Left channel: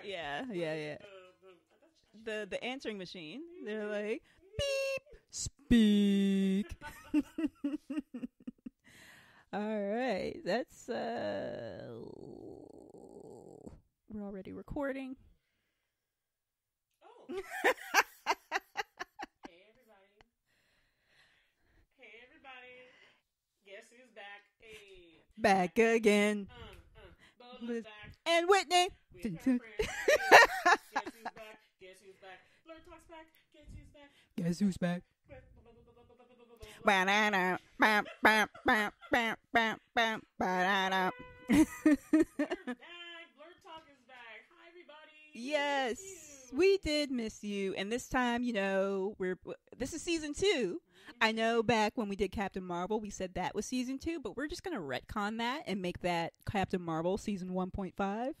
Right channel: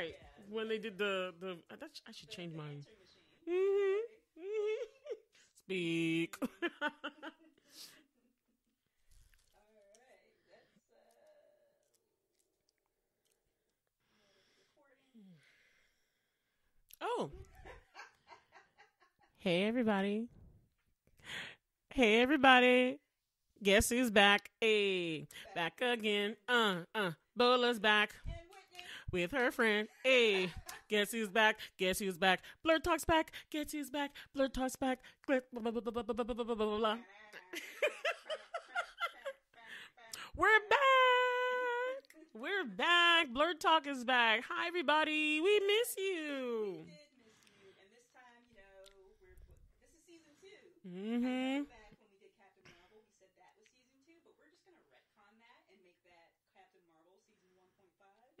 right. Yeah, when yeah, they yeah. did I should change The mine. answering machine. They're like, beep, speak. All right, that's we're already recording. Oh. Hey everybody. Hey everybody. Guess who's back? Hey. Back again. Bola's back And Whitney with her friend. Hey. Guess who's back? Guess who's back? Blerd Talk's back. Guess who's back? Blerd Talk's back. We're back. We're back. Blerd Talk is back. Hi everybody. We miss you. We did miss you. And this time, this is season 2. Mm-hmm. I know back when we did Captain Marvel, we said that was season 2, but we're just going to retcon that and make that Captain Marvel season 1.5.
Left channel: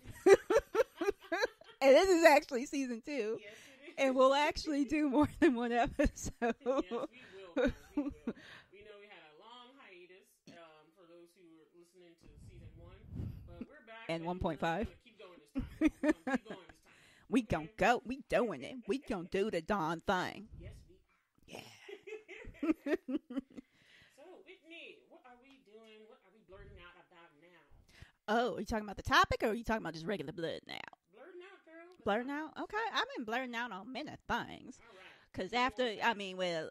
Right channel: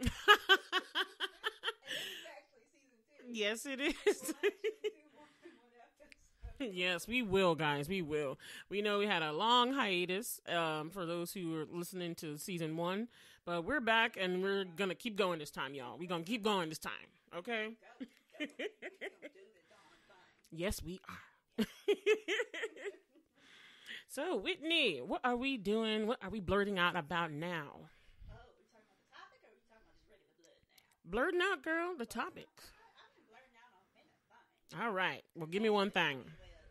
And this is actually season 2. Yes, it is. And we'll actually do more than one episode. Yes, we will, guys. We will. We know we had a long hiatus for those who are listening to season 1, but we're back and we're going to keep going this time, y'all. We're going to keep going this time. We don't go. We doing it. We going to do the darn thing. Yes, we are. Yeah. So, Whitney, what are we doing? What are we blurting out about now? Oh, are you talking about the topic, or are you talking about just regular blurting out? Blurting out, girl. The blurting topics. out? Okay, I've been blurting out on many things. All right. Because give me one thing. Well,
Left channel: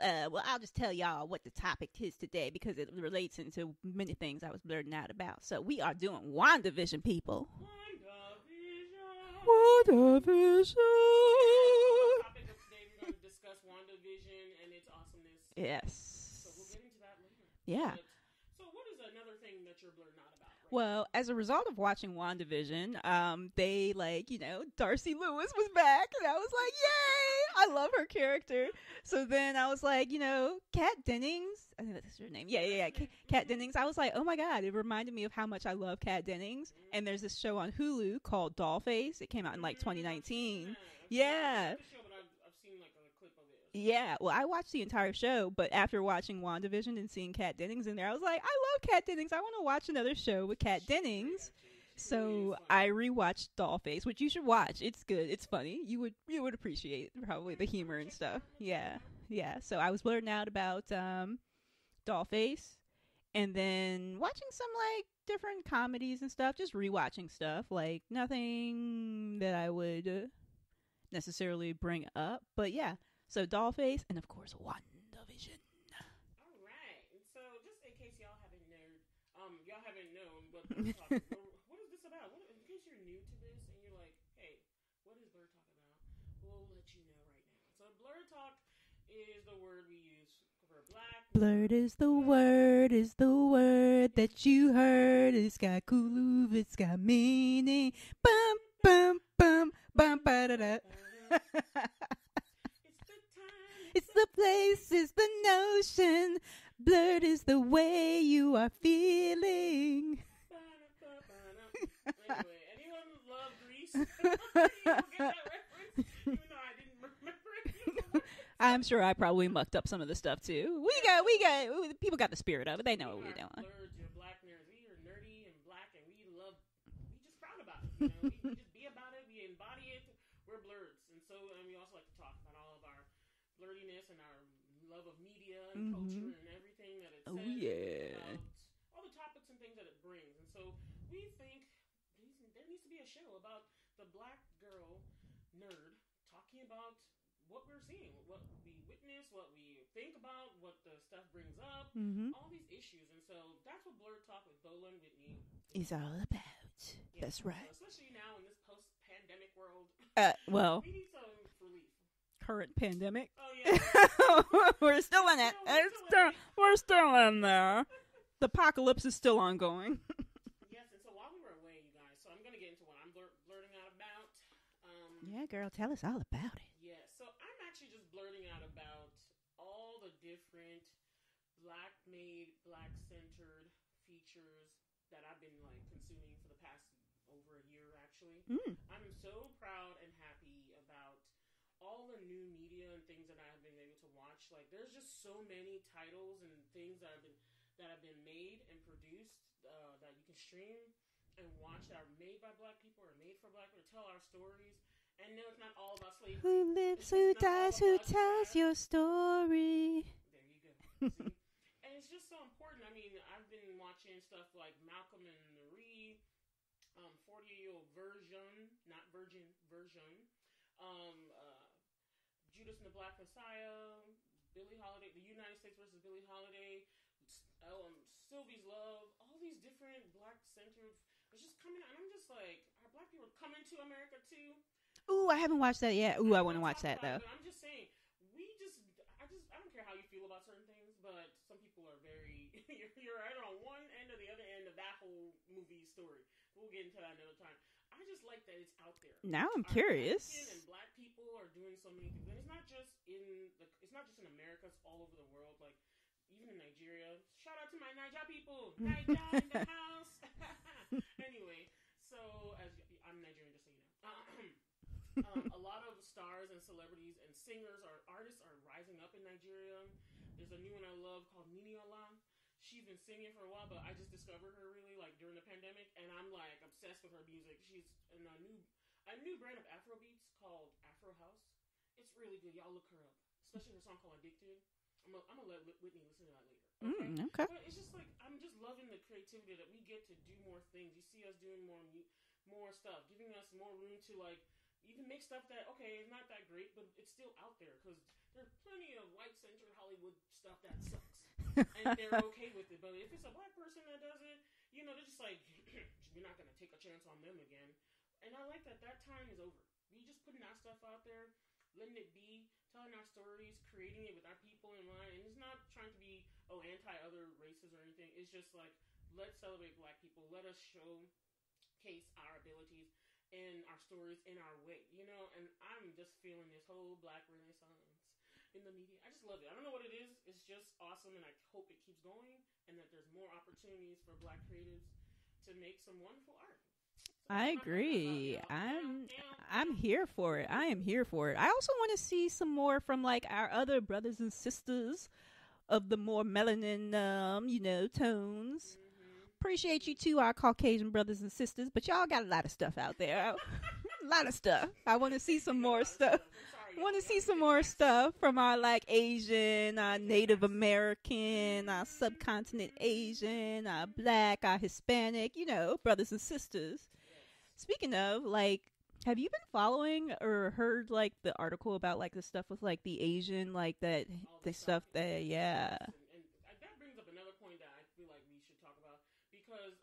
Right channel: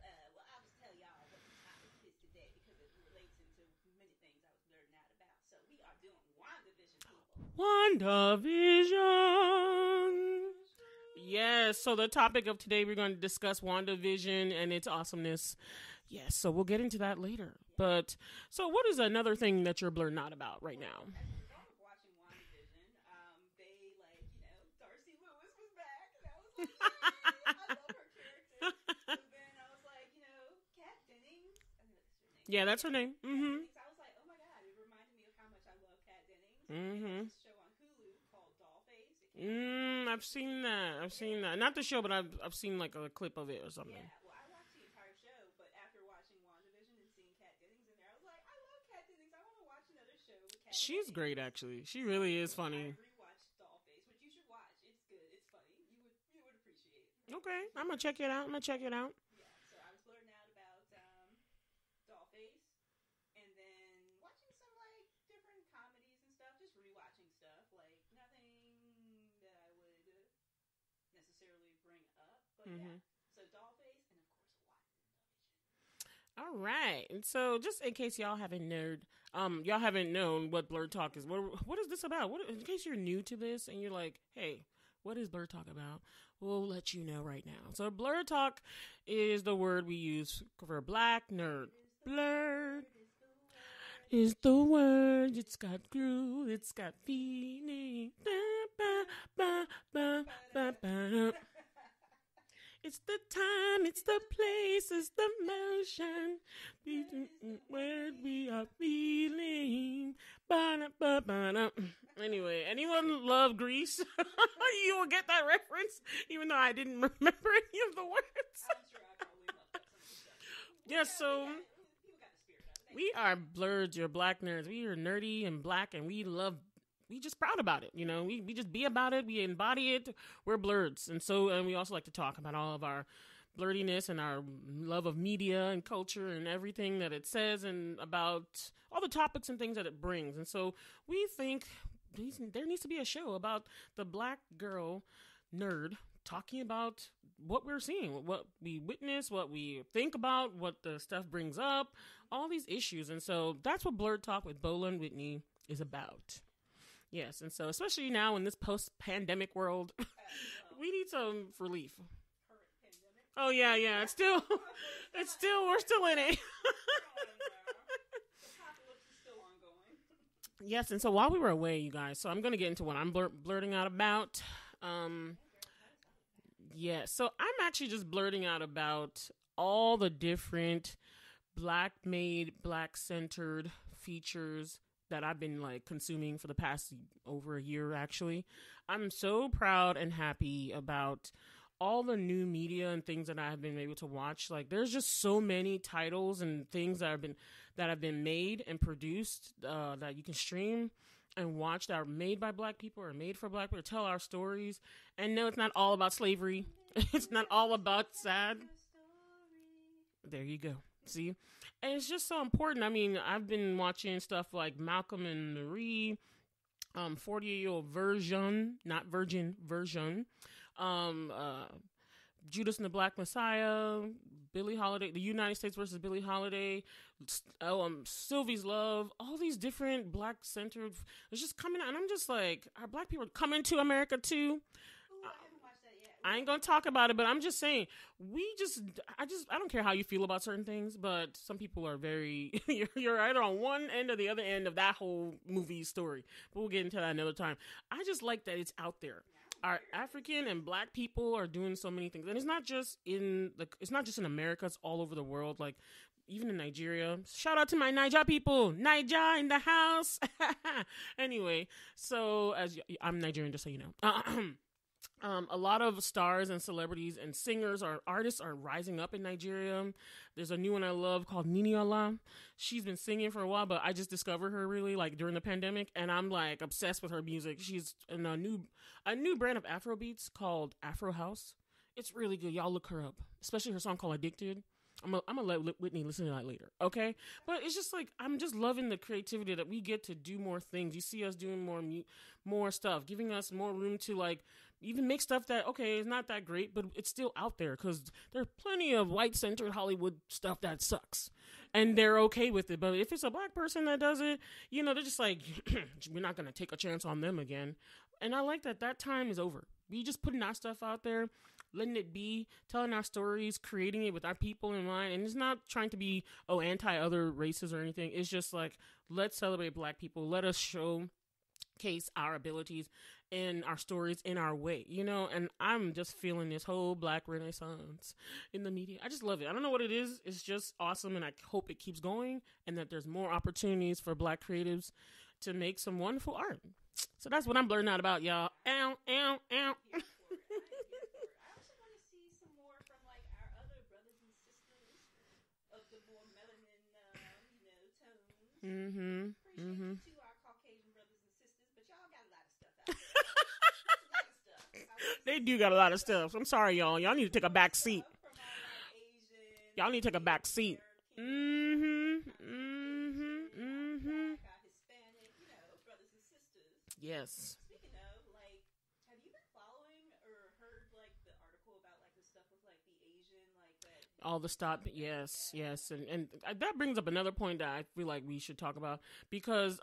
I'll just tell y'all what the topic is today because it relates into many things I was blurting out about. So we are doing WandaVision, people. WandaVision. Yes. So the topic of today, we're going to discuss WandaVision and its awesomeness. Yes. Yes. So we'll get into that later. Yeah. But so what is another thing that you're blurting out about right now? Well, as a result of watching WandaVision, they Darcy Lewis was back, and I was like, yay! I love her character. So then I was like, Kat Dennings. I think that's her name. Yeah, that's her name. Kat Dennings. I was like, oh my God, it reminded me of how much I love Kat Dennings. Mm-hmm. And there's this show on Hulu called Dollface. It came out in 2019. I've seen that. Not the show, but I've seen like a clip of it or something. Yeah, well, I watched the entire show, but after watching WandaVision and seeing Kat Dennings in there, I was like, I love Kat Dennings. I want to watch another show with Kat Dennings. She's great, actually. She really is funny. I rewatched Dollface, which you should watch. It's good. It's funny. You would appreciate probably the humor. I'm gonna check it out. I'm gonna check it out. Yeah. So I was blurting out about Dollface, and then watching some different comedies and stuff. Just rewatching stuff, nothing that I would necessarily bring up. But yeah. So Dollface, and of course WandaVision. All right. And so just in case y'all haven't known what Blerd Talk is, what is this about? In case you're new to this and you're like, hey, what is Blerd Talk about? We'll let you know right now. So Blerd Talk is the word we use for black nerd. Blerd is the word that you heard. It's got groove, it's got meaning. Bum, bum, bum, bum, ba-da-da. It's the time, it's the place, it's the notion. Blerd is the way you are feeling. Anyway, anyone love Grease? You will get that reference, even though I didn't remember any of the words. I'm sure I probably mucked up some of the stuff too. People got the spirit of it. They know. We are blerds, you're black nerds. We are nerdy and black, and we just proud about it. We just be about it. We embody it. We're blerds, and we also like to talk about all of our blerdiness and our love of media and culture and everything that it says and about all the topics and things that it brings. And so we think there needs to be a show about the black girl nerd talking about what we're seeing, what we witness, what we think about, what the stuff brings up, all these issues. And so that's what Blerd Talk with Bola and Whitney is about. All about. Yes, that's and right. So especially now in this post-pandemic world, we need some relief. Current pandemic. Oh yeah. Still, we're still in it. We're still in there. The apocalypse is still ongoing. Yes, and so while we were away, you guys, so I'm going to get into what I'm blurting out about. Yeah, girl, tell us all about it. Yeah, so I'm actually just blurting out about all the different black-made, black-centered features that I've been consuming for the past over a year, actually. I'm so proud and happy about all the new media and things that I have been able to watch. There's just so many titles and things that have been made and produced that you can stream and watch that are made by Black people or made for Black people, tell our stories. And no, it's not all about slavery. It's not all about sad. Your story. There you go. See? And it's just so important. I mean, I've been watching stuff like Malcolm and Marie, 48-Year-Old Version, not Virgin, Version, Judas and the Black Messiah, Billie Holiday, The United States versus Billie Holiday, Sylvie's Love, all these different Black-centered, it's just coming out. And I'm just like, are Black people coming to America too? Ooh, I haven't watched that yet. Ooh, I ain't gonna talk about it, but I'm just saying, I don't care how you feel about certain things, but some people are very, you're either on one end or the other end of that whole movie story. But we'll get into that another time. I just like that it's out there. Now I'm Our curious. African and Black people are doing so many things, and it's not just in America. It's all over the world. Like, even in Nigeria. Shout out to my Niger people. Niger in the house. Anyway, so I'm Nigerian, just so you know. A lot of stars and celebrities and singers or artists are rising up in Nigeria. There's a new one I love called Niniola. She's been singing for a while, but I just discovered her really like during the pandemic, and I'm like obsessed with her music. She's in a new brand of Afro beats called Afro House. It's really good. Y'all look her up, especially her song called Addicted. I'm gonna let Whitney listen to that later, okay? Okay. But it's just like I'm just loving the creativity that we get to do more things. You see us doing more stuff, giving us more room to like even make stuff that it's not that great, but it's still out there because there's plenty of white-centered Hollywood stuff that sucks, and they're okay with it. But if it's a Black person that does it, they're just like, we're not gonna take a chance on them again. And I like that time is over. We just putting our stuff out there, letting it be, telling our stories, creating it with our people in mind. And it's not trying to be, anti-other races or anything. It's just like, let's celebrate Black people. Let us showcase our abilities and our stories in our way, And I'm just feeling this whole Black renaissance in the media. I just love it. I don't know what it is. It's just awesome. And I hope it keeps going and that there's more opportunities for Black creatives to make some wonderful art. So that's what I'm learning out about, y'all. I'm here for it. I am here for it. I also want to see some more from like our other brothers and sisters of the more melanin, tones. Mm-hmm. Appreciate you too, our Caucasian brothers and sisters. But y'all got a lot of stuff out there. A lot of stuff. I want to see. They do got a lot of stuff. I'm sorry, y'all. Y'all need to take a back seat from our like Asian, our Native American, our subcontinent Asian, our Black, our Hispanic. Brothers and sisters. Yes. Speaking of, like, have you been following or heard like the article about like the stuff with like the Asian, like that all the stuff that, yes. And that brings up another point that I feel like we should talk about because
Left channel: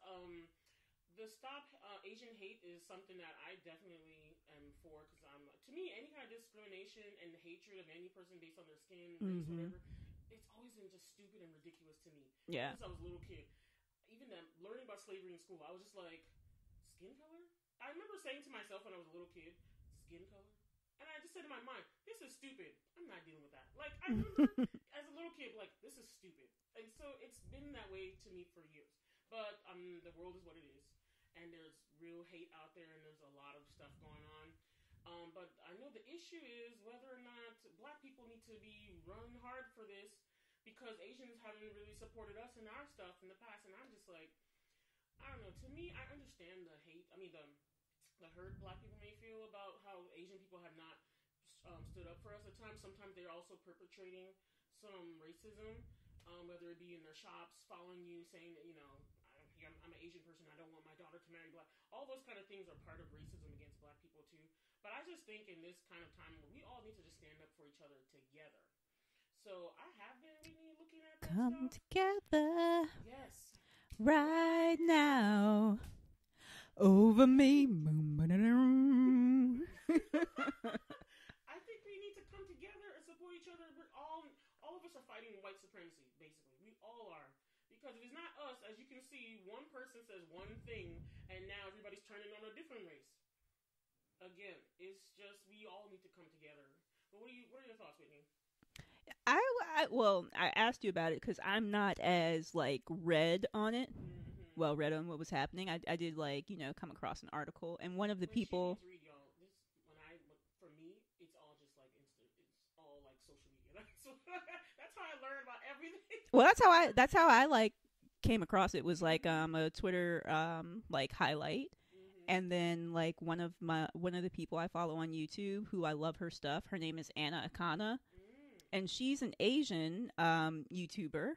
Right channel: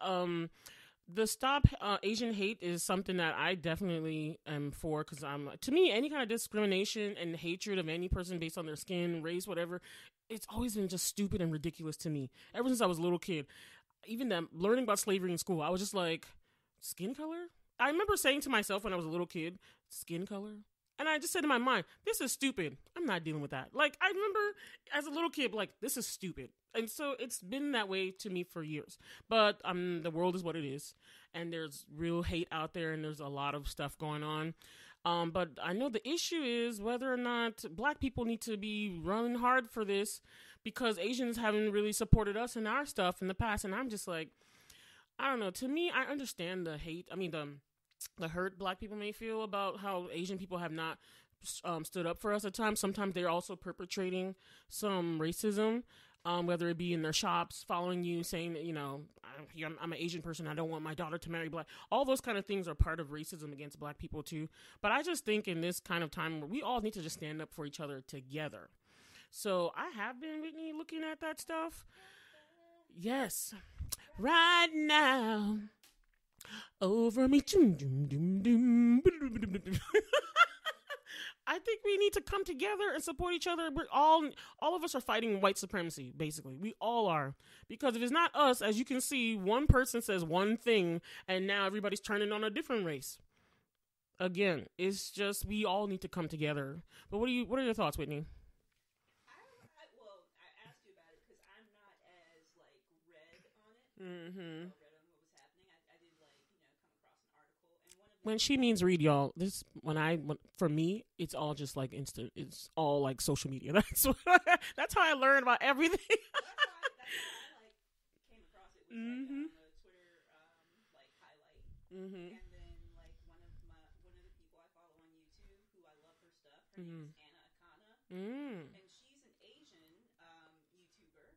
the Stop Asian Hate is something that I definitely am for because to me, any kind of discrimination and hatred of any person based on their skin, race, whatever, it's always been just stupid and ridiculous to me. Yeah. Ever since I was a little kid, even learning about slavery in school, I was just like, skin color? I remember saying to myself when I was a little kid, skin color? And I just said in my mind, this is stupid. I'm not dealing with that. Like, I remember as a little kid, like, this is stupid. And so it's been that way to me for years. But the world is what it is. And there's real hate out there, and there's a lot of stuff going on. But I know the issue is whether or not Black people need to be running hard for this because Asians haven't really supported us in our stuff in the past. And I'm just like, I don't know. To me, I understand the hate. I mean, the hurt Black people may feel about how Asian people have not stood up for us at times. Sometimes they're also perpetrating some racism, whether it be in their shops, following you, saying that, I'm an Asian person, I don't want my daughter to marry Black. All those kind of things are part of racism against Black people too. But I just think in this kind of time where we all need to just stand up for each other together. So I have been, Whitney, looking at that stuff. Together. Yes. Right now. Over me. I think we need to come together and support each other. We're all of us are fighting white supremacy, basically. We all are. Because if it's not us, as you can see, one person says one thing, and now everybody's turning on a different race. Again, it's just we all need to come together. But what are your thoughts, Whitney? I asked you about it because I'm not as like read on it. Mm-hmm. Well, read on what was happening. I did come across an article, and one of the she means read, y'all. This for me, it's all just like instant. It's all like social media. That's how I learned about everything. Well, that's how I like came across it was like Mm-hmm. a Twitter like highlight, Mm-hmm. and then like one of the people I follow on YouTube who I love her stuff. Her name is Akana, and she's an Asian YouTuber,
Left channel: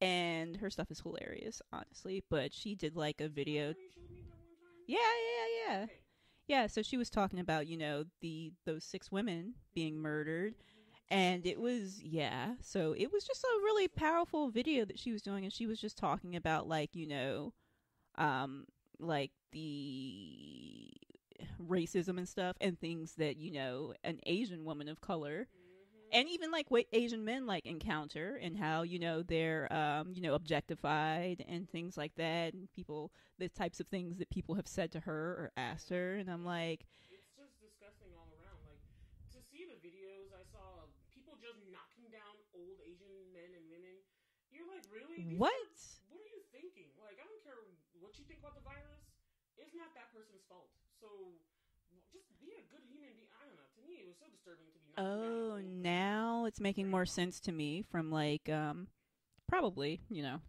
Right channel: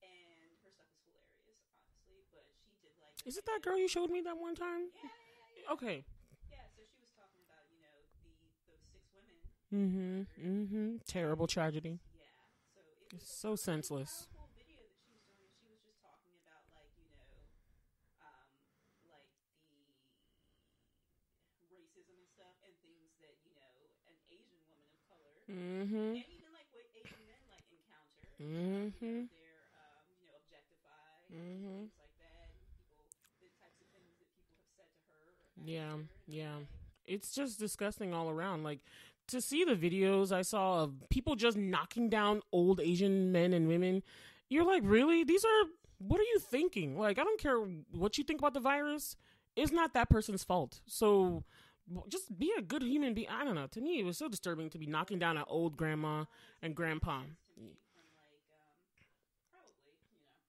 and her stuff is hilarious, honestly. But she did like a Is it video. that girl you showed me that one time? Yeah. Okay. Yeah, so she was talking about, those 6 women being murdered. Terrible and it tragedy. was, so it was just So a really senseless. powerful video that she was doing, and she was just talking about like like the racism and stuff, and things that an Asian woman of color and even like what Asian men like encounter, and how they're objectified and things like that, and the types of things that people have said to her or asked her, and I'm like, it's just disgusting all around. Like, to see the videos I saw of people just knocking down old Asian men and women, you're like, really? What are you thinking? Like, I don't care what you think about the virus. It's not that person's fault. So just be a good human being. I don't know. To me, it was so disturbing to be knocking down an old grandma. Now it's making more grandpa. sense to me from like probably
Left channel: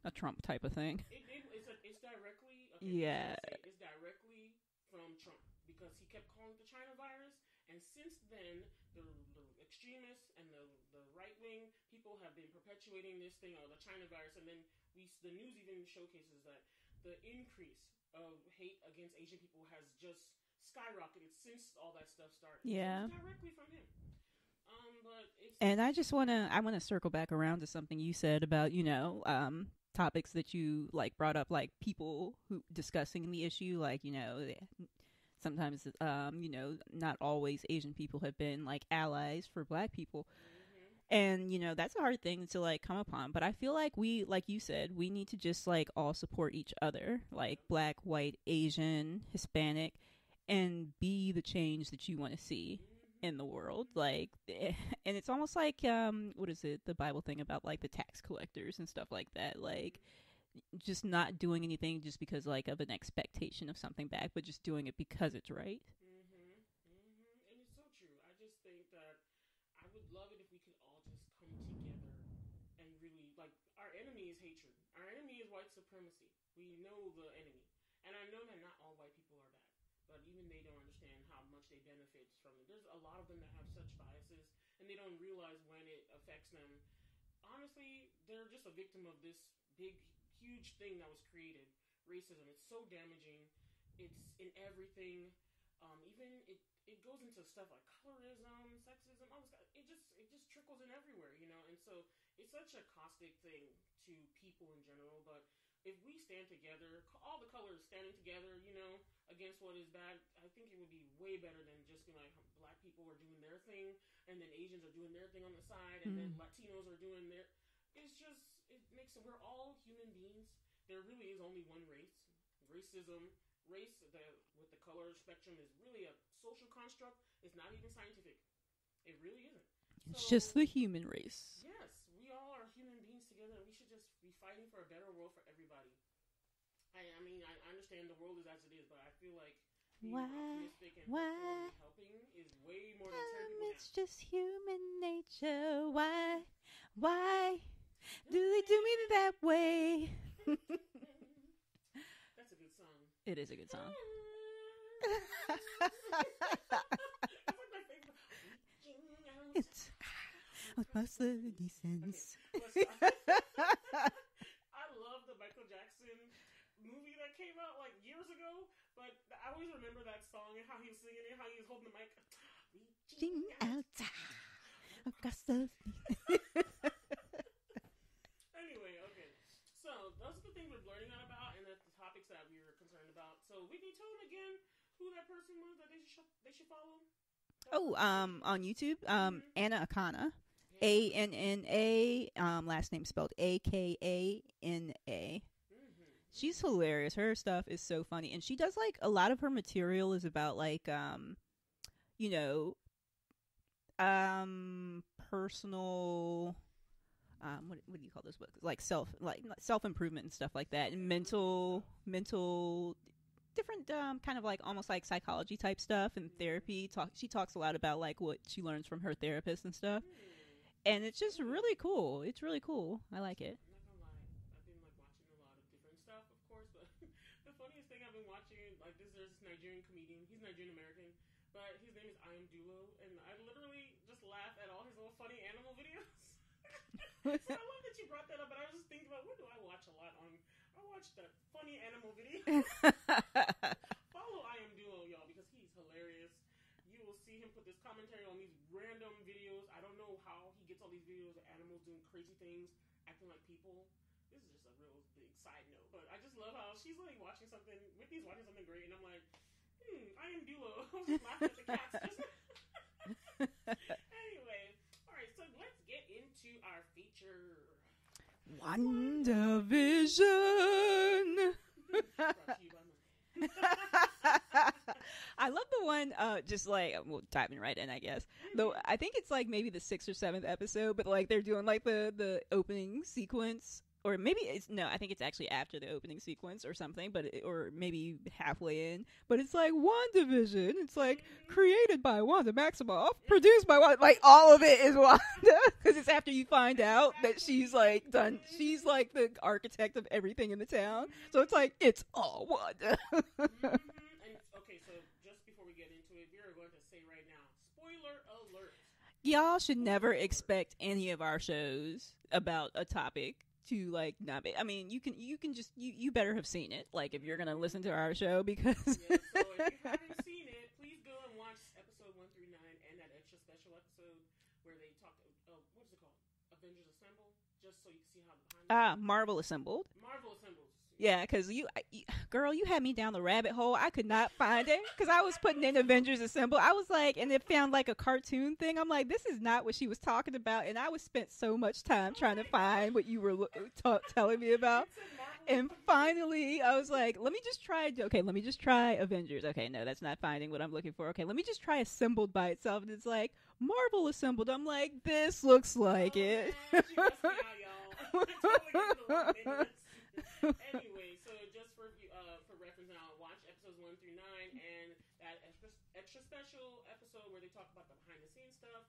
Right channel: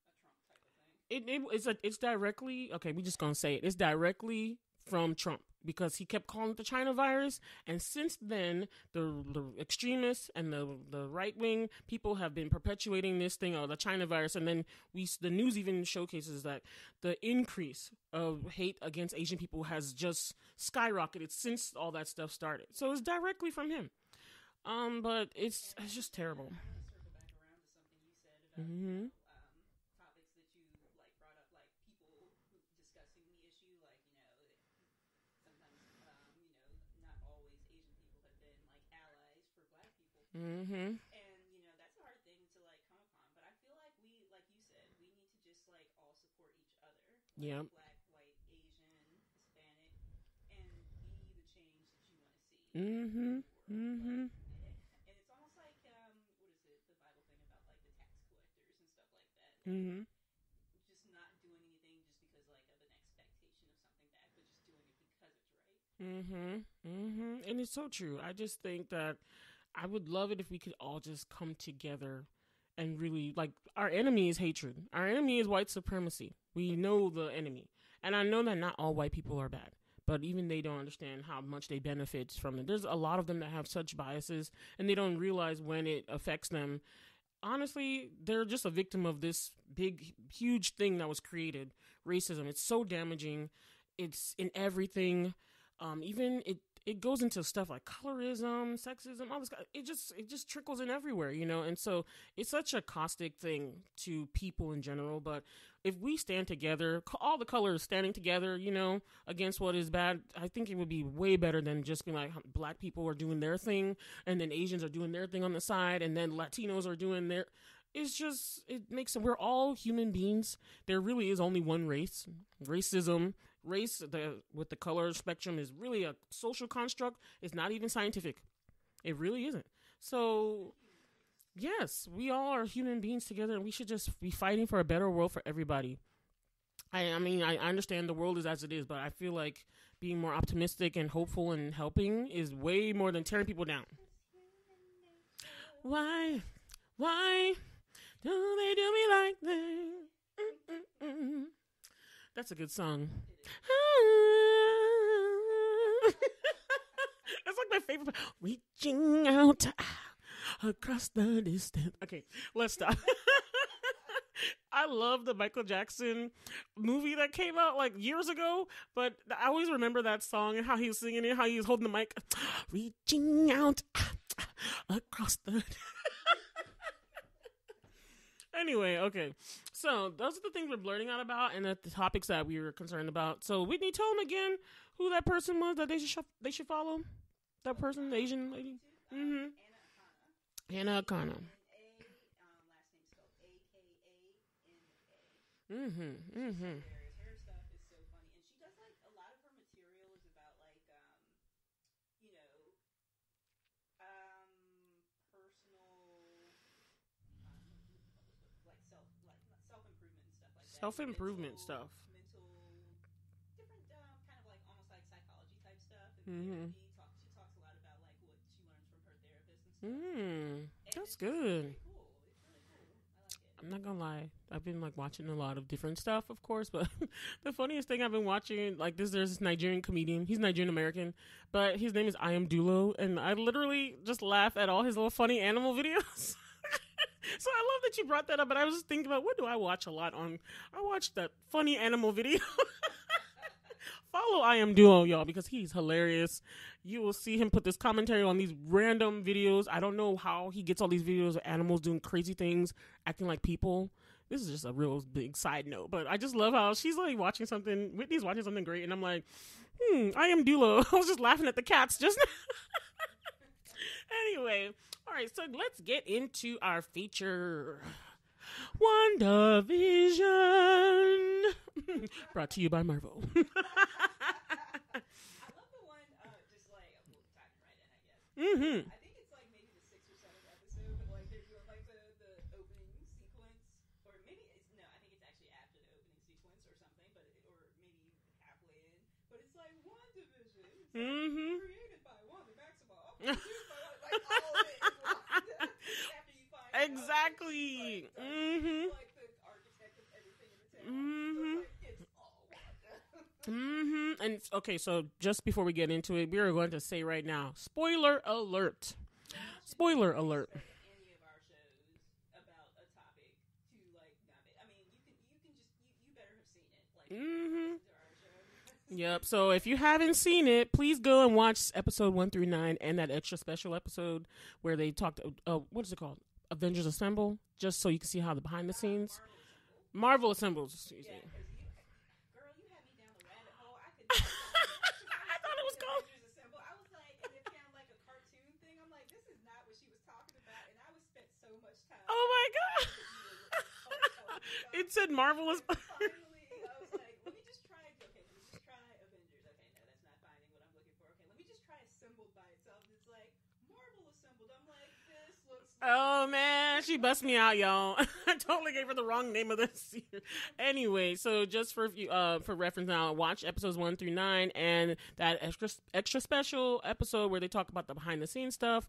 a Trump type of thing. It's directly we're just gonna say it. It's directly from Trump, because he kept calling it the China virus, and since then the extremists and the right wing people have been perpetuating this thing of the China virus, and then the news even showcases that the increase of hate against Asian people has just skyrocketed since all that stuff started. So it's directly from him. But I just want to circle back around to something you said about topics that you like brought up, like people who discussing the issue, like sometimes not always Asian people have been like allies for Black people, and that's a hard thing to like come upon. But I feel like like you said, we need to just like all support each other, like Black, white, Asian, Hispanic, and be the change that you want to see in the world. Like, and it's almost like what is it, the Bible thing about like the tax collectors and stuff like that, like just not doing anything just because like of an expectation of something back, but just doing it because it's right. And it's so true. I just think that I would love it if we could all just come together and really, like, our enemy is hatred. Our enemy is white supremacy. We know the enemy, and I know that not all white people are bad, but even they don't understand how much they benefit from it. There's a lot of them that have such biases, and they don't realize when it affects them. Honestly, they're just a victim of this big, huge thing that was created, racism. It's so damaging. It's in everything. Even it goes into stuff like colorism, sexism, all this. It just trickles in everywhere, And so it's such a caustic thing to people in general. But if we stand together, all the colors standing together, against what is bad, I think it would be way better than just being like Black people are doing their thing, and then Asians are doing their thing on the side, and then Latinos are doing their. It's just, it makes it, we're all human beings. There really is only one race. Racism, with the color spectrum is really a social construct. It's not even scientific. It really isn't. So just the human race. Yes, we all are human beings together, and we should just be fighting for a better world for everybody. I mean, I understand the world is as it is, but I feel like being more optimistic and hopeful and helping is way more than tearing people down. It's just human nature. Why do they do me that way? That's a good song. It is a good song. It's like my favorite. Reaching out across the distance. Okay, let's stop. I love the Michael Jackson movie that came out like years ago, but I always remember that song and how he was singing it, how he was holding the mic. Reaching out across the... Anyway, okay. So those are the things we're blurting out about, and the topics that we were concerned about. So Whitney, tell them again who that person was that they should follow. That person Asian on YouTube. Anna Akana. ANNA. Last name spelled AKANA. She's hilarious. Her stuff is so funny, and she does like a lot of her material is about like personal. What do you call those books? Like self improvement and stuff like that. And mental different kind of like almost like psychology type stuff and therapy. She talks a lot about like what she learns from her therapist and stuff. And it's just really cool. It's really cool. I like it. I'm not gonna lie, I've been like watching a lot of different stuff, of course, but the funniest thing I've been watching, like there's this Nigerian comedian. He's Nigerian American, but his name is Iamdulo, and I literally just laugh at all his little funny animal videos. So I love that you brought that up, but I was just thinking about what do I watch a lot on. I watch that funny animal video. Follow Iamdulo, y'all, because he's hilarious. You will see him put this commentary on these random videos. I don't know how he gets all these videos of animals doing crazy things, acting like people. This is just a real big side note, but I just love how she's like watching something. Whitney's watching something great, and I'm like, Iamdulo. I was just laughing at the cats just now. Anyway. All right, so let's get into our feature. WandaVision. Brought to you by Marvel. I love the one, just like, well, diving right in, I guess. I think it's like maybe the 6th or 7th episode, but like they're doing like the opening sequence. Or maybe I think it's actually after the opening sequence or something, or maybe halfway in. But it's like WandaVision. It's like created by Wanda Maximoff, produced by Wanda. Like all of it is Wanda. Because it's after you find out that she's like done. She's like the architect of everything in the town. So it's like, it's all Wanda. And okay, so just before we get into it, we are going to say right now, spoiler alert. Y'all should never expect any of our shows about a topic to like not be. I mean, you can just you better have seen it. Like if you're gonna listen to our show, because So if you haven't seen it, please go and watch episode 1 through 9 and that extra special episode where they talked. What is it called? Avengers Assemble, just so you can see how the behind the scenes. Marvel Assembled. Marvel Assembles. Yeah, because girl, you had me down the rabbit hole. I could not find it because I was putting in Avengers Assemble. I was like, and it found like a cartoon thing. I'm like, this is not what she was talking about, and I was spent so much time trying to find what you were telling me about. It said Marvel. And finally, I was like, let me just try. Okay, let me just try Avengers. Okay, no, that's not finding what I'm looking for. Okay, let me just try Assembled by itself, and it's like Marvel Assembled. I'm like, this looks like it. Man, she bust me out, y'all. I totally gave her the wrong name of this. Anyway, so just for reference now, watch episodes 1 through 9 and that extra special episode where they talk about the behind the scenes stuff.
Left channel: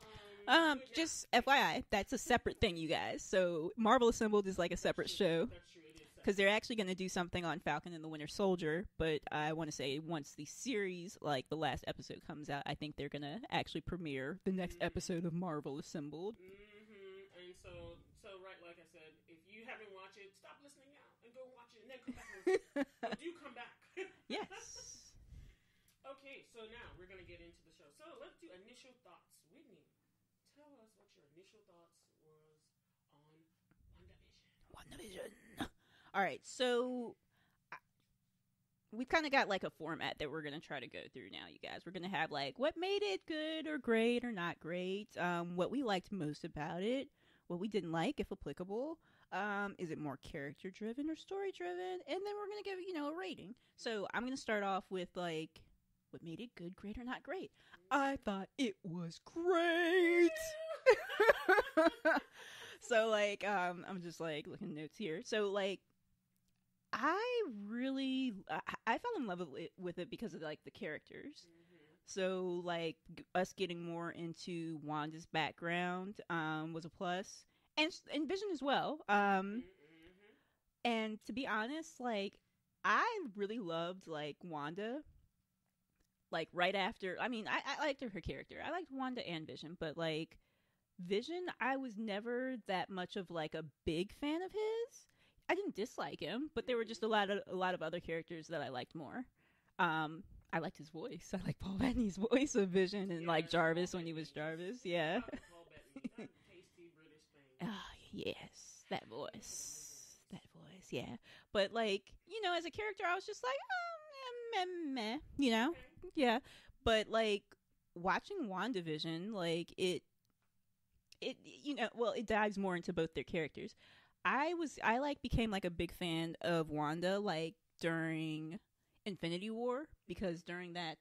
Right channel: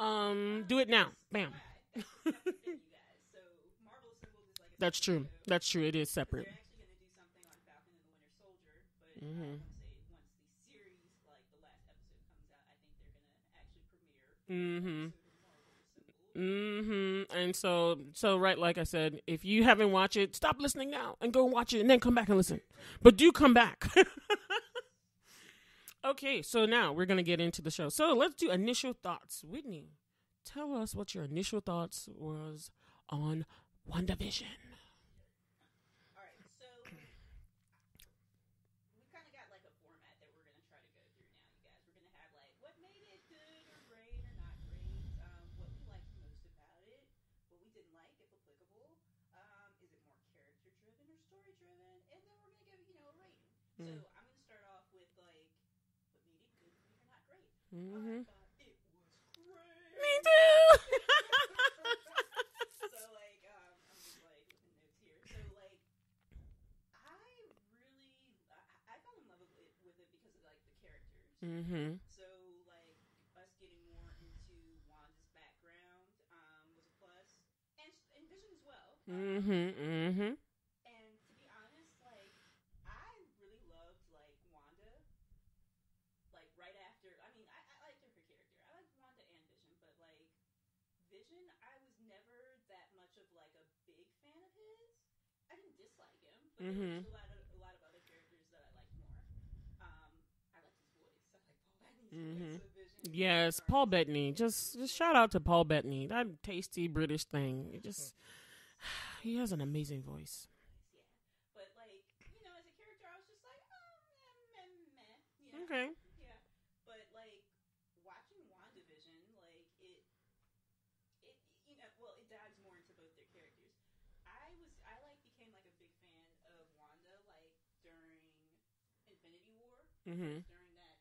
Do it now. FYI, that's a separate thing, you guys. So Marvel Assembled is like a separate show. That's true. It is separate. Because they're actually going to do something on Falcon and the Winter Soldier. But I want to say once the series, like the last episode comes out, I think they're going to actually premiere the next episode of Marvel Assembled. And so right, like I said, if you haven't watched it, stop listening now and go watch it and then come back and listen. But do come back. Yes. Okay, so now we're going to get into the show. So let's do initial thoughts. Whitney, tell us what your initial thoughts was on WandaVision. All right, so we've kind of got like a format that we're going to try to go through now, you guys. We're going to have like what made it good or great or not great, what we liked most about it, what we didn't like, if applicable. Is it more character-driven or story-driven? And then we're going to give, a rating. So I'm going to start off with like, what made it good, great, or not great? I thought it was great. Me too. So, like, I'm just, like, looking at notes here. So, like, I fell in love with it because of, like, the characters. So, like, us getting more into Wanda's background was a plus. And Vision as well. And to be honest, like, I really loved, like, Wanda. Like, right after, I mean, I liked her character. I liked Wanda and Vision, but, like, Vision, I was never that much of, like, a big fan of his. I didn't dislike him, but there were just a lot of other characters that I liked more. I liked his voice. I like Paul Bettany's voice of Vision. And yes, Jarvis Paul Bettany. Just shout out to Paul Bettany. That tasty British thing. Yes, that voice. He has an amazing voice. That voice, yeah. But, like, as a character, I was just like, meh, Okay. Yeah. But, like, watching WandaVision, like, it dives more into both their characters. I became, like, a big fan of Wanda, like, during Infinity War, because during that,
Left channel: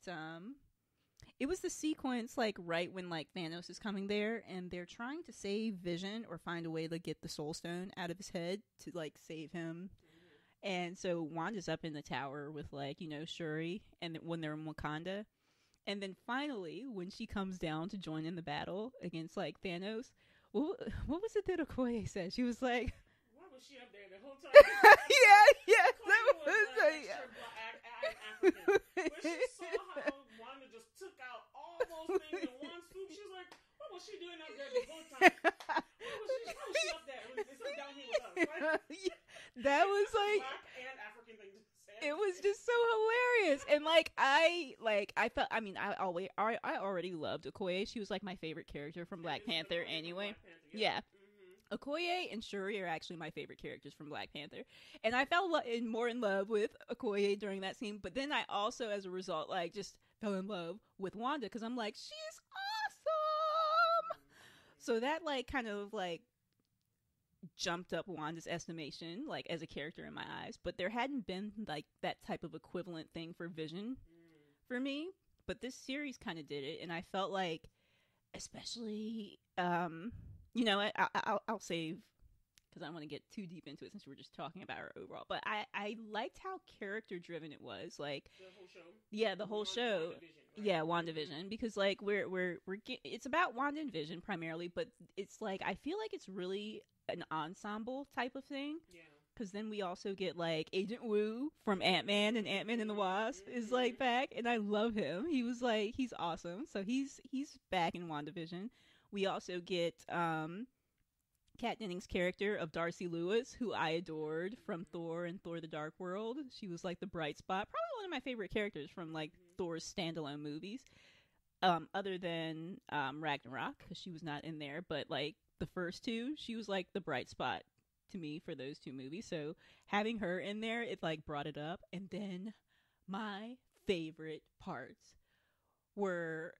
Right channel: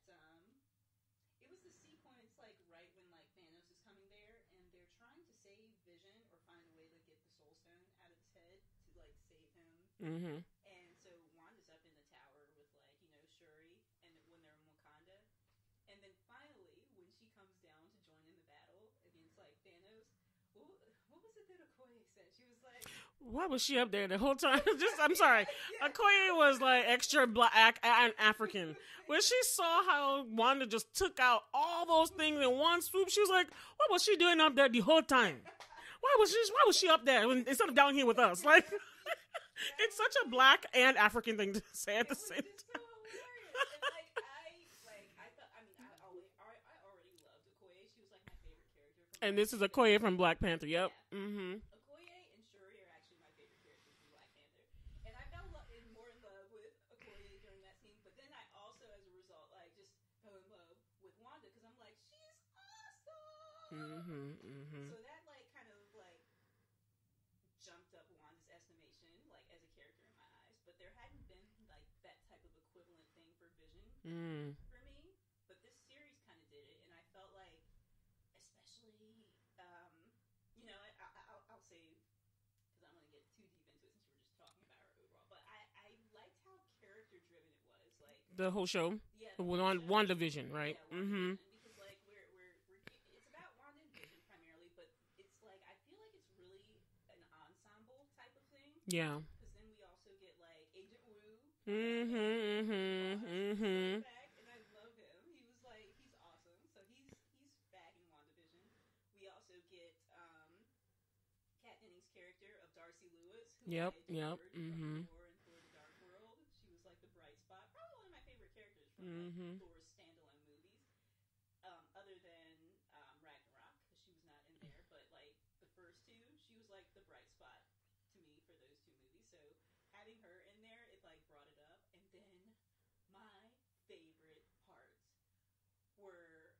It was the sequence, like, right when, like, Thanos is coming there, and they're trying to save Vision or find a way to get the Soul Stone out of his head to, like, save him. Mm-hmm. And so Wanda's up in the tower with, like, you know, Shuri, and when they're in Wakanda. And then finally, when she comes down to join in the battle against, like, Thanos, what was it that Okoye said? She was like... Why was she up there the whole time? I'm sorry. Yeah. Okoye was like extra black African. When she saw how Wanda just took out all those things in one swoop, she was like, "What was she doing up there the whole time? Why was she up there instead of down here with us?" Like, that it's was such a black and African thing to say. It was just so hilarious, and I felt. I mean, I already loved Okoye. She was like my favorite character from Black Panther. And this is Okoye from Black Panther. Yep. Yeah. Mm-hmm. Okoye and Shuri are actually my favorite characters from Black Panther, and I fell more in love with Okoye during that scene. But then I also, as a result, like just fell in love with Wanda because I'm like, she's awesome. Mm-hmm. So that like kind of like jumped up Wanda's estimation, like as a character in my eyes. But there hadn't been like that type of equivalent thing for Vision for me. But this series kind of did it, and I felt like, especially, you know, I'll save because I don't want to get too deep into it since we're just talking about her overall. But I liked how character driven it was, like the whole show. Yeah, the whole show. WandaVision, right? Yeah, WandaVision, because like it's about Wanda and Vision primarily, but it's like I feel like it's really an ensemble type of thing. Yeah, because then we also get like Agent Woo from Ant-Man and Ant-Man and the Wasp is like back, and I love him. He was like he's awesome. So he's back in WandaVision. We also get Kat Dennings' character of Darcy Lewis, who I adored from Thor and Thor: The Dark World. She was like the bright spot, probably one of my favorite characters from like Thor's standalone movies, other than Ragnarok, because she was not in there. But like the first two, she was like the bright spot to me for those two movies. So having her in there, it like brought it up. And then my favorite parts were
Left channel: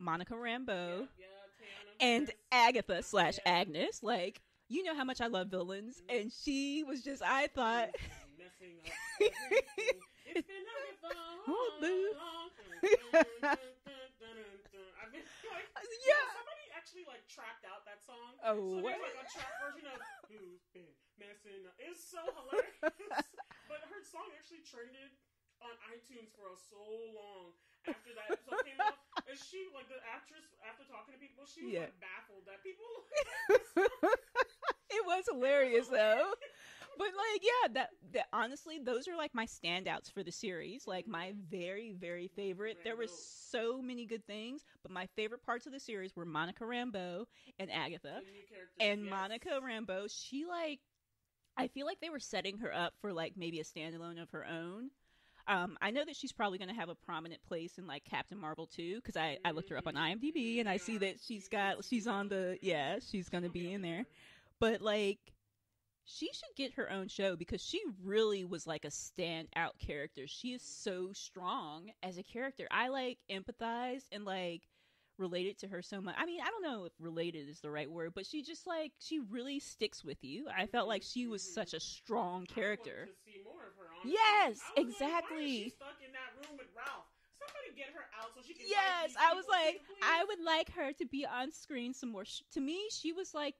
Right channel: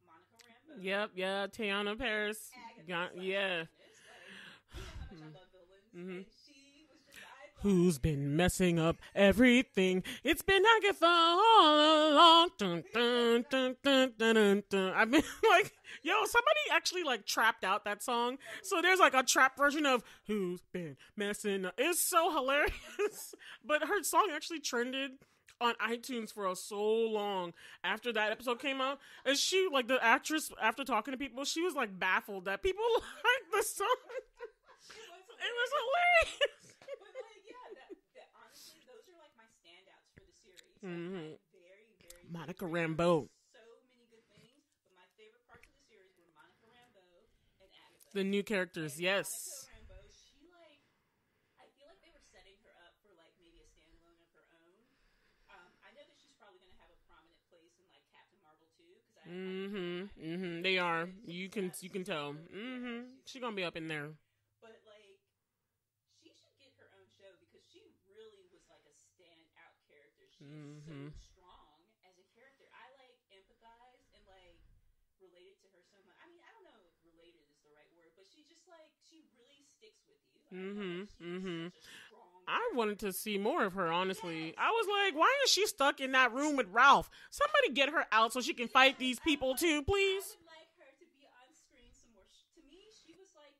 Monica Rambeau. Yep, yeah, Teyana Paris. And Agatha / Agnes. Like, you know how much I love villains. And she was just, I thought... Who's been messing up everything? It's been Agatha all along. Dun, dun, dun, dun, dun, dun, dun. I mean, like, yo, somebody actually, like, trapped out that song. Oh, so there's, like, a trap version of Who's Been Messing Up. It's so hilarious. But her song actually trended on iTunes for so long after that episode came out, and she, like, the actress, after talking to people, she was like baffled that people liked the song. It was hilarious, though. But like, that honestly, those are like my standouts for the series. Like my very, very favorite. Rambeau. There were so many good things, but my favorite parts of the series were Monica Rambeau and Agatha, the new characters. And Monica Rambeau, she like, I feel like they were setting her up for like maybe a standalone of her own. I know that she's probably going to have a prominent place in like Captain Marvel too, because I looked her up on IMDb and I see that she's on the she's going to be up in there. But like, she should get her own show because she really was like a standout character. She is so strong as a character. I like empathized and like related to her so much. I mean, I don't know if related is the right word, but she just like, she really sticks with you. I felt like she was such a strong character. I wanted to see more of her, honestly. Yes, I was like, why is she stuck in that room with Ralph? Somebody get her out so she can fight these people like, too, please. I would like her to be on screen some more. To me, she was like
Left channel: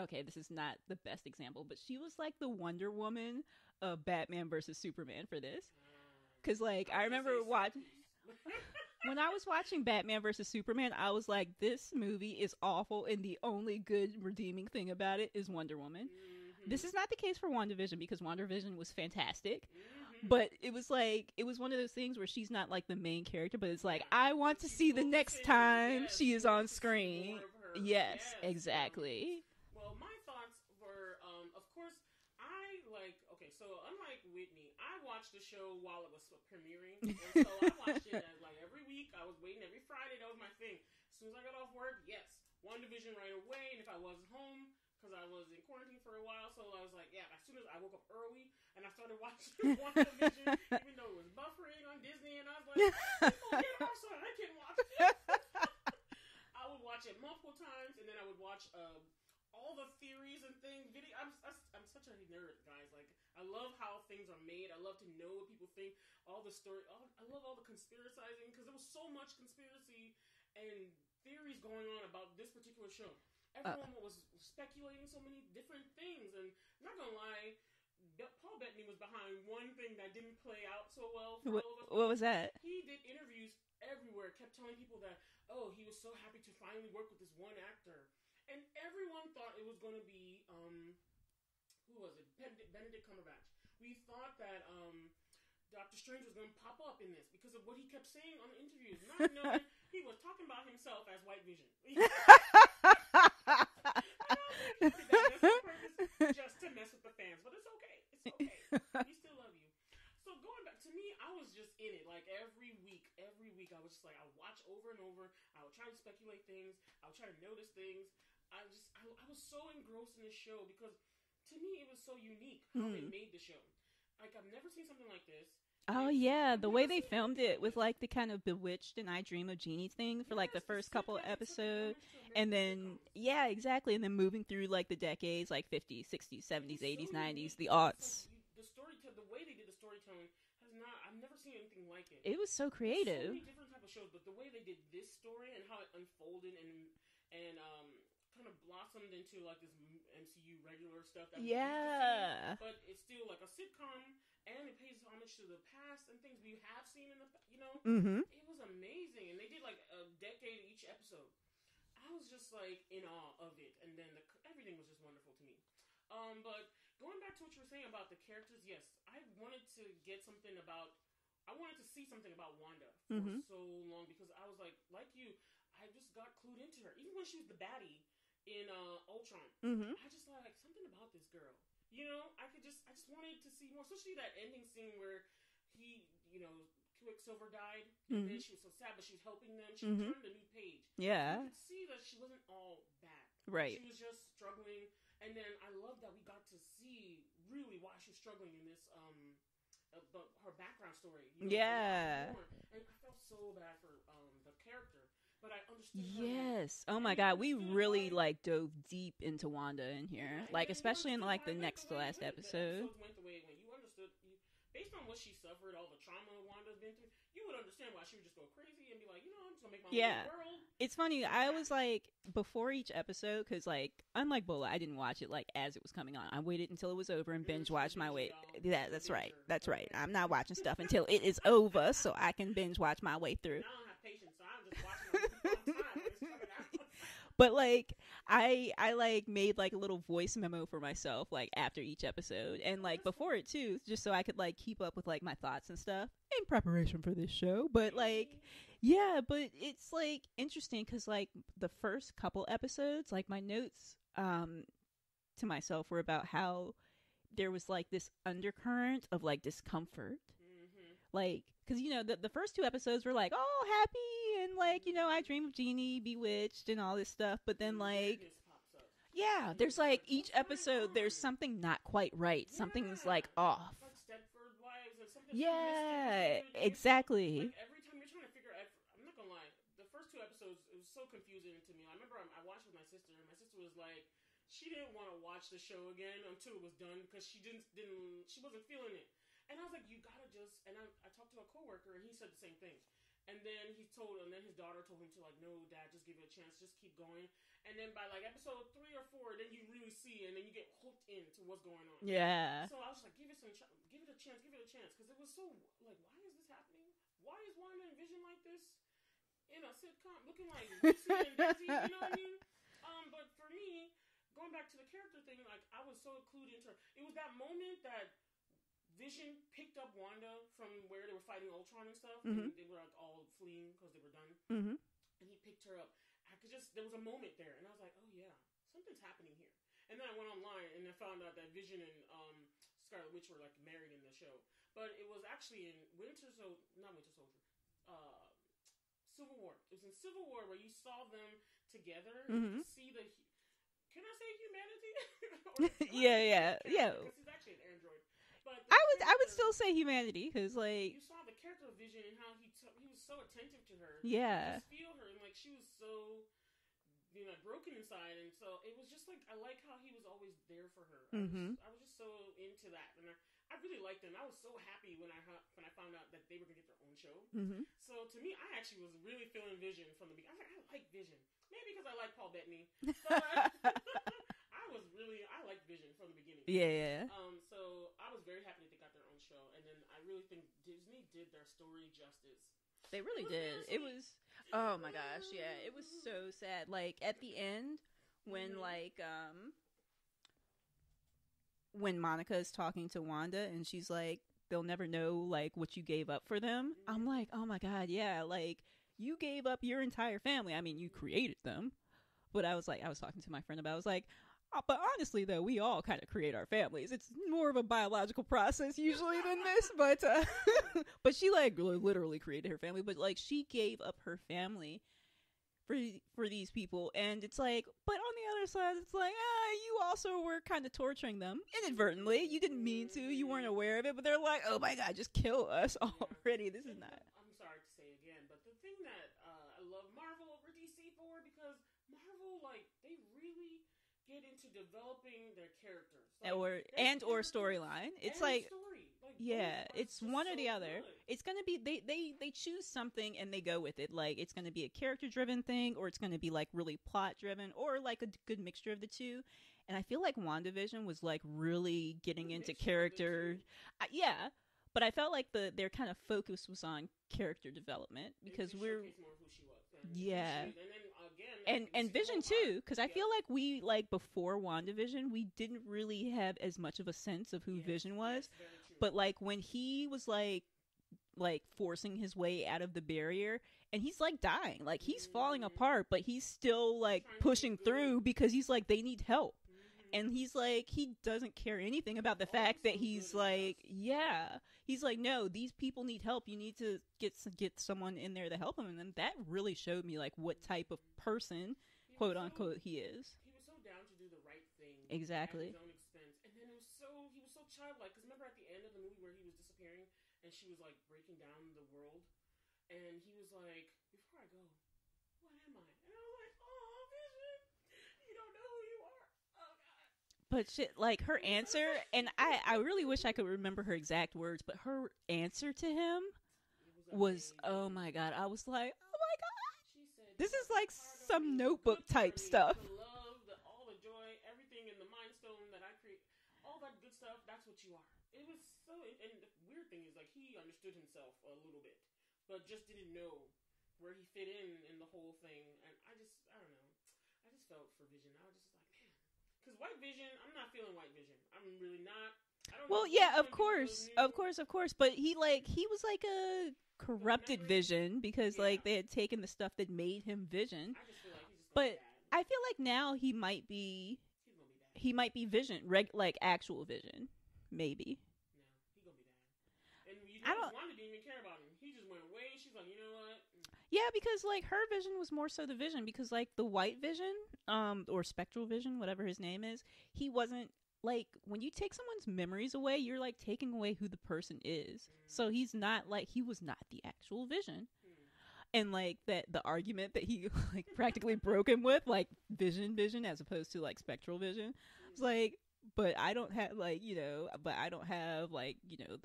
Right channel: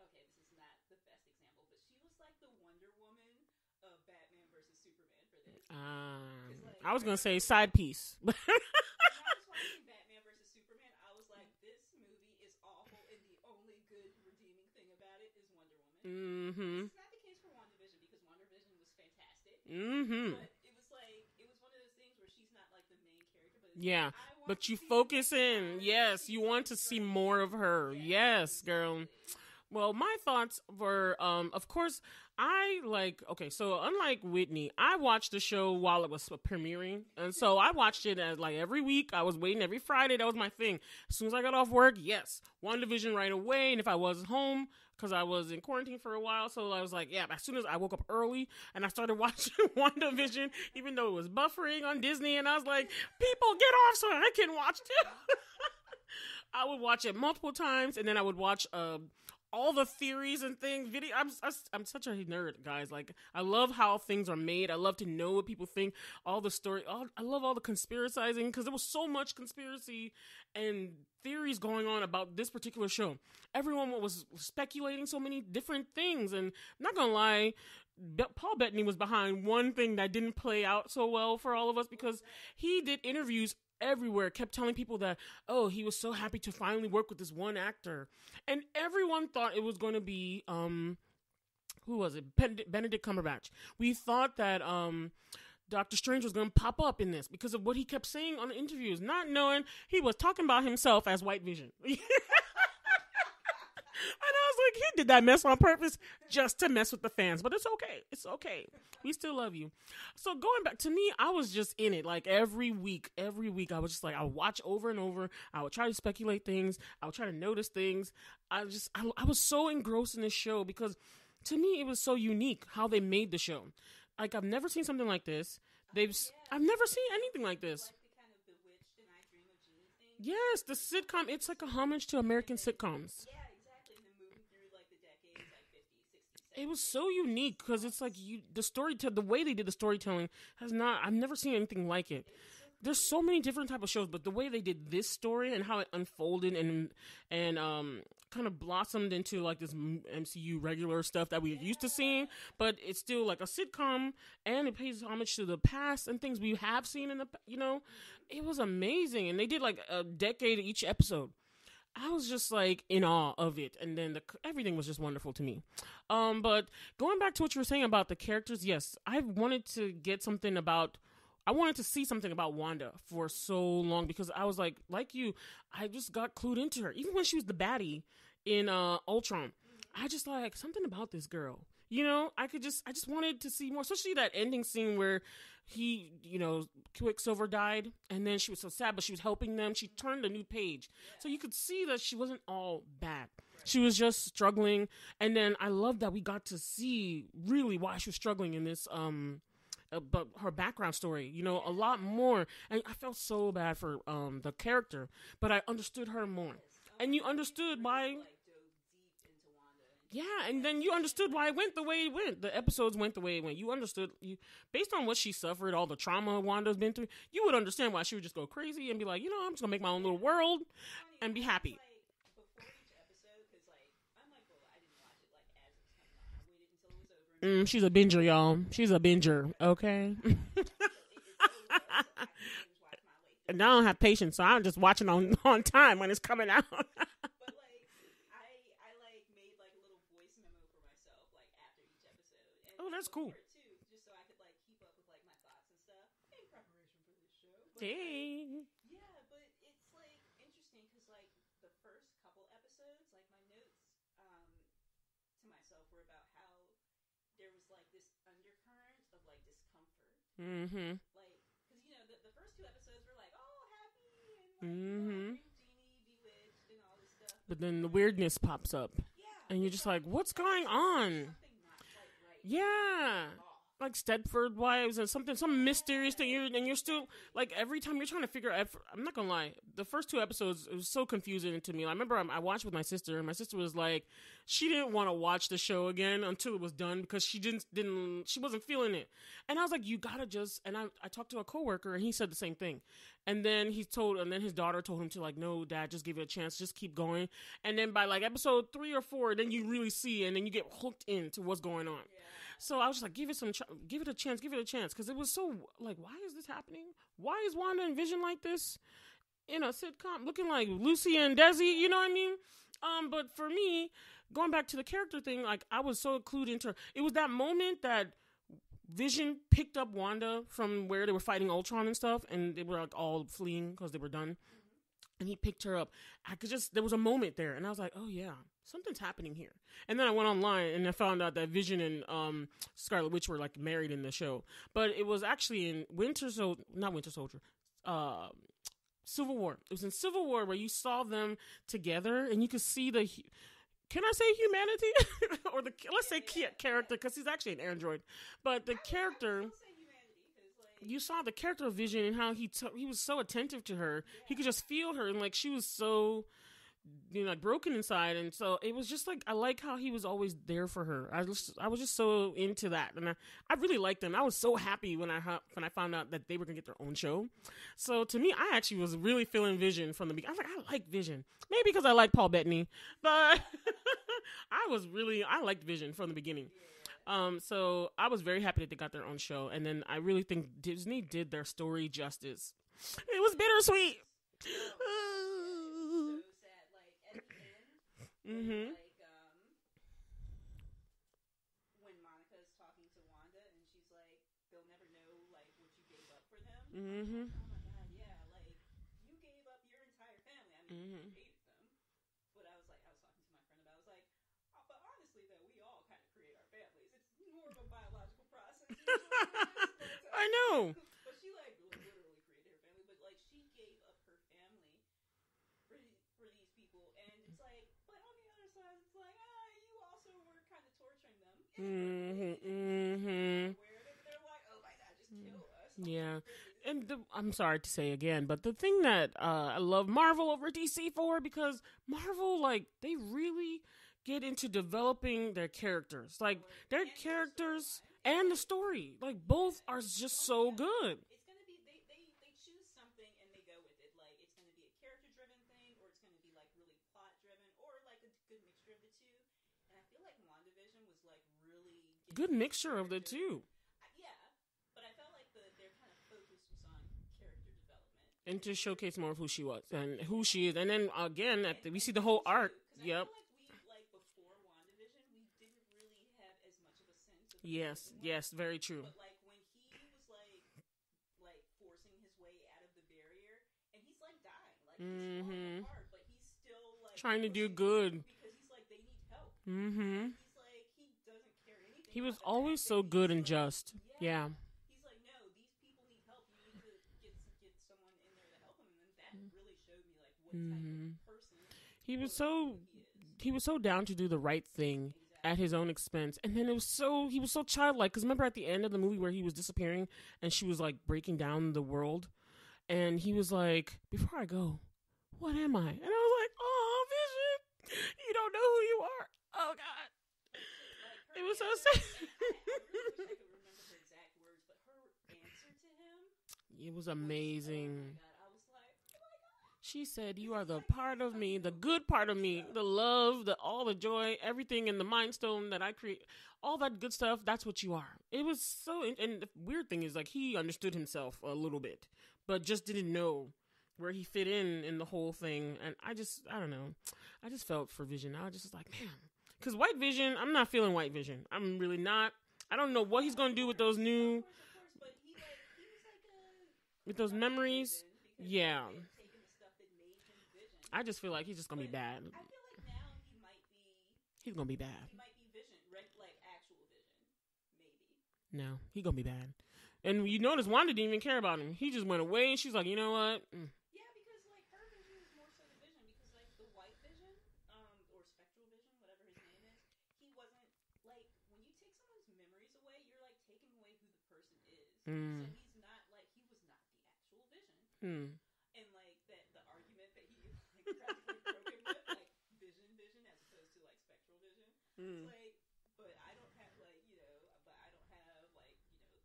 okay, this is not the best example, but she was like the Wonder Woman of Batman versus Superman for this. Because like, I was going to say side piece. When I was watching Batman versus Superman, I was like, this movie is awful, and the only good redeeming thing about it is Wonder Woman. This is not the case for WandaVision, because WandaVision was fantastic. But it was like, it was one of those things where she's not like the main character, but it's like, I want to see the next time she's on screen. See more of her. Yes, exactly. Well, my thoughts were, of course, so unlike Whitney, I watched the show while it was premiering, and so I watched it as, like, every week. I was waiting every Friday. That was my thing. As soon as I got off work, WandaVision right away, and if I was home, because I was in quarantine for a while, so I was like, as soon as I woke up early, and I started watching WandaVision, even though it was buffering on Disney, and I was like, people, get off so I can watch it. I would watch it multiple times, and then I would watch all the theories and things. I'm such a nerd, guys. Like, I love how things are made. I love to know what people think. All the story. I love all the conspiracizing, because there was so much conspiracy and theories going on about this particular show. Everyone was speculating so many different things, and I'm not gonna lie, Paul Bettany was behind one thing that didn't play out so well for all of us. Because what was that? He did interviews everywhere, kept telling people that, oh, he was so happy to finally work with this one actor. And everyone thought it was going to be, who was it? Benedict Cumberbatch. We thought that Doctor Strange was going to pop up in this because of what he kept saying on the interviews, not knowing he was talking about himself as White Vision. And I was like, he did that mess on purpose just to mess with the fans. But it's okay. It's okay. We still love you. So going back to me, I was just in it. Like every week, I was just like, I would watch over and over. I would try to speculate things. I would try to notice things. I was so engrossed in this show because to me, it was so unique how they made the show. Like, I've never seen something like this. Oh, yeah. The way they filmed it with, like, the kind of Bewitched and I Dream of Jeannie thing for, like, the first couple episodes. It's like a homage to American sitcoms. Yeah, exactly. And then moving through, like, the decades, like, 50s, 60s, 70s, 80s, 90s. It was so unique because it's like the way they did the storytelling I've never seen anything like it. It was so creative. There's so many different type of shows, but the way they did this story and how it unfolded and kind of blossomed into like this MCU regular stuff that we used to see, but it's still like a sitcom and it pays homage to the past and things we have seen in the, it was amazing. And they did like a decade each episode. I was just like in awe of it. And then everything was just wonderful to me. But going back to what you were saying about the characters, yes, I wanted to see something about Wanda for so long because I was like you, I just got clued into her. Even when she was the baddie in Ultron, I just like something about this girl. I just wanted to see more, especially that ending scene where he, Quicksilver died, and then she was so sad, but she was helping them. She turned a new page. Yeah. So you could see that she wasn't all bad. Right. She was just struggling. And then I love that we got to see really why she was struggling in this, but her background story, a lot more. And I felt so bad for the character, but I understood her more. Oh my God, we really dove deep into Wanda. And then you understood why it went the way it went. The episodes went the way it went. You understood, based on what she suffered, all the trauma Wanda's been through, you would understand why she would just go crazy and be like, I'm just gonna make my own little world. It's funny. I was like, before each episode, because unlike Bola, I didn't watch it as it was coming on. I waited until it was over and binge. She's a binger, y'all. She's a binger. Right. That's okay. Right. I'm not watching stuff until it is over, so I can binge watch my way through. And I don't have patience, so I'm just watching on time when it's coming out. But I made a little voice memo for myself after each episode and before it too, just so I could keep up with my thoughts and stuff in preparation for this show. But but it's interesting because the first couple episodes, my notes to myself were about how there was this undercurrent of discomfort, because the first two episodes were oh happy and I Dream of Jeannie, Bewitched, and all this stuff. But then the weirdness pops up. Yeah, and there's you're just what's each going episode, on? There's something not quite right. Yeah. Something's off. Like Stepford Wives and some mysterious thing. And exactly. You're still, every time you're trying to figure out. I'm not gonna lie. The first two episodes, it was so confusing to me. I remember I watched with my sister, and my sister was like, she didn't want to watch the show again until it was done because she she wasn't feeling it. And I was like, you gotta just. And I talked to a coworker, and he said the same thing. And then his daughter told him to no, Dad, just give it a chance, just keep going. And then by episode 3 or 4, then you really see, and then you get hooked into what's going on. Yeah. So I was just like, give it a chance, because it was so why is this happening? Why is Wanda and Vision like this in a sitcom, looking like Lucy and Desi? You know what I mean? But for me, going back to the character thing, I was so clued into her. It was that moment that Vision picked up Wanda from where they were fighting Ultron and stuff, and they were all fleeing because they were done. Mm-hmm. And he picked her up. There was a moment there, and I was like, oh yeah, something's happening here. And then I went online and I found out that Vision and Scarlet Witch were married in the show, but it was actually in Civil War. It was in Civil War where you saw them together, and you could see the. Can I say humanity? Or let's say character, because he's actually an android. But I would still say humanity, because you saw the character of Vision and how he was so attentive to her. Yeah, you could just feel her, and she was so like broken inside, and so it was just like I like how he was always there for her. I was just so into that, and I really liked them. I was so happy when I found out that they were gonna get their own show. So to me, I actually was really feeling Vision from the beginning. I was like, I like Vision, maybe because I like Paul Bettany, but I liked Vision from the beginning. So I was very happy that they got their own show, and then I really think Disney did their story justice. It was bittersweet. Oh my gosh, yeah, it was so sad. Like at the end, when when Monica is talking to Wanda and she's like, "They'll never know like what you gave up for them." I'm like, oh my god, yeah, like you gave up your entire family. I mean, you created them, but I was talking to my friend about. I was like, but honestly, though, we all kind of create our families. It's more of a biological process usually than this, but I know. But she like literally created her family, but like she gave up her family for these people, and it's like, but on the other side, it's like, you also were kind of torturing them inadvertently. You didn't mean to. You weren't aware of it, but they're like, oh my god, just kill us already. I'm sorry to say again, but the thing that I love Marvel over DC for, because Marvel, like, they really get into developing their characters, like their characters storyline, and like, the story. Like both are just so good. It's gonna be they choose something and they go with it. Like it's gonna be a character driven thing, or it's gonna be like really plot driven, or like a good mixture of the two. And I feel like WandaVision was like really getting into character. But I felt like their kind of focus was on character development and to showcase more of who she was and who she is. And then again, we see the whole arc. Because I feel like we before WandaVision, we didn't really have as much of a sense of who Vision was. Yes, very true. But like when he was like forcing his way out of the barrier, and he's like dying, like he's falling apart, but he's still like pushing through because he's like, they need help, and he's like, he doesn't care anything about the fact that he's good like, and just. He's like, no, these people need help. You need to get someone in there to help them, and then that really showed me like what type of person he was He was so down to do the right thing at his own expense, and then he was so childlike. Because remember at the end of the movie where he was disappearing and she was like breaking down the world. And he was like, before I go, what am I? And I was like, oh, Vision, you don't know who you are. Oh, God. But shit, like her answer, so and I really wish I could remember her exact words, but her answer to him it was amazing. Oh, my God. I was like, oh, my God. She said, you are the like part of me, the good part of me, the love, all the joy, everything in the Mind Stone that I create, all that good stuff, that's what you are. It was so, and the weird thing is, like, he understood himself a little bit, but just didn't know where he fit in the whole thing. And I don't know. I just felt for Vision. I was just like, man. Because White Vision, I'm not feeling White Vision. I'm really not. I don't know what he's going to do with those new... Of course. But he was like a corrupted Vision because like they had taken the stuff that made him Vision. I just feel like he's just going to be bad. I feel like now he might be... He's going to be bad. He might be Vision, like actual Vision. Maybe. No, he's going to be bad. And you notice Wanda didn't even care about him. He just went away, and she's like, you know what? Yeah, because, like, her Vision was more so the Vision. Because, like, the White Vision, or Spectral Vision, whatever his name is, he wasn't, like, when you take someone's memories away, you're, like, taking away who the person is. So he's not, like, he was not the actual Vision. And, like, the argument that he, like, practically broke him with, like, Vision, as opposed to, like, Spectral Vision. It's like... But I don't have, like, you know,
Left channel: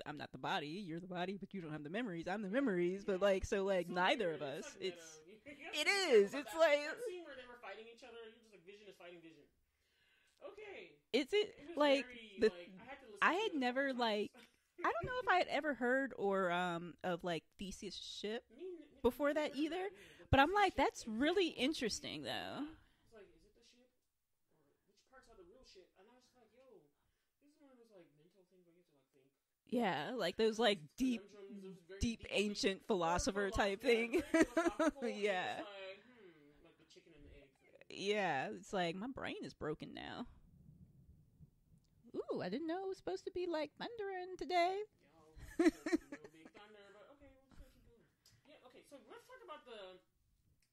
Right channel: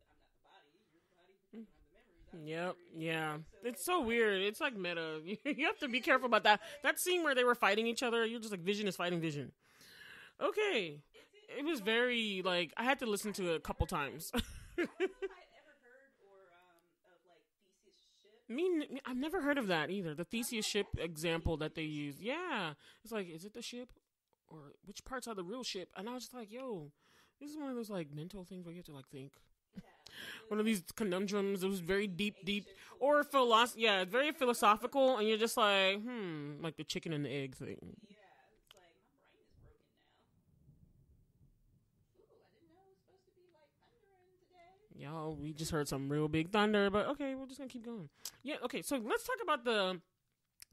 I'm not the body. You're the body, but you don't have the memories. I'm the memories. Yeah. But, like, so, it's like, so weird. It's like meta. You have to be careful about that. Like, that scene where they were fighting each other, you're just like, Vision is fighting Vision. Okay. It was like, very, like, I had to listen to it a couple times. Like, I don't know if I had ever heard of, like, Theseus' ship. I've never heard of that either. The Theseus ship example that they use. Yeah. It's like, is it the ship? Or which parts are the real ship? And I was just like, yo, this is one of those like mental things where you have to like think. Yeah, like those one like of these conundrums. Those very deep ancient philosopher type yeah, thing. very philosophical. And you're just like, like the chicken and the egg thing. Yeah, it's like my brain is broken now. Ooh, I didn't know it was supposed to be like thundering today. Yo, we just heard some real big thunder, but okay, we're just gonna keep going. Yeah, okay. So let's talk about the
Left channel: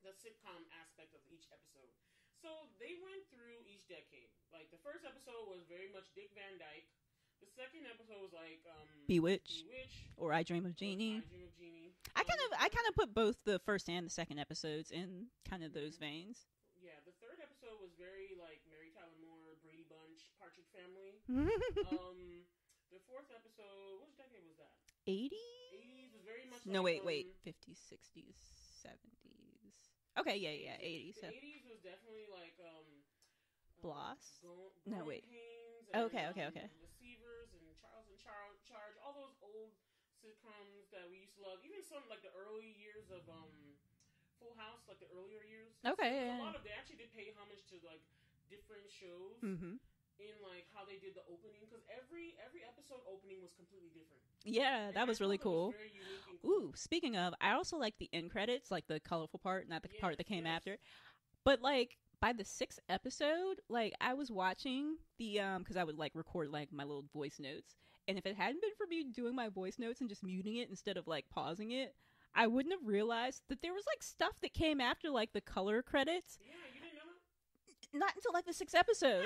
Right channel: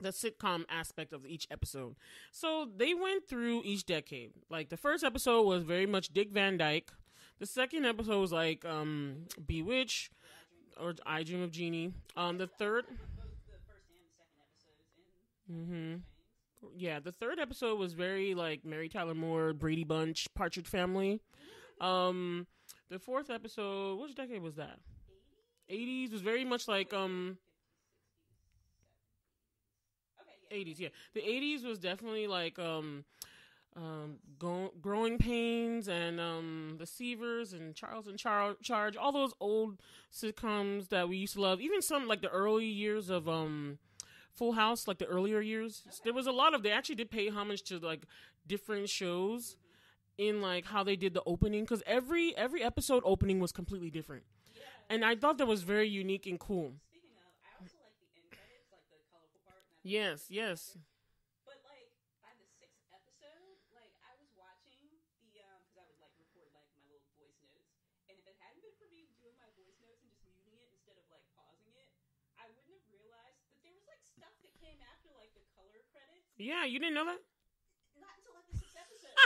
sitcom aspect of each episode. So they went through each decade. Like the first episode was very much Dick Van Dyke. The second episode was like Bewitch, or I Dream of Jeannie. I kind of put both the first and the second episodes in kind of those veins. Yeah, the third episode was very like Mary Tyler Moore, Brady Bunch, Partridge Family. The fourth episode, which decade was that? 80s was very much like 50s, 60s, 70s. Okay, yeah, 80s. Yeah. 80s, the 80s was definitely like Growing Pains and The Seavers and Charles in Charge, all those old sitcoms that we used to love. Even some like the early years of Full House, like the earlier years. Okay, there was a lot of, they actually did pay homage to like different shows in like how they did the opening, because every episode opening was completely different. Yeah, and I thought really that was very unique and cool. Ooh, speaking of, I also like the end credits, like the colorful part, not the part that came after. But like by the sixth episode, like I was watching the because I would like record like my little voice notes, and if it hadn't been for me doing my voice notes and just muting it instead of like pausing it, I wouldn't have realized that there was like stuff that came after like the color credits. Yeah, you didn't know that? Not until like the sixth episode.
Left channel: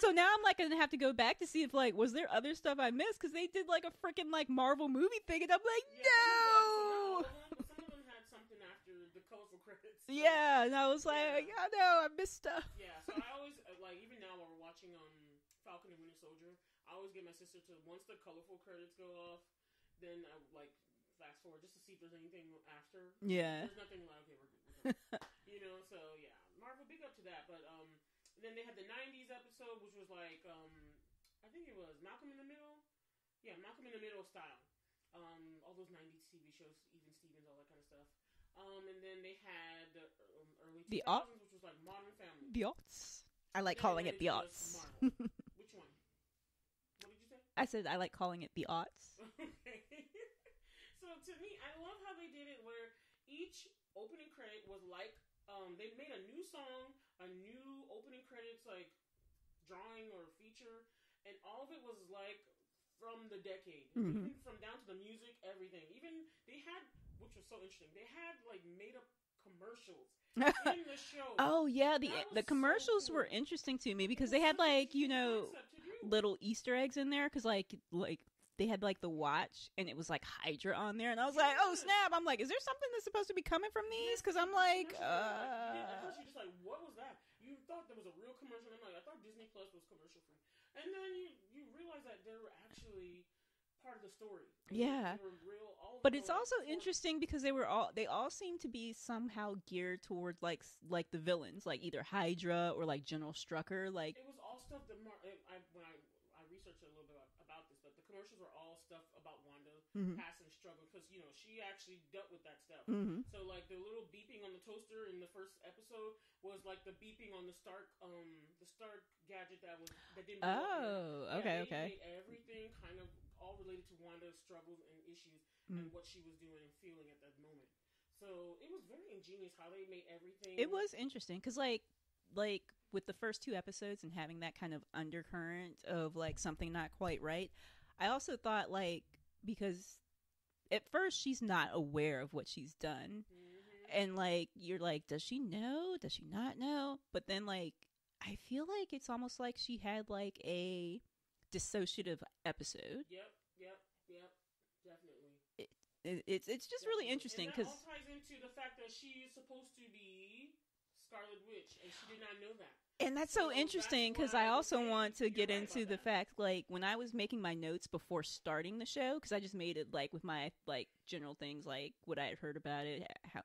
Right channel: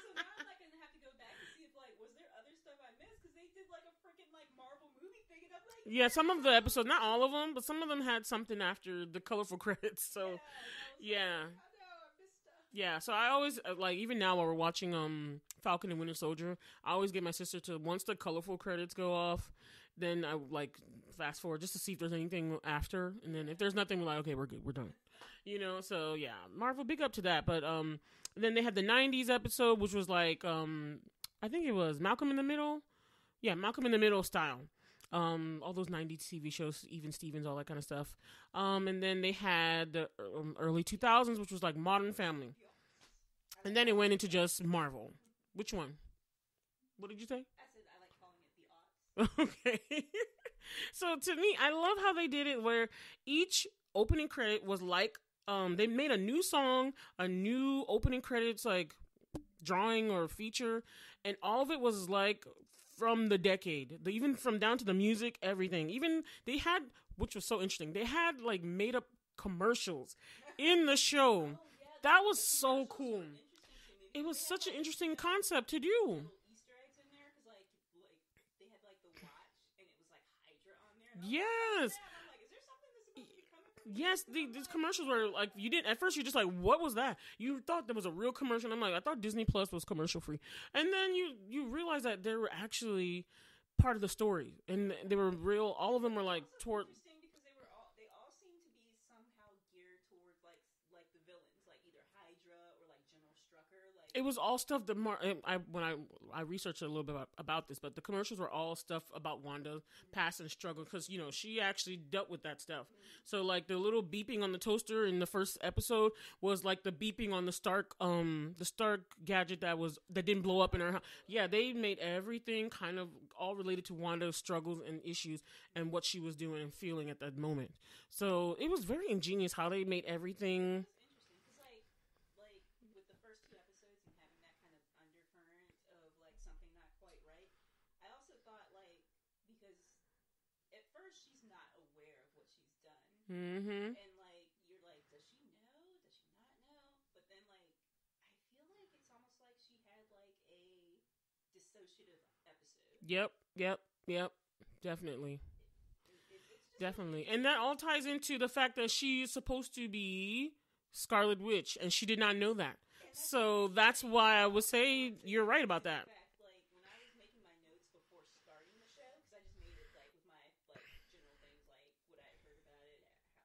So now I'm like gonna have to go back to see if like was there other stuff I missed, because they did like a freaking like Marvel movie thing, and I'm like, yeah, some of the episodes, not all of them, but some of them had something after the colorful credits. So, yeah, and I was like, oh no, I missed stuff. Yeah, so I always like, even now while we're watching Falcon and Winter Soldier, I always get my sister to, once the colorful credits go off, then I like fast forward just to see if there's anything after. And then if there's nothing, we're like, okay, we're good, we're done. You know, so yeah, Marvel, big up to that. But then they had the 90s episode, which was like I think it was Malcolm in the Middle. Yeah, Malcolm in the Middle style. All those 90s TV shows, Even Stevens, all that kind of stuff. And then they had the early 2000s, which was like Modern Family. The aughts. I like. And then it went into just Marvel. Which one? What did you say? I said I like calling it the aughts. Okay. So to me, I love how they did it, where each opening credit was like, they made a new song, a new opening credits, like drawing or feature, and all of it was like from the decade, even from down to the music, everything. Even they had, which was so interesting, they had like made up commercials in the show. Oh yeah, the commercials so cool. were interesting to me, because they had like an interesting concept to do, little Easter eggs in there, because like they had like the watch, and it was like Hydra on there, and I was like, oh snap! I'm like, is there something that's supposed to be coming from these? Yes, because I'm like, commercials were like, you didn't at first. You're just like, what was that? You thought there was a real commercial. I'm like, I thought Disney Plus was commercial free, and then you realize that they were actually part of the story, and they were real. All of them were like. But it's also interesting because they all seem to be somehow geared towards like the villains, like either Hydra or like General Strucker. Like it was all stuff that when I researched a little bit about this, but the commercials were all stuff about Wanda past and struggle, because you know she actually dealt with that stuff. So like the little beeping on the toaster in the first episode was like the beeping on the Stark gadget that didn't blow up in her house. Yeah, they made everything kind of all related to Wanda's struggles and issues and what she was doing and feeling at that moment. So it was very ingenious how they made everything. It was interesting because like with the first two episodes and having that kind of undercurrent of like something not quite right, I also thought like, because at first she's not aware of what she's done, and like you're like, does she know? Does she not know? But then like I feel like it's almost like she had like a dissociative episode. Yep, definitely. It's just definitely really interesting, and that all ties into the fact that she's supposed to be Scarlet Witch, and she did not know that. And that's so interesting. That's why I would say you're right about that. The fact, like when I was making my notes before starting the show, because I just made it like with my like general things, like what I had heard about it, how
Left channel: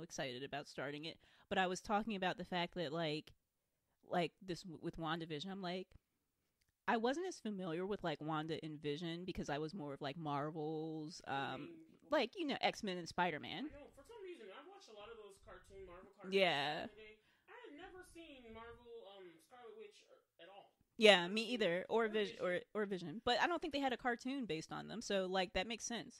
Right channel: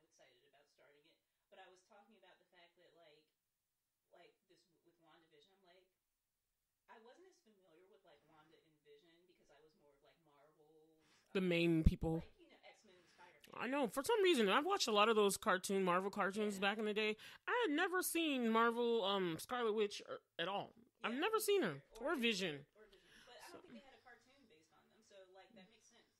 excited about starting it. But I was talking about the fact that like this with WandaVision, I'm like, I wasn't as familiar with like Wanda and Vision because I was more of like Marvel's the main people, like X-Men and Spider-Man. I know, for some reason I've watched a lot of those Marvel cartoons back in the day. I had never seen Marvel Scarlet Witch at all. Yeah, I've never seen either, or Vision, or Vision. But I don't think they had a cartoon based on them, so like that makes sense.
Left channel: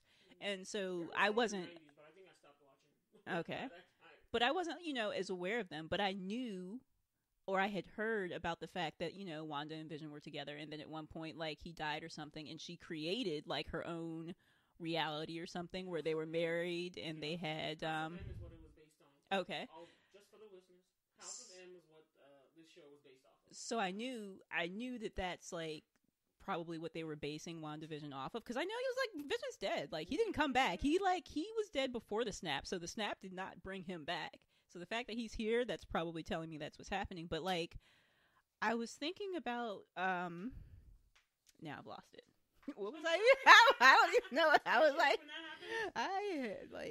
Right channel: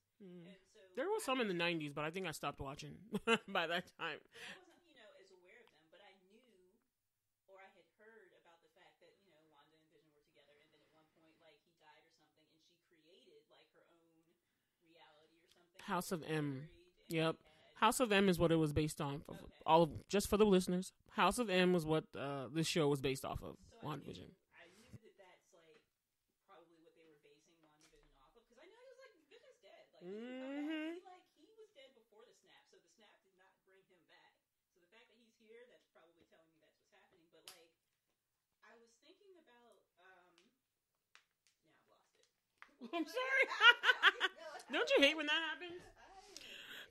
And so there was some in the 90s, but I think I stopped watching by that time. But I wasn't as aware of them, but I knew. Or I had heard about the fact that, Wanda and Vision were together, and then at one point, like, he died or something, and she created, like, her own reality or something where they were married, and they had... House of M is what it was based on. Okay. Just for the listeners, House of M was what this show was based off of. So I knew that that's, like, probably what they were basing WandaVision off of. Because I know he was like, Vision's dead. Like, he didn't come back. He was dead before the snap. So the snap did not bring him back. So the fact that he's here, that's probably telling me that's what's happening. But like, I was thinking about, now I've lost it. What was I? I don't even know what I was Don't you like. hate when that happens?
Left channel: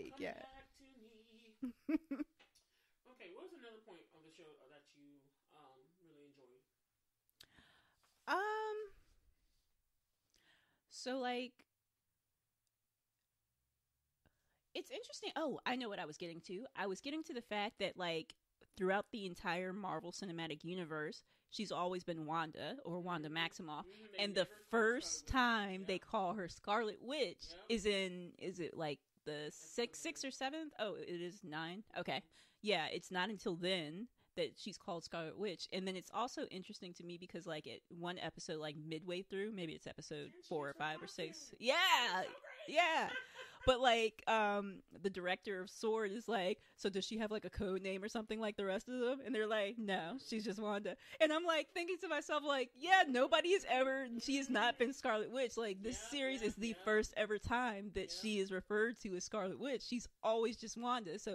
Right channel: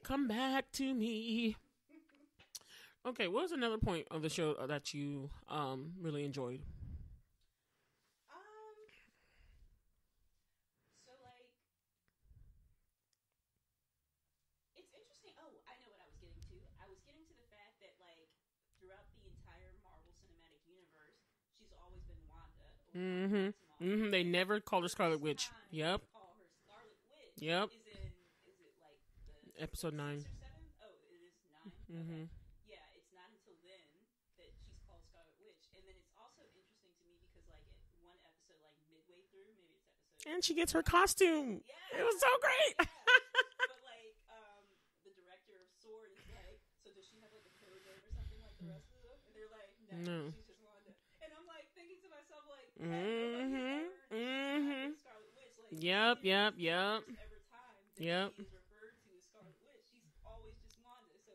Come back to me. Okay, what was another point of the show that you really enjoyed? So like, it's interesting. Oh, I know what I was getting to. I was getting to the fact that like throughout the entire Marvel Cinematic Universe, she's always been Wanda or Wanda Maximoff. They never call her Scarlet Witch. Time they call her Scarlet Witch is it like the Episode 6th or 7th? Oh, it is 9. Okay, yeah, it's not until then that she's called Scarlet Witch. And then it's also interesting to me because like at one episode, like midway through, maybe it's episode and she 4 gets or her 5 costume. Yeah, it's so great. Yeah. But like the director of S.W.O.R.D. is like, so does she have like a code name or something like the rest of them? And they're like, no. She's just Wanda. And I'm like thinking to myself, like, yeah, nobody has ever, she's not been Scarlet Witch. Like this series is the first ever time that she is referred to as Scarlet Witch. She's always just Wanda. So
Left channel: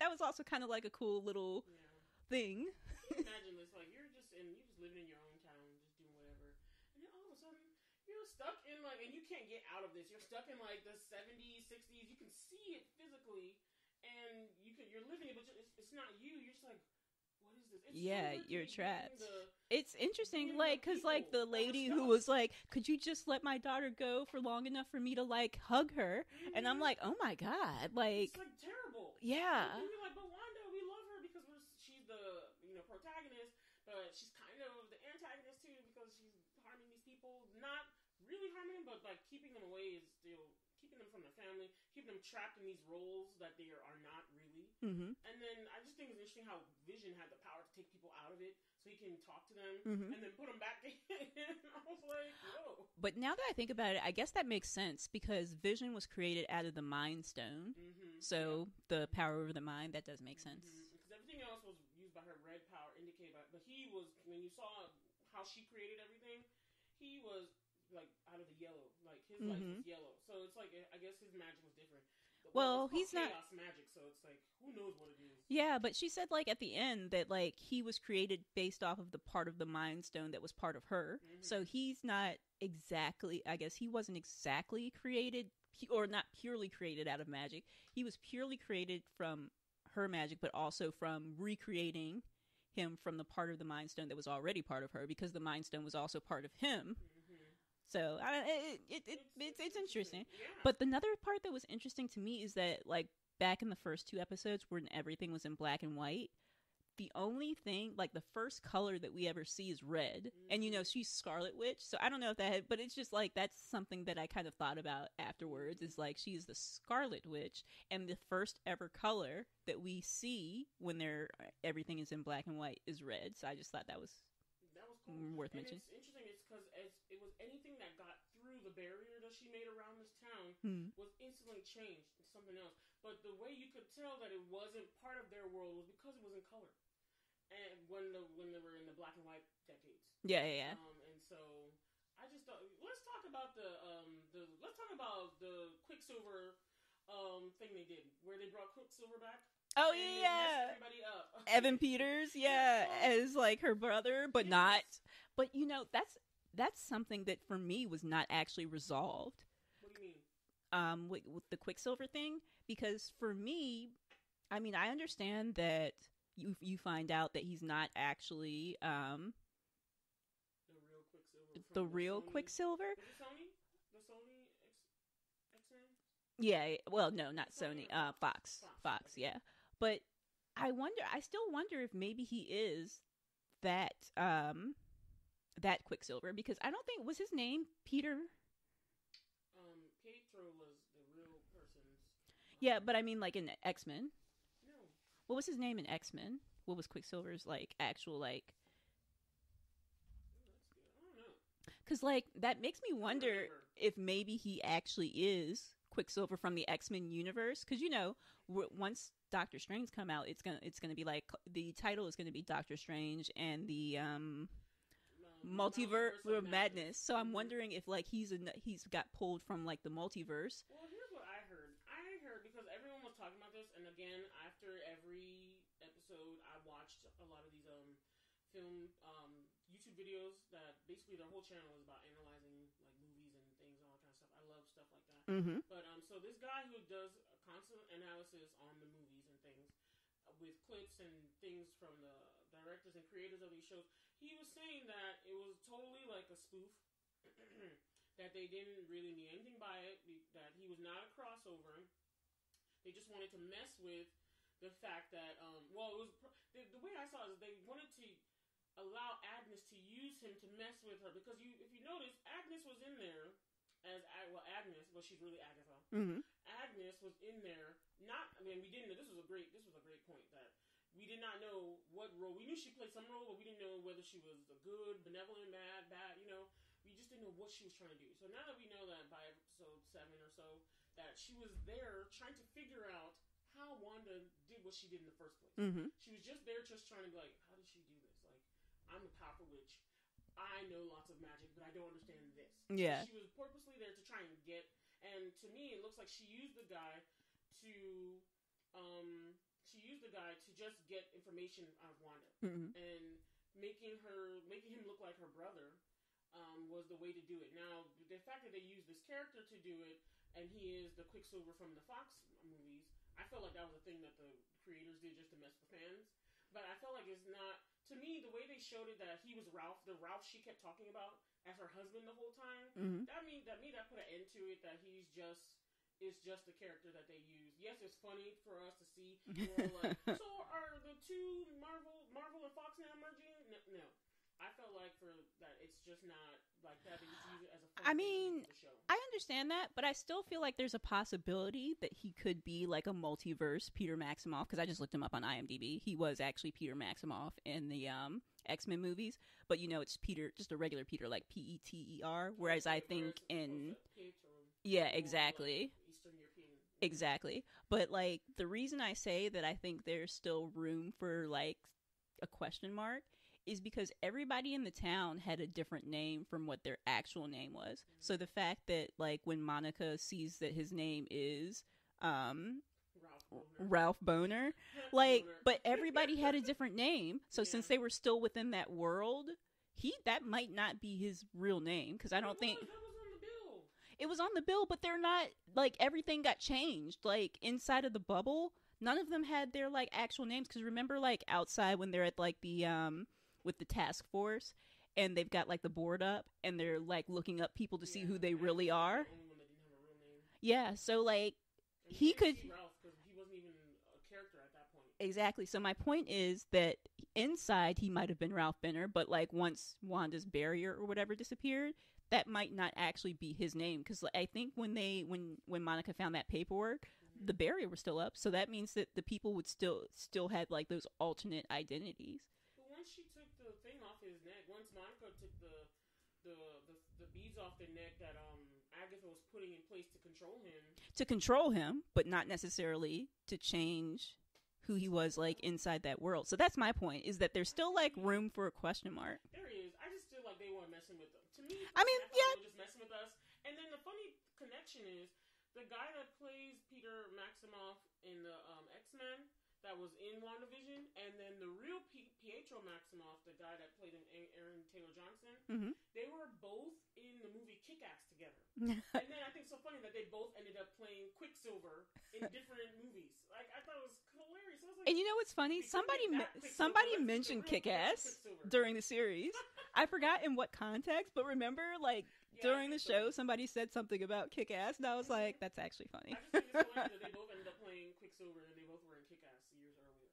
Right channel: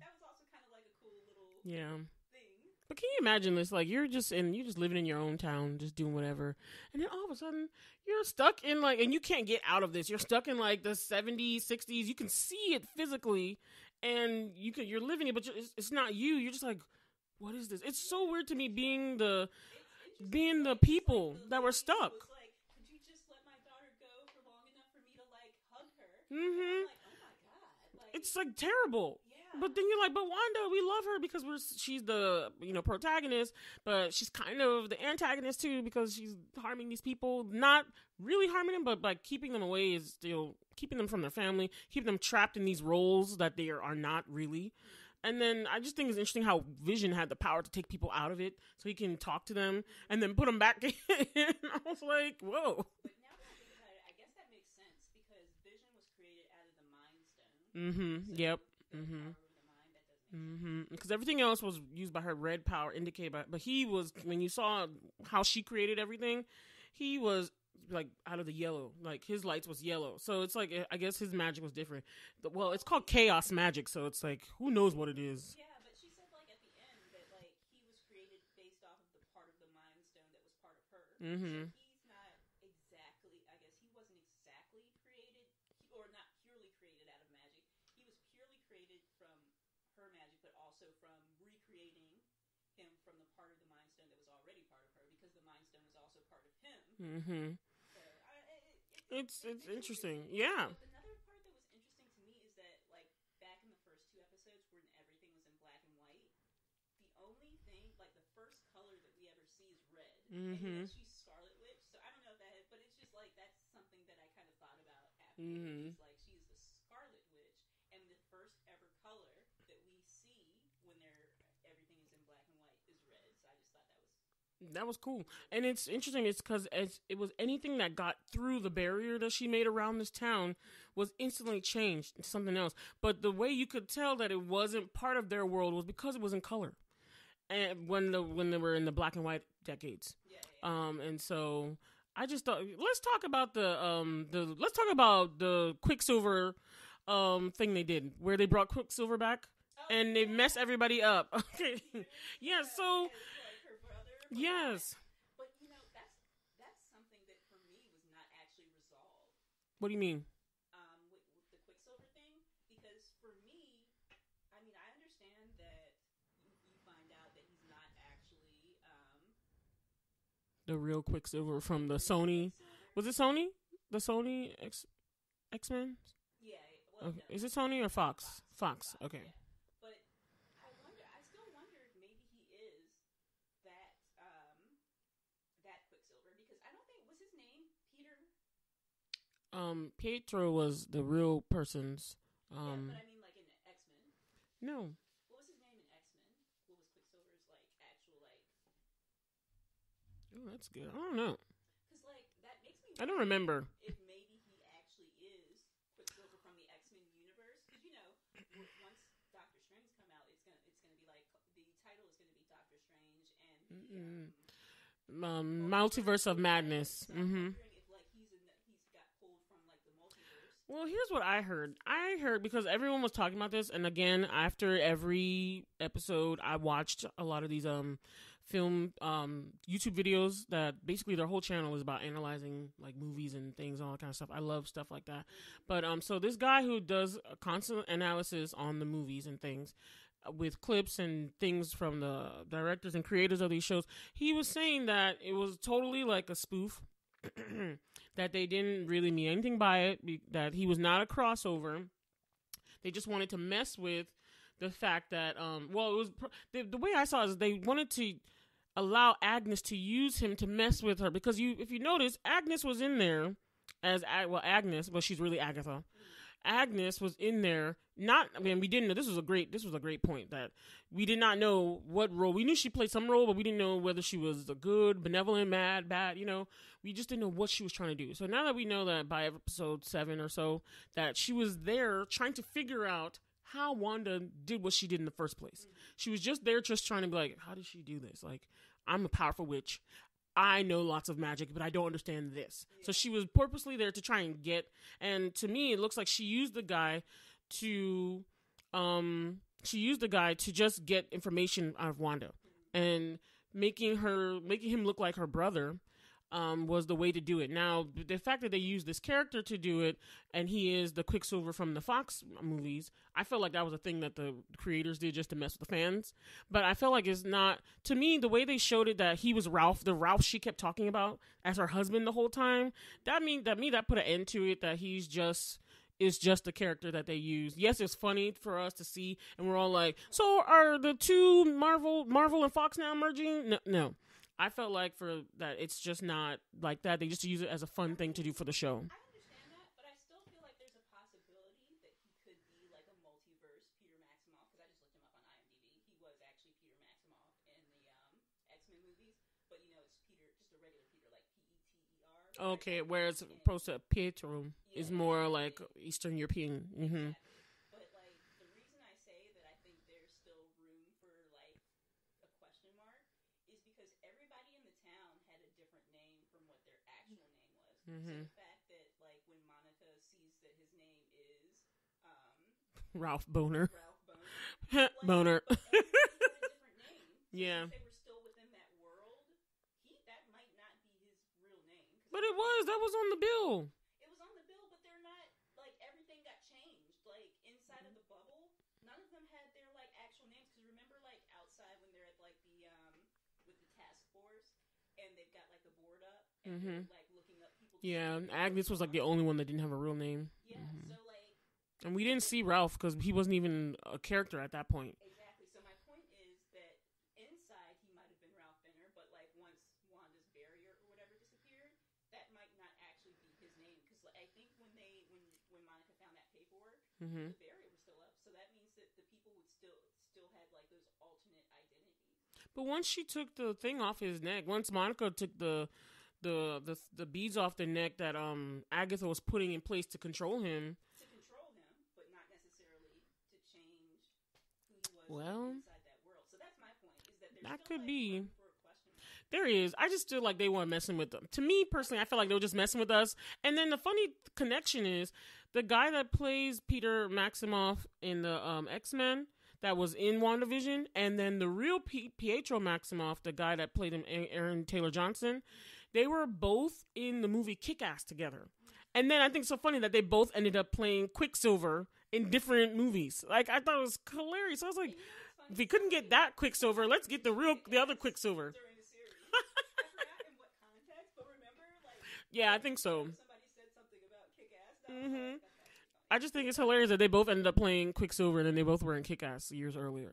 that was also kind of like a cool little thing. But can you imagine this? Like you're just living in your own town, just doing whatever, and then all of a sudden you're stuck in like, and you can't get out of this. You're stuck in like the 70s, 60s. You can see it physically, and you're living it, but it's not you. You're just like, what is this? It's so weird to me it's interesting being like, the people like, the that were stuck. Who was like, could you just let my daughter go for long enough for me to like hug her? And I'm like, oh my god, like it's like terrible. Yeah. But then you're like, but Wanda, we love her because she's the protagonist, but she's kind of the antagonist too because she's harming these people, not really harming them, but like keeping them away is still keeping them from their family, keeping them trapped in these roles that they are not really. And then I just think it's interesting how Vision had the power to take people out of it so he can talk to them and then put them back in. I was like, whoa. But now that I think about it, I guess that makes sense because Vision was created out of the Mind Stone. So the power over the mind, that does make sense. Because everything else was used by her red power indicated by, but he was, when you saw how she created everything, he was like out of the yellow, like his lights was yellow, so it's like I guess his magic was different. Well, it's called chaos magic, so it's like who knows what it is. Yeah, but she said like at the end that like he was created based off of the part of the Mind Stone that was part of her. So he's not exactly, I guess he wasn't exactly created or not purely created out of magic. He was purely created from her magic, but also from recreating him from the part of the Mind Stone that was already part of her, because the Mind Stone was also part of him. So it's interesting. Yeah. But another part that was interesting to me is that like back in the first 2 episodes when everything was in black and white, the only thing, like the first color that we ever see is red. And she's Scarlet Witch, so I don't know if that but it's just like that's something that I kind of thought about afterwards. Is like she is the Scarlet Witch, and the first ever color that we see when everything is in black and white is red. So I just thought that was cool. And it's interesting, it's because it was anything that got through the barrier that she made around this town was instantly changed into something else. But the way you could tell that it wasn't part of their world was because it was in color. And when they were in the black and white decades. Yeah. And so I just thought, let's talk about the Quicksilver thing they did, where they brought Quicksilver back. Oh, and they mess everybody up. Evan Peters, as like her brother, but not. But that's something that for me was not actually resolved. What do you mean? With the Quicksilver thing, because for me, I mean, I understand that you find out that he's not actually the real Quicksilver from the real Sony. Quicksilver? Was it Sony? The Sony X-Men? Yeah. Well, no, is not it Sony or Fox? Fox. Okay. Yeah. But I still wonder if maybe he is that Quicksilver, because I don't think, was his name Peter? Pietro was the real person's. Yeah, but I mean like in X-Men. No. What was his name in X-Men? What was Quicksilver's like actual like? Oh, that's good. I don't know. Because like that makes me wonder. I don't remember if maybe he actually is Quicksilver from the X-Men universe. Because once Doctor Strange come out, it's gonna be like the title is gonna be Doctor Strange and the Multiverse of Madness. So I'm wondering if like he's got pulled from like the multiverse. Well, here's what I heard. I heard because everyone was talking about this, and again, after every episode, I watched a lot of these film YouTube videos that basically their whole channel is about analyzing like movies and things, all that kind of stuff. I love stuff like that. But so this guy who does a constant analysis on the movies and things, with clips and things from the directors and creators of these shows, he was saying that it was totally like a spoof, that they didn't really mean anything by it, that he was not a crossover. They just wanted to mess with the fact that, it was the way I saw it is they wanted to allow Agnes to use him to mess with her, because if you notice, Agnes was in there as Agnes, but she's really Agatha. Agnes was in there. We didn't know. This was a great point, that we did not know what role. We knew she played some role, but we didn't know whether she was a good, benevolent, mad, bad. We just didn't know what she was trying to do. So now that we know that by episode 7 or so, that she was there trying to figure out how Wanda did what she did in the first place. She was just there, just trying to be like, how did she do this? Like, I'm a powerful witch. I know lots of magic, but I don't understand this. Yeah. So she was purposely there to try and get, and to me, it looks like she used the guy to just get information out of Wanda, and making him look like her brother was the way to do it. Now, the fact that they used this character to do it, and he is the Quicksilver from the Fox movies, I felt like that was a thing that the creators did just to mess with the fans. But I felt like it's not, to me, the way they showed it, that he was Ralph, the Ralph she kept talking about as her husband the whole time, that put an end to it, that he's just the character that they use. Yes, it's funny for us to see, and we're all like, so are the two Marvel and Fox now merging? No. I felt like for that, it's just not like that. They just use it as a fun thing to do for the show. I understand that, but I still feel like there's a possibility that he could be like a multiverse Peter Maximoff, because I just looked him up on IMDb. He was actually Peter Maximoff in the X-Men movies, but it's Peter, just a regular Peter, like Peter. Whereas opposed to Pietro, it's more like Eastern European. Exactly. But like the reason I say that I think there's still room for like a question mark is because everybody in the town had a different name from what their actual name was. So the fact that like when Monica sees that his name is Ralph Boner, like, Boner. But everybody had a different name. So since they were still within that world, that might not be his real name, because I don't think that was on the bill. It was on the bill, but they're not like, everything got changed. Like inside of the bubble, none of them had their like actual names. Because remember, like outside when they're at like the with the task force, and they've got like the board up, and they're like looking up people to see who they Agnes really was are. Like the only one that didn't have a real name. Yeah, so like, and we didn't see Ralph because he wasn't even a character at that point. Exactly. So my point is that inside he might have been Ralph Benner, but like once Wanda's barrier or whatever disappeared, that might not actually be his name, because I think when Monica found that paperwork, the barrier was still up, so that means that the people would still had like those alternate identities. But once she took the thing off his neck, once Monica took the beads off the neck that Agatha was putting in place to control him, but not necessarily to change who he was like inside that world. So that's my point, is that there's still like room for a question mark. There is. I just feel like they weren't messing with them. To me personally, I feel like they were just messing with us. And then the funny connection is the guy that plays Peter Maximoff in the X-Men that was in WandaVision, and then the real Pietro Maximoff, the guy that played him, Aaron Taylor Johnson, they were both in the movie Kick-Ass together. And then I think it's so funny that they both ended up playing Quicksilver in different movies. Like, I thought it was hilarious. I was like, and you know what's funny? If we couldn't get that Quicksilver, let's get the other Quicksilver. During the series. I forgot in what context, but remember, like, I think so. Show, somebody said something about Kick-Ass, and I was like, that's actually funny. I just think it's hilarious that they both ended up playing Quicksilver, and then they both were in Kick-Ass years earlier.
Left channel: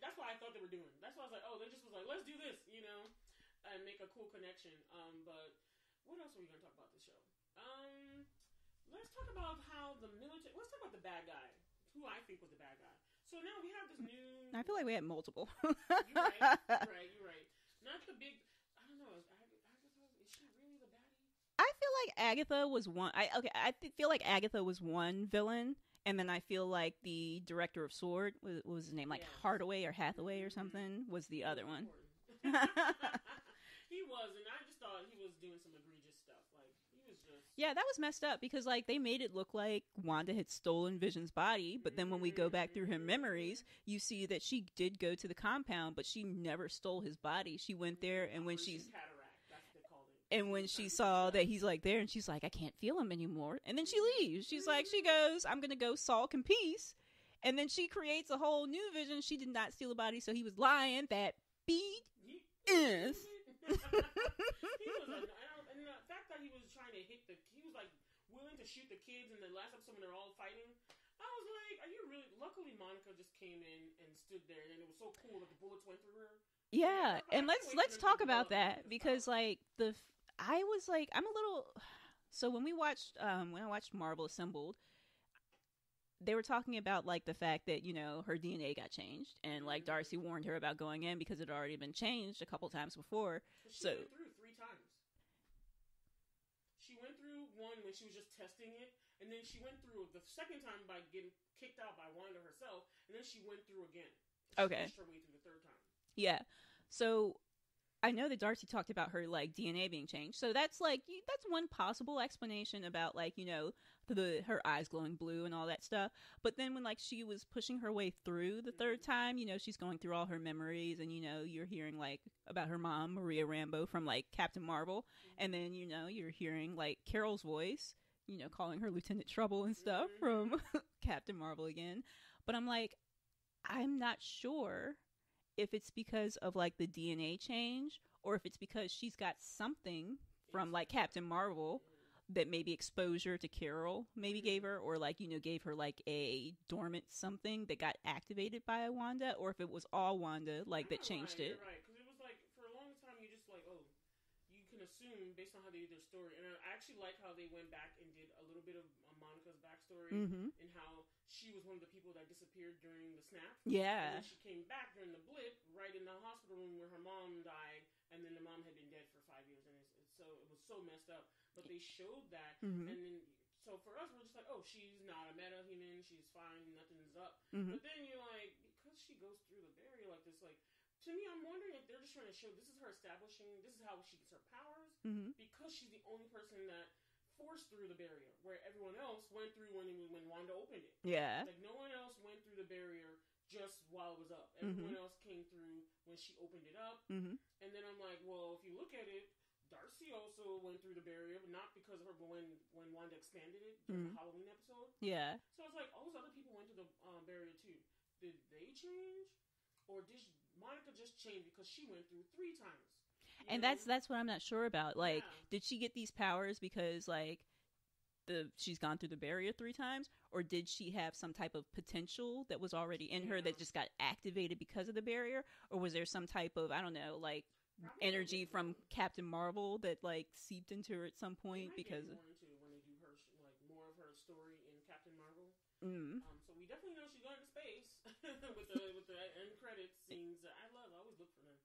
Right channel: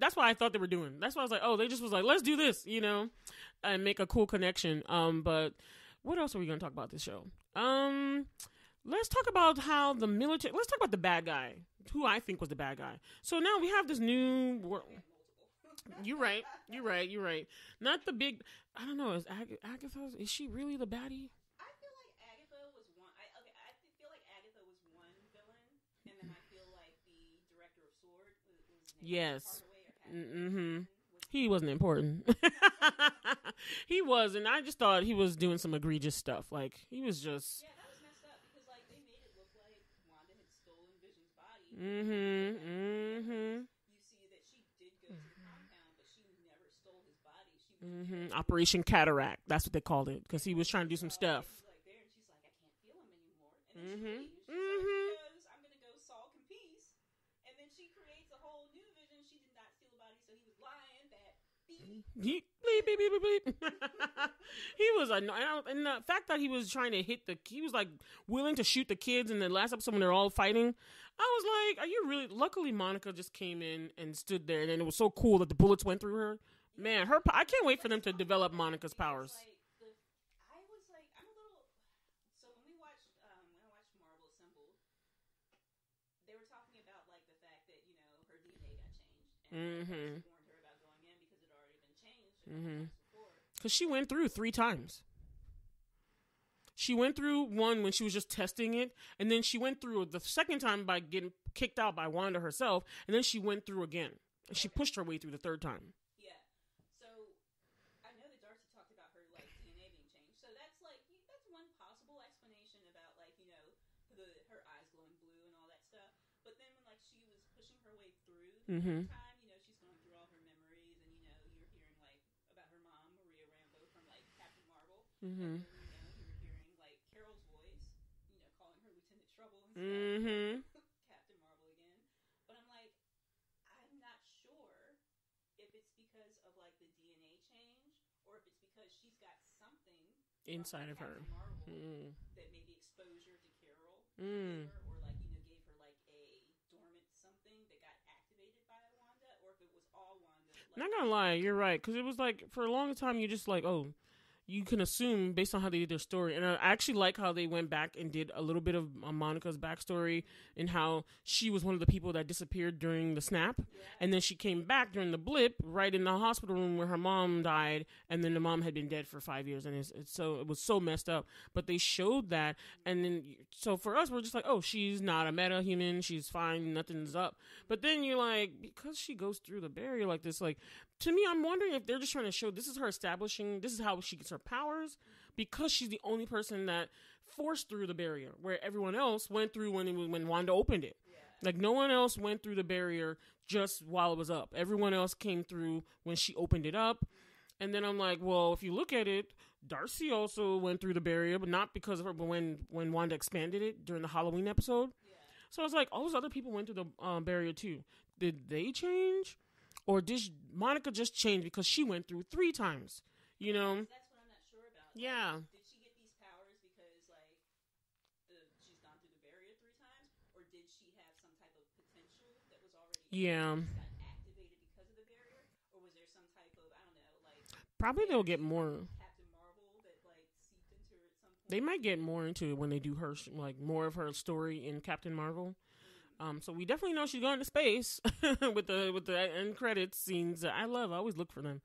That's what I thought they were doing. That's why I was like, oh, they just was like, let's do this, and make a cool connection. But what else are we going to talk about this show? Let's talk about how the military. Let's talk about the bad guy, who I think was the bad guy. So now we have this new. I feel like we had multiple. You're right. Not the big. I don't know. Is Agatha? Is she really the baddie? I feel like Agatha was one. I feel like Agatha was one villain, and then I feel like the director of Sword was his name, like Hardaway or Hathaway or something. He wasn't important. He was, and I just thought he was doing some egregious stuff. Like, he was just... Yeah, that was messed up because, like, they made it look like Wanda had stolen Vision's body, but then when we go back through her memories, you see that she did go to the compound, but she never stole his body. She went there... and Operation Cataract. That's what they called it. Because he was trying to do some stuff. That he's, like, there, and she's like, I can't feel him anymore. And then she leaves. She's like, she goes, I'm going to go sulk in peace. And then she creates a whole new Vision. She did not steal a body, so he was lying that... He was annoying, and the fact that he was trying to he was like willing to shoot the kids in the last episode when they're all fighting. I was like, are you really? Luckily, Monica just came in and stood there, and then it was so cool that the bullets went through her. Yeah, man, I can't wait for them to develop Monica's powers. Because like I was like, I'm a little. So when I watched Marvel Assembled, they were talking about like the fact that, you know, her DNA got changed, and like Darcy warned her about going in because it had already been changed a couple times before. Because she went through 3 times. She went through one when she was just testing it, and then she went through the second time by getting kicked out by Wanda herself, and then she went through again. And she pushed her way through the 3rd time. Yeah. So I know that Darcy talked about her like DNA being changed. So that's like that's one possible explanation about like, you know, her eyes glowing blue and all that stuff. But then when like she was pushing her way through the 3rd time, you know, she's going through all her memories, and you know, you're hearing like about her mom, Maria Rambeau, from like Captain Marvel, and then, you know, you're hearing like Carol's voice, you know, calling her Lieutenant Trouble and stuff from Captain Marvel again. But I'm like, I'm not sure if it's because of like the DNA change, or if it's because she's got something from like Captain Marvel that maybe exposure to Carol maybe gave her, or like, you know, gave her like a dormant something that got activated by Wanda, or if it was all Wanda. Like, I'm not gonna lie, you're right, because it was like for a long time you just like, oh, you can assume based on how they did their story. And I actually like how they went back and did a little bit of Monica's backstory and how she was one of the people that disappeared during the snap. Yeah. And then she came back during the blip right in the hospital room where her mom died. And then the mom had been dead for 5 years. And it was so messed up. But they showed that. And then, so for us, we're just like, oh, she's not a meta-human. She's fine. Nothing's up. But then you're like, because she goes through the barrier like this, like, to me, I'm wondering if they're just trying to show this is her establishing, this is how she gets her powers, because she's the only person that forced through the barrier, where everyone else went through when Wanda opened it. Yeah. Like, no one else went through the barrier just while it was up. Everyone else came through when she opened it up. And then I'm like, well, if you look at it, Darcy also went through the barrier, but not because of her, but when Wanda expanded it during the Halloween episode. Yeah. So I was like, all those other people went through the barrier too. Did they change? Or did Monica just change because she went through 3 times? You know? That's what I'm not sure about. Like, did she get these powers because like she's gone through the barrier 3 times, or did she have some type of potential that was already in her that just got activated because of the barrier, or was there some type of, I don't know, like probably they'll get more from Captain Marvel that like seeped into her at some point? They might get more into it when they do her like more of her story in Captain Marvel. So we definitely know she's going to space with the end credits scenes. I always look for them.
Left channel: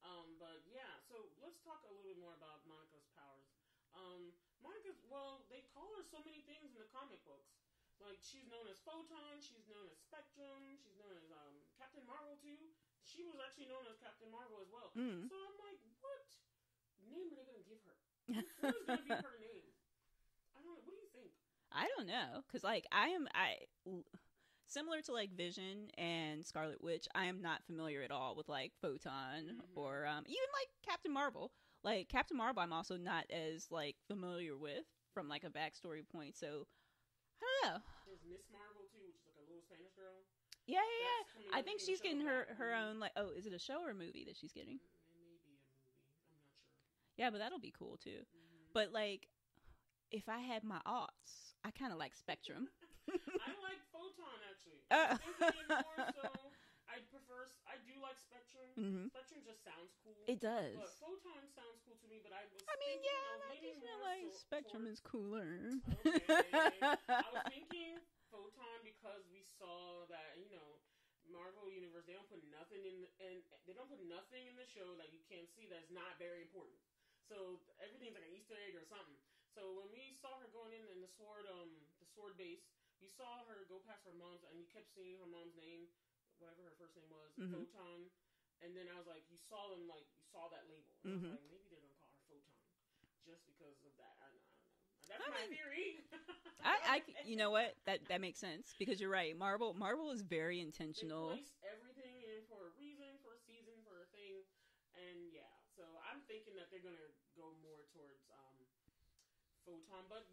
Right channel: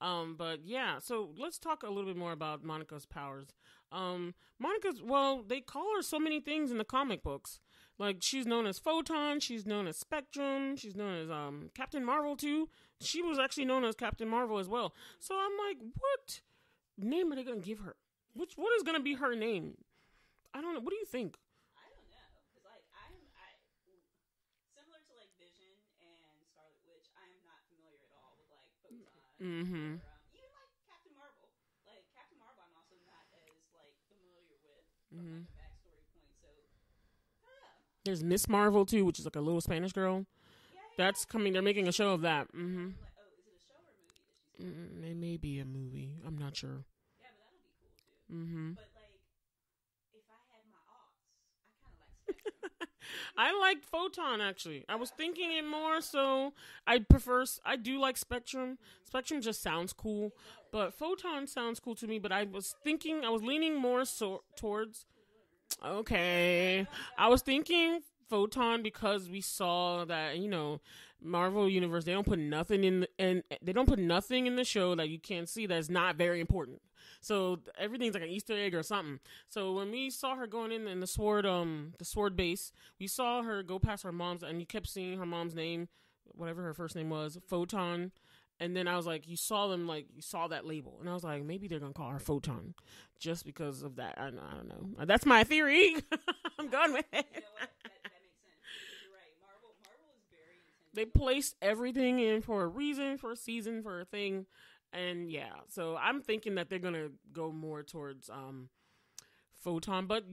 But yeah, so let's talk a little bit more about Monica's powers. They call her so many things in the comic books. Like, she's known as Photon, she's known as Spectrum, she's known as Captain Marvel too. She was actually known as Captain Marvel as well. So I'm like, what name are they going to give her? What is going to be her name? I don't know. What do you think? I don't know, because like I similar to like Vision and Scarlet Witch, I am not familiar at all with like Photon or even like Captain Marvel. Like Captain Marvel, I'm also not as like familiar with from like a backstory point. So I don't know. There's Miss Marvel too, which is like a little Spanish girl. Yeah, that's coming. They're making a show of that. Her own, like, oh, is it a show or a movie that she's getting? It may be a movie. I'm not sure. Yeah, but that'll be cool too. But like, if I had my aughts, I kind of like Spectrum. I like Photon, actually. I was thinking it more, so I do like Spectrum. Spectrum just sounds cool. It does. But Photon sounds cool to me, but I was leaning more towards... cooler. Okay. I was thinking Photon because we saw that, you know, Marvel Universe, they don't put nothing in the show that you can't see that's not very important. So everything's like an Easter egg or something. So when we saw her going in the sword base, we saw her go past her mom's, and you kept seeing her mom's name, whatever her first name was, Photon. And then I was like, you saw that label. And I was like, maybe they're going to call her Photon just because of that. I don't know. That's my theory. You know what? That makes sense because you're right. Marvel is very intentional. They placed everything in for a reason, for a season, for a thing. And yeah, so I'm thinking that they're going to go more towards Photon. But,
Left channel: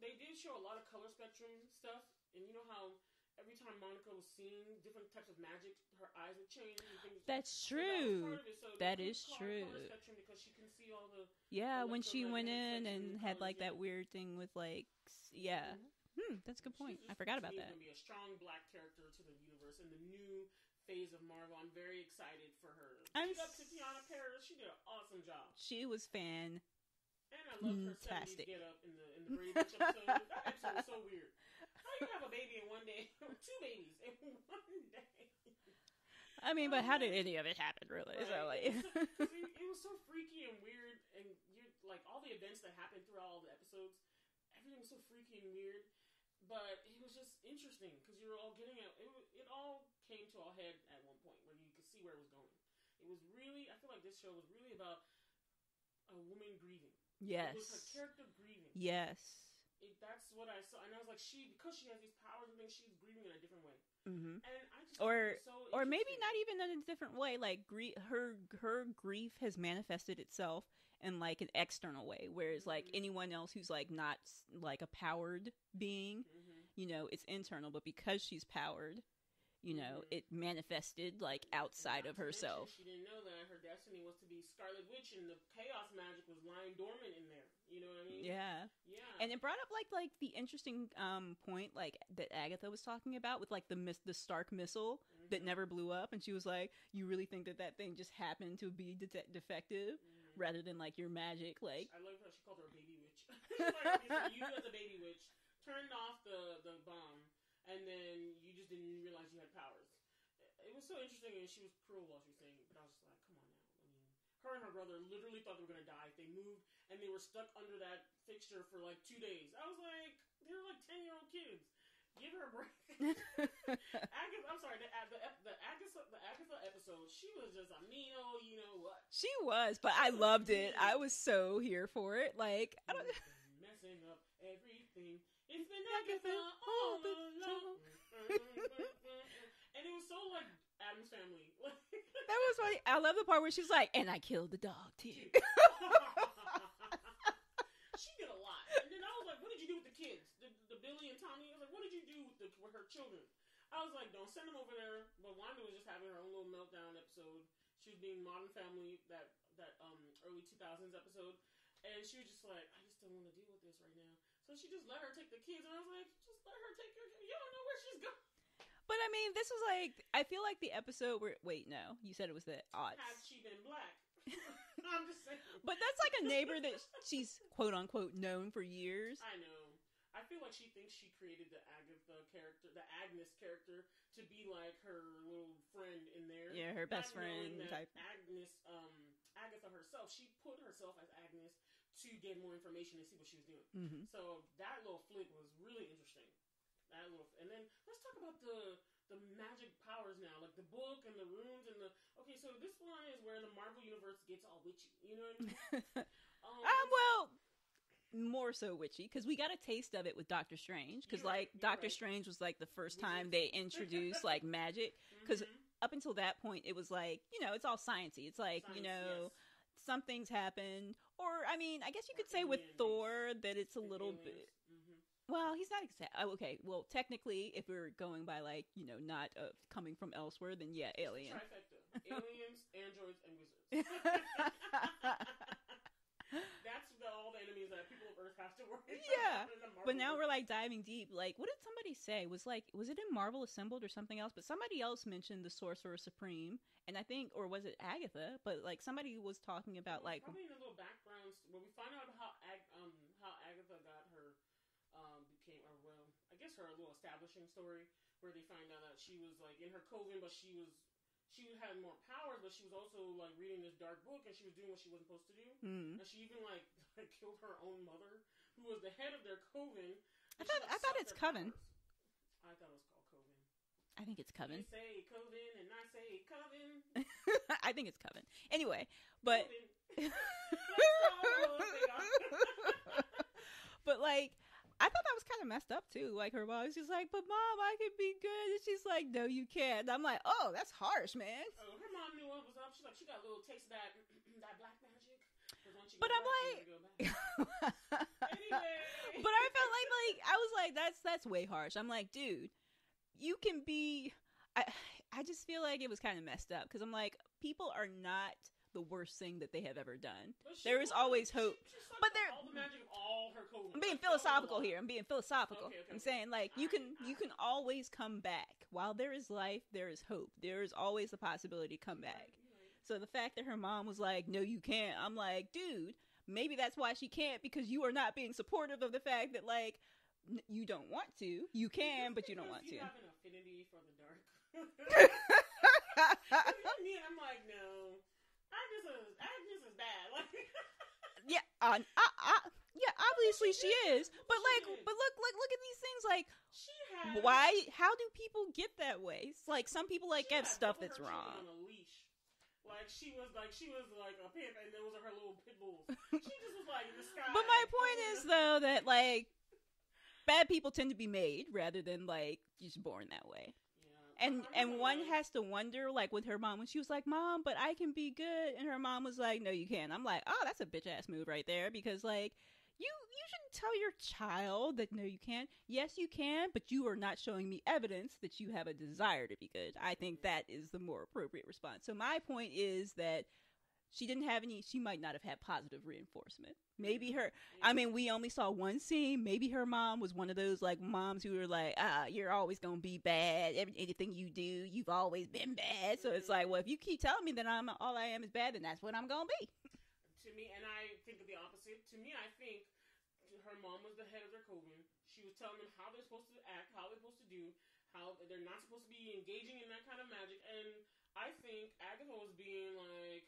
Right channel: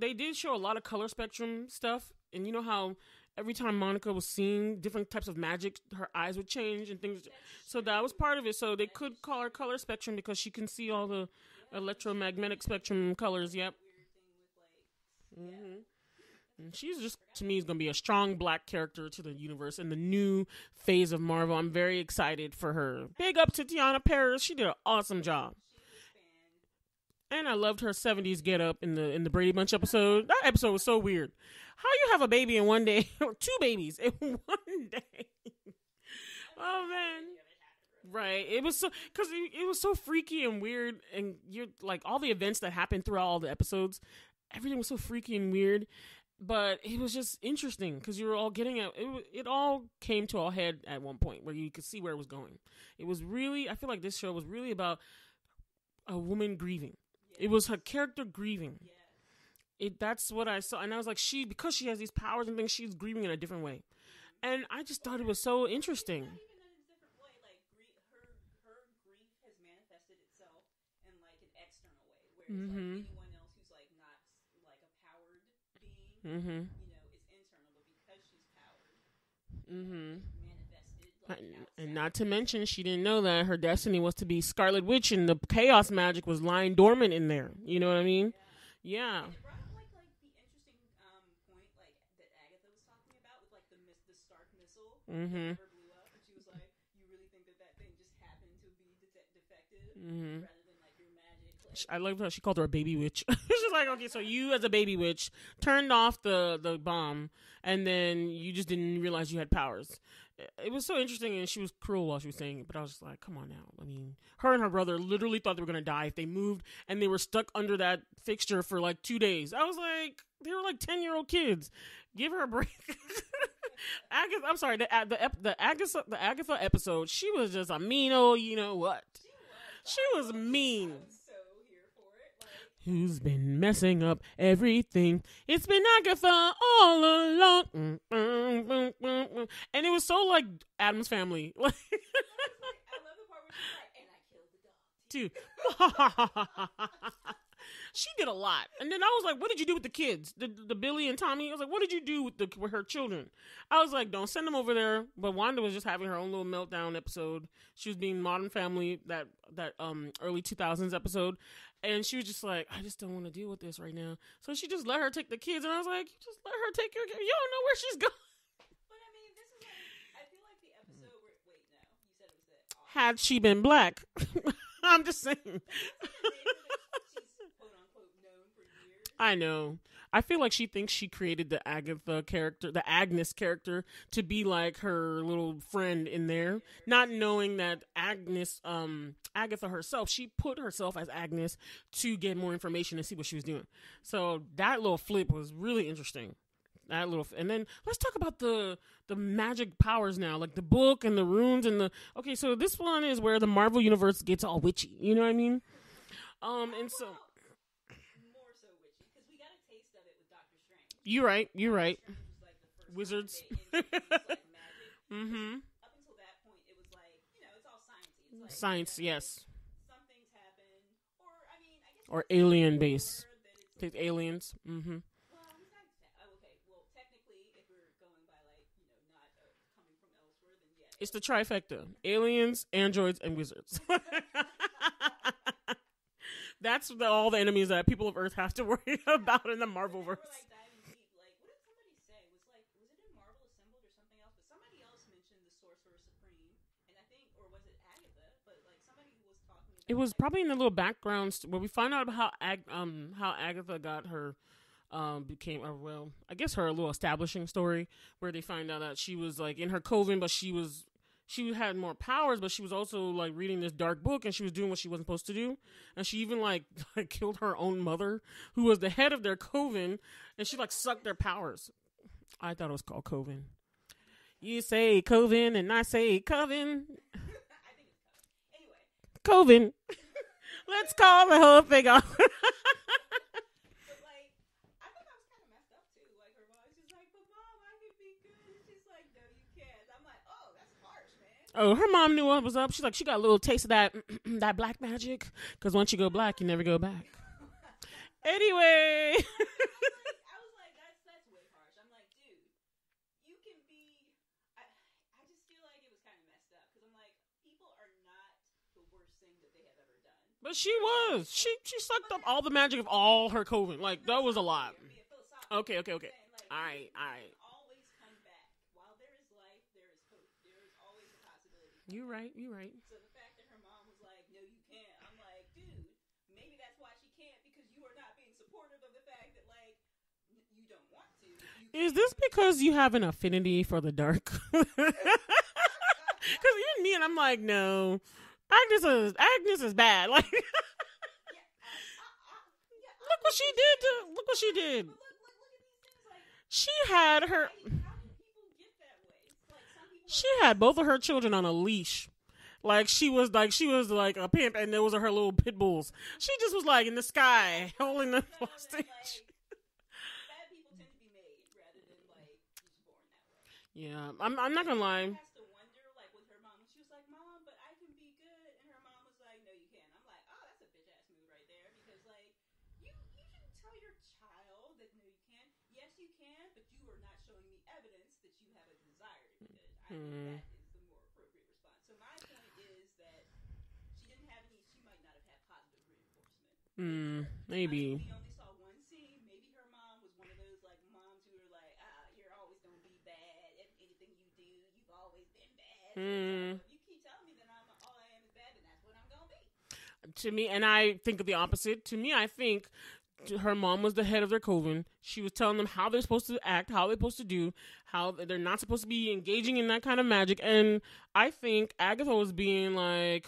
they did show a lot of color spectrum stuff. And you know how every time Monica was seeing different types of magic, her eyes would change and things. That's true. So that was part of it. So they could call her color spectrum because she can see all the electromagnetic spectrum colors. That weird thing with that's good. She's just, to me, is going to be a strong black character to the universe in the new phase of Marvel. I'm very excited for her. Big up to Tiana Paris. She did an awesome job. She was fan. And I loved her 70s get up in the Brady Bunch episode. That episode was so weird. How you have a baby in one day, or two babies in one day? I mean, but how did any of it happen, really? Right. It was so, because it was so freaky and weird, and you're like, all the events that happened throughout all the episodes, everything was so freaky and weird, but it was just interesting because you were all getting it all came to a head at one point where you could see where it was going. It was really, I feel like this show was really about a woman grieving. Yes. It was her character grieving. Yes. That's what I saw, and I was like, because she has these powers and things, she's grieving in a different way, and I just thought it was so interesting. Or maybe not even in a different way. Like her grief has manifested itself in like an external way, whereas like anyone else who's like not like a powered being, it's internal. But because she's powered, it manifested like outside. And not to mention, she didn't know that her destiny was to be Scarlet Witch, and the chaos magic was lying dormant in there. You know what I mean? Yeah. Yeah, and it brought up like the interesting point like that Agatha was talking about with like the Stark missile that never blew up, and she was like, "You really think that thing just happened to be defective rather than like your magic?" Like, I love how she called her a baby witch. She's like, "Okay, so you as a baby witch turned off the bomb, and then you just didn't realize you had powers." It was so interesting, and she was cruel while she was saying it, but I was just like, come on now. I mean, her and her brother literally thought they were going to die if they moved, and they were stuck under that fixture for like 2 days. I was like, they were like 10-year-old kids. Give her a break. Agatha, I'm sorry, the Agatha episode, she was just a mean old, you know what? She was, but I loved it. I was so here for it. Like, who's been messing up everything? It's been Agatha all along. And it was so like Addams Family. That was funny. I love the part where she's like, and I killed the dog too. She did a lot. And then I was like, what did you do with the kids? The Billy and Tommy? I was like, what did you do with her children? I was like, don't send them over there. But Wanda was just having her own little meltdown episode. She was being Modern Family, that early 2000s episode. And she was just like, I just don't want to deal with this right now. So she just let her take the kids. And I was like, just let her take your kids. You don't know where she's going. But I mean, this is like, I feel like the episode where, wait, no, you said it was the odds. Had she been black. I'm just saying. But that's like a neighbor that she's quote unquote known for years. I know. I feel like she thinks she created the Agatha character, the Agnes character, to be like her little friend in there. Yeah, not knowing that Agatha herself, she put herself as Agnes to get more information and see what she was doing. So that little flip was really interesting. And then let's talk about the magic powers now, like the book and the runes and okay, so this one is where the Marvel universe gets all witchy, you know what I mean? More so witchy, because we got a taste of it with Doctor Strange. You're right. Doctor Strange was like the first time they introduced like magic, because up until that point it was like, it's all sciencey. It's like science, yes. Some things happen, or I mean, I guess you could alien based. That it's aliens. Well, he's not okay. Well, technically, if we're going by like not coming from elsewhere, then yeah, it's the trifecta: aliens, androids, and wizards. That's all the enemies that people of Earth have to worry about in the Marvel. But now we're like diving deep. Like, what did somebody say? Was it in Marvel Assembled or something else? But somebody else mentioned the Sorcerer Supreme, and I think, or was it Agatha? But like somebody was talking about. It was probably in the little background where we find out about how Agatha got her. Became I guess her little establishing story where they find out that she was like in her coven, but she had more powers, but she was also like reading this dark book, and she was doing what she wasn't supposed to do, and she even like killed her own mother, who was the head of their coven, and she like sucked their powers. I thought it was called coven. I think it's Coven. You say Coven and I say Coven. I think it's Coven. Anyway. Coven. Let's call the whole thing off. But, like, I thought that was kind of messed up, too. Like, her mom was just like, but, Mom, I can be good. And she's like, no, you can't. And I'm like, oh, that's harsh, man. Oh, her mom knew what was up. She's like, she got a little taste of that that black magic. Because once you go black, you never go back. Anyway. But I felt like, I was like, that's way harsh. I'm like, dude, you can be... I just feel like it was kind of messed up. Because I'm like, people are not... the worst thing that they have ever done. But she was. She sucked up all the magic of all her Coven. Like, that was a lot. Here. I'm being philosophical. Okay. I'm saying, like, you can always come back. While there is life, there is hope. There is always the possibility to come back. You're right. So the fact that her mom was like, no, you can't. I'm like, dude, maybe that's why she can't, because you are not being supportive of the fact that, like, you don't want to. You can. Is this because you have an affinity for the dark? Because even me, and I'm like, no. Agnes is bad. Like, yeah, look what she did. Look what she did. But look at these things. Like, she had how do people get that way? It's like, some people like. She had both of her children on a leash. Like, she was like a pimp, and those are her little pit bulls. She just was like in the sky. But my point is though that, like, bad people tend to be made rather than, like, just born that way. Yeah, I'm not gonna lie. One has to wonder, like, with her mom, when she was like, Mom, but I can be good. And her mom was like, no, you can't. I'm like, oh, that's a bitch-ass move right there. Because, like, you shouldn't tell your child that, no, you can't. Yes, you can, but you are not showing me evidence that you have a desire to be good. I think that is the more appropriate response. So my point is that she didn't have any, she might not have had positive reinforcement. Maybe. I mean, we only saw one scene. Maybe her mom was one of those, like, moms who were like, you're always going to be bad. Anything you do, you've always been bad. So it's like, well, if you keep telling me that all I am is bad, then that's what I'm going to be. To me, and I think of the opposite. To me, I think her mom was the head of their coven. She was telling them how they're supposed to act, how they're supposed to do, how they're not supposed to be engaging in that kind of magic. And I think Agatha was being like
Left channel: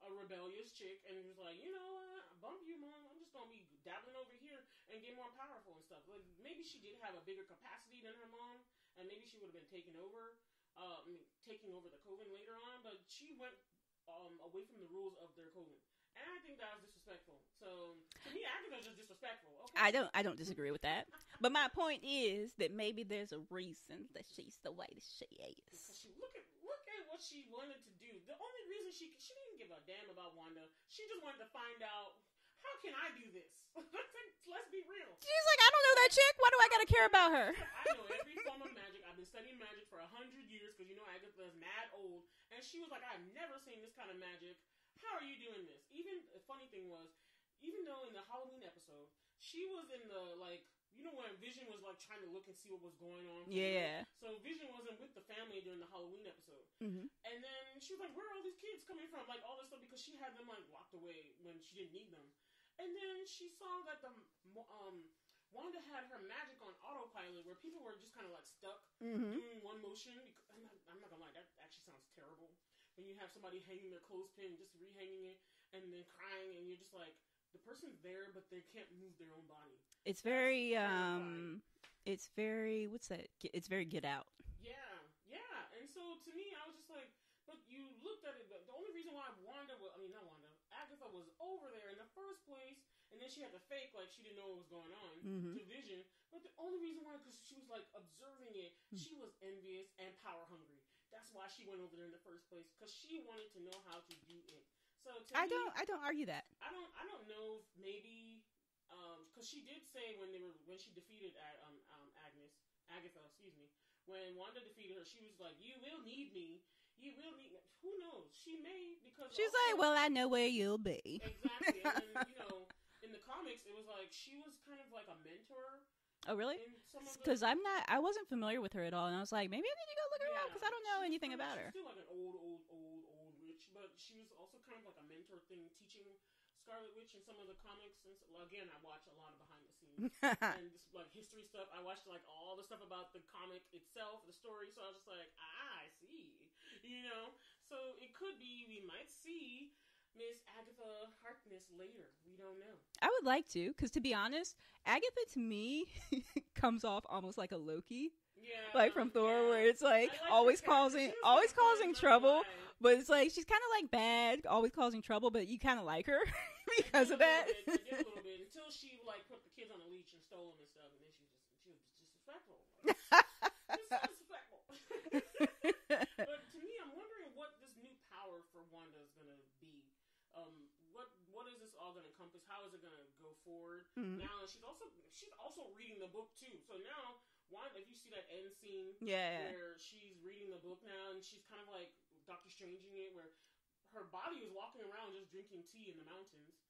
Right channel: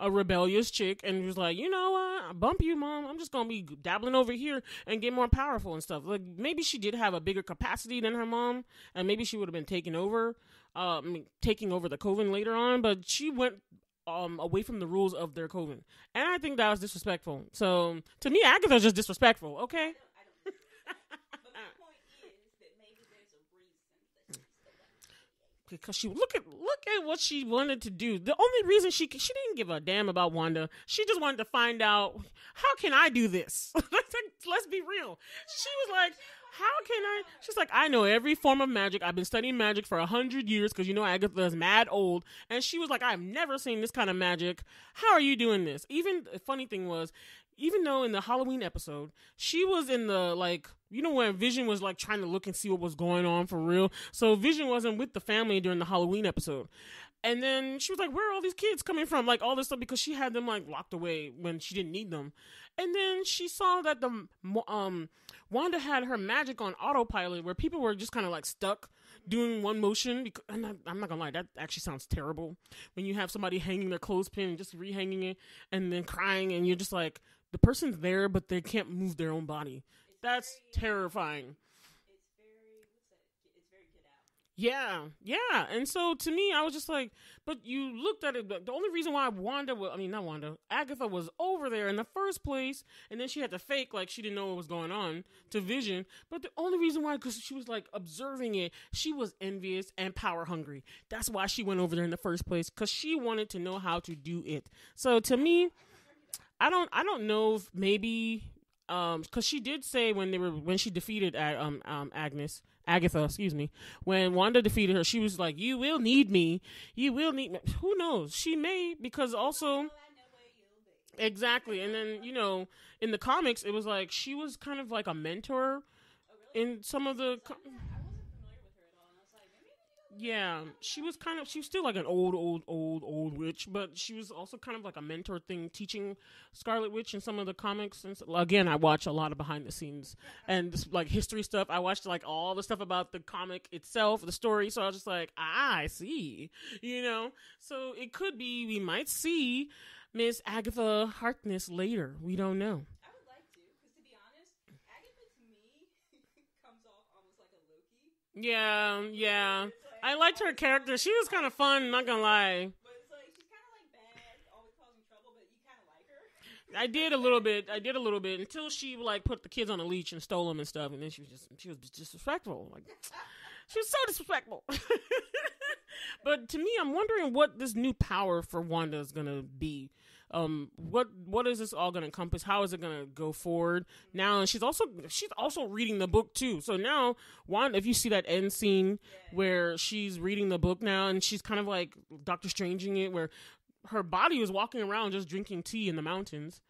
a rebellious chick and was like, you know what, I bump you, Mom. I'm just gonna be dabbling over here and get more powerful and stuff. Like, maybe she did have a bigger capacity than her mom, and maybe she would have been taking over the coven later on, but she went away from the rules of their coven, and I think that was disrespectful. So to me, Agatha's just disrespectful. Okay, I don't disagree with that. But my point is that maybe there's a reason that she's the way she is. Because she look at what she wanted to do. The only reason she didn't give a damn about Wanda. She just wanted to find out, how can I do this? Let's be real. She's like, I don't know that chick. Why do I gotta care about her? She's like, I know every form of magic. I've been studying magic for 100 years because, you know, Agatha is mad old. And she was like, I've never seen this kind of magic. How are you doing this? Even the funny thing was, even though in the Halloween episode, she was in the, like, you know, when Vision was like trying to look and see what was going on for real. So Vision wasn't with the family during the Halloween episode. And then she was like, where are all these kids coming from? Like, all this stuff, because she had them like locked away when she didn't need them. And then she saw that the Wanda had her magic on autopilot, where people were just kind of like stuck doing one motion. Because, I'm not gonna lie, that actually sounds terrible. When you have somebody hanging their clothespin and just rehanging it and then crying, and you're just like, the person's there, but they can't move their own body. That's very terrifying. It's very, what's that? It's very Get Out. Yeah. And so to me, I was just like, but you looked at it. The only reason why Agatha was over there in the first place, and then she had to fake like she didn't know what was going on to Vision. But the only reason why, because she was like observing it, she was envious and power hungry. That's why she went over there in the first place, because she wanted to know how to do it. So to me, I don't argue that. I don't know if maybe, because she did say when she defeated Agatha, excuse me, when Wanda defeated her, she was like, you will need me. Who knows? She may, because she's also... like, well, I know where you'll be. Exactly. And then, you know, in the comics, it was like, she was kind of like a mentor. Oh, really? In some of the... Because I wasn't familiar with her at all, and I was like, maybe I need to go look her up, because I don't know anything about her. She was still like an old witch, but she was also kind of like a mentor thing, teaching Scarlet Witch in some of the comics. And so, again, I watch a lot of behind the scenes and this, like, history stuff. I watched like all the stuff about the comic itself, the story. So I was just like, I see, you know. So it could be we might see Miss Agatha Harkness later. We don't know. I would like to, because to be honest, Agatha to me comes off almost like a Loki. Yeah, like from Thor, yeah. where it's like I liked her character. She was kind of fun, not gonna lie. But it's like she's kind of like bad, always causing trouble, but you kind of like her. I did a little bit until she like put the kids on a leash and stole them and stuff, and then she was disrespectful. Like she was so disrespectful. But to me, I'm wondering what this new power for Wanda is gonna be. What is this all gonna encompass? How is it gonna go forward now? And she's also reading the book too. So now Wanda, if you see that end scene where she's reading the book now, and she's kind of like Doctor Stranging it, where her body was walking around just drinking tea in the mountains,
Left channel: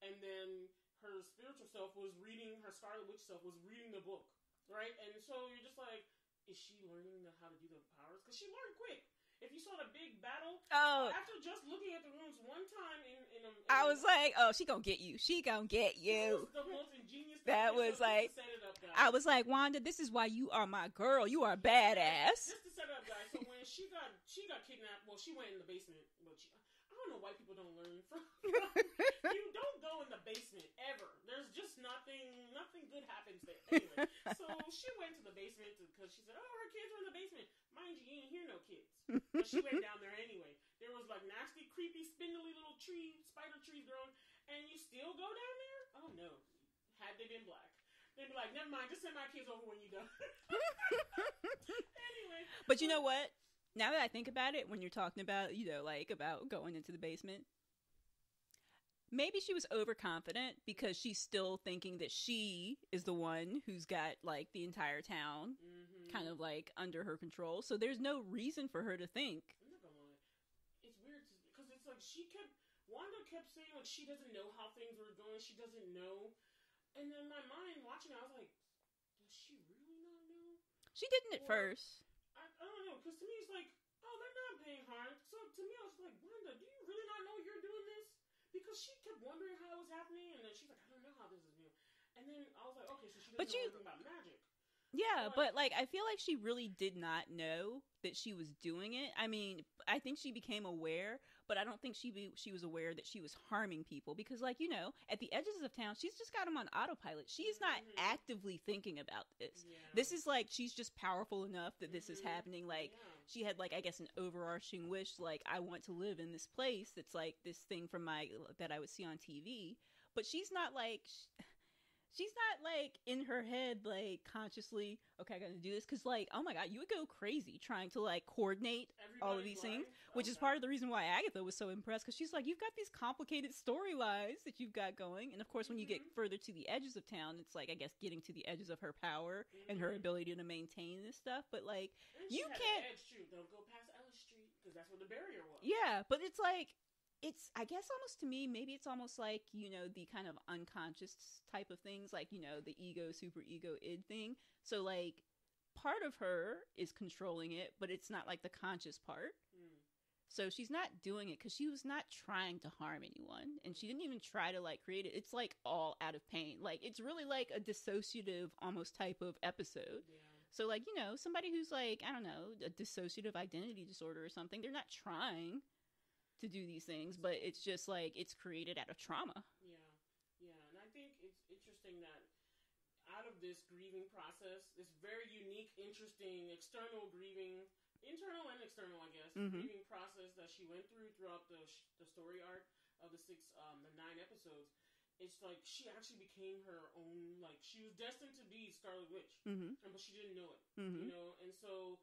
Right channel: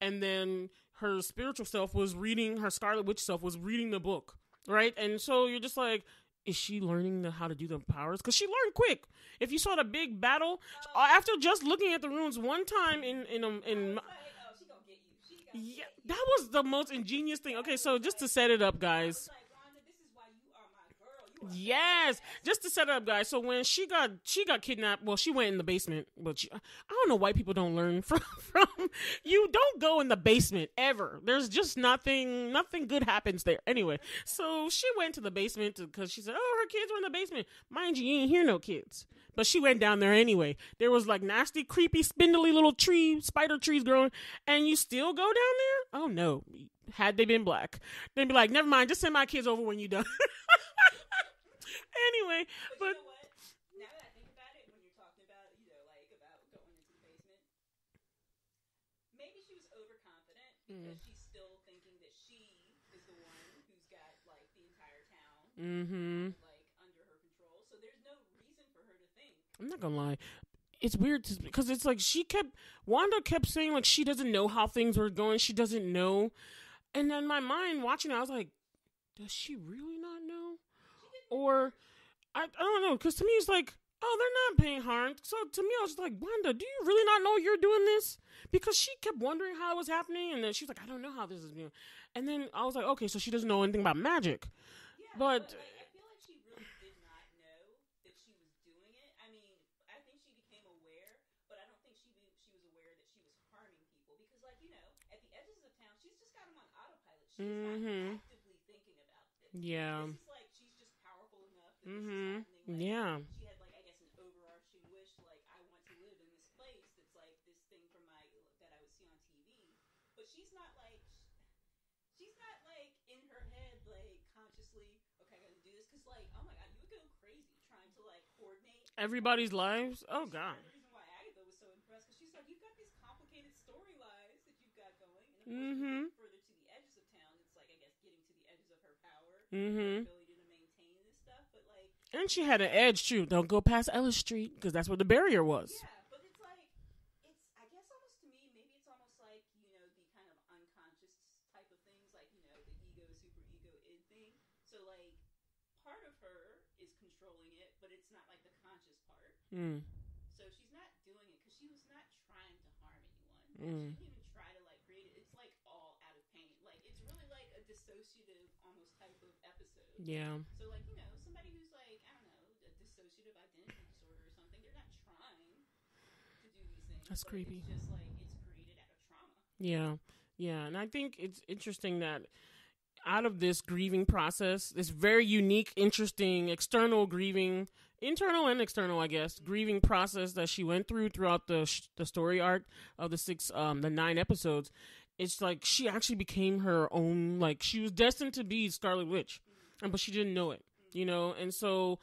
and then her spiritual self was reading, her Scarlet Witch self was reading the book, right? And so you're just like, is she learning how to do the powers? Because she learned quick. If you saw the big battle, after just looking at the runes one time I was like, oh, she gonna get you. She gonna get you. That was the most ingenious thing. That Okay, so was just to set it up, guys. I was like, Wanda, this is why you are my girl. You are badass. Just to set it up, guys. So when she got kidnapped, well, she went in the basement. But I don't know why people don't learn from. You don't go in the basement ever. There's just nothing good happens there. Anyway, so she went to the basement because she said, oh, her kids were in the basement. Mind you ain't hear no kids. But she went down there anyway. There was like nasty, creepy, spindly little spider trees growing, and you still go down there? Oh no. Had they been black, they'd be like, never mind, just send my kids over when you're done. Anyway. But you know what? Now that I think about it, when you're talking about, like about going into the basement, maybe she was overconfident because she's still thinking that she is the one who's got like the entire town kind of like under her control. So there's no reason for her to think. I'm not gonna lie. It's weird because it's like Wanda kept saying like she doesn't know how things were going. She doesn't know. And then my mind watching it, I was like, does she really not know? She didn't at first. I don't know. Because to me, it's like, oh, they're not paying harm. So to me, I was like, Wanda, do you really not know you're doing this? Because she kept wondering how it was happening, and then she's like, I don't know how this is being. And then I was like, okay, so she doesn't know anything about magic. Yeah, but like I feel like she really did not know that she was doing it. I mean, I think she became aware, but I don't think she was aware that she was harming people because, like, at the edges of town, she's just got them on autopilot. She's not actively thinking about this. Yeah, this is like she's just powerful enough that this is happening. Like, she had like I guess an overarching wish, like I want to live in this place that's like this thing from that I would see on TV, but she's not like. She's not, like, in her head, like, consciously, okay, I gotta do this. Because, like, oh, my God, you would go crazy trying to, like, coordinate everybody's lives. Which is part of the reason why Agatha was so impressed. Because she's like, you've got these complicated storylines that you've got going. And, of course, when you get further to the edges of town, it's, like, I guess, getting to the edges of her power and her ability to maintain this stuff. But, like... And she had an edge, too. Don't go past Ellis Street, because that's where the barrier was. Yeah, but it's, like... It's, I guess, almost to me, maybe it's almost like, the kind of unconscious type of things, like, the ego, super ego, id thing. So, like, part of her is controlling it, but it's not, like, the conscious part. So she's not doing it because she was not trying to harm anyone. And she didn't even try to, like, create it. It's, like, all out of pain. Like, it's really, like, a dissociative almost type of episode. Yeah. So, like, somebody who's, like, I don't know, a dissociative identity disorder or something, they're not trying to do these things. That's creepy. It's just like it's created out of trauma. Yeah, and I think it's interesting that out of this grieving process, this very unique, interesting internal and external, I guess, grieving process that she went throughout the story arc of the 9 episodes. It's like she actually became her own, like she was destined to be Scarlet Witch, but she didn't know it, and so.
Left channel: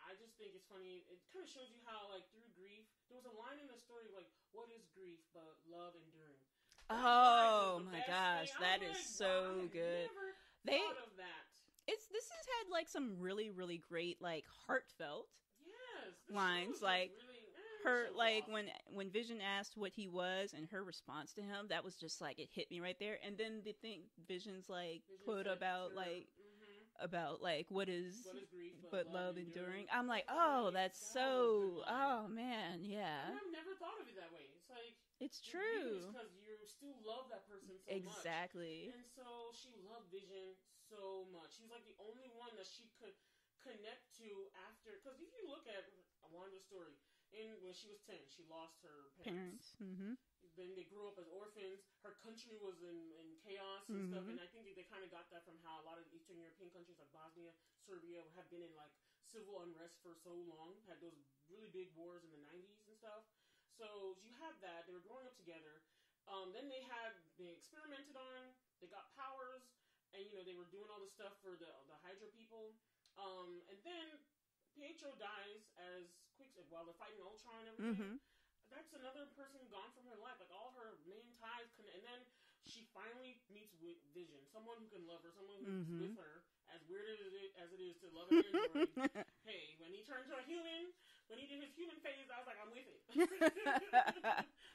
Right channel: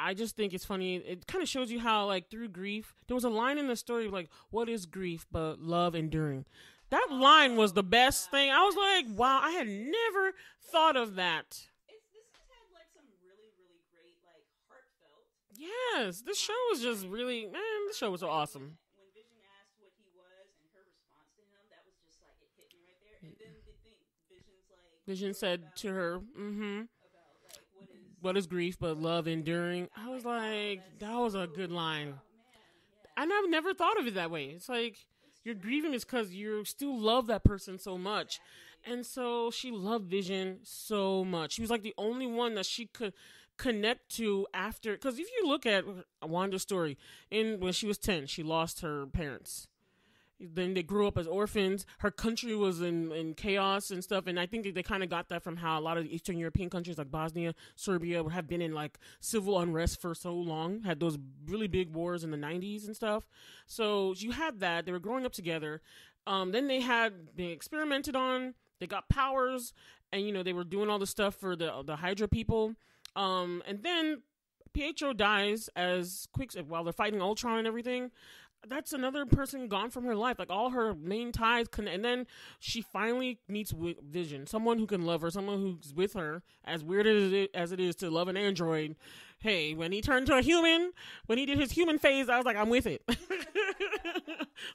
I just think it's funny. It kind of shows you how, like, through grief, there was a line in the story like, "What is grief but love enduring?" That line was the best thing. I was like, "Wow, I had never thought of that." This has had like some really, really great, like, heartfelt. Yes, this show was just like, really, man, the show was awesome. When Vision asked what he was and her response to him, that was just like, it hit me right there. And then the thing Vision said about, to her, like, about like, what is grief but love enduring? I'm like, oh, that was a good line. Oh man, yeah. And I've never thought of it that way. It's like, you're grieving is because you still love that person so much. And so she loved Vision so much. She was like the only one that she could connect to after, because if you look at Wanda's story, when she was 10, she lost her parents, Then they grew up as orphans. Her country was in chaos and stuff. And I think they kind of got that from how a lot of Eastern European countries like Bosnia, Serbia have been in like civil unrest for so long, had those really big wars in the 90s and stuff. So you had that. They were growing up together. Then they experimented on, they got powers, and, you know, they were doing all the stuff for the Hydra people. And then Pietro dies as Quicksilver while they're fighting Ultron and everything. That's another person gone from her life. Like, all her main ties and then she finally meets Vision, someone who can love her, someone who's with her. As weird as it is to love an android. Hey, when he turned to a human, when he did his human phase, I was like, I'm with it.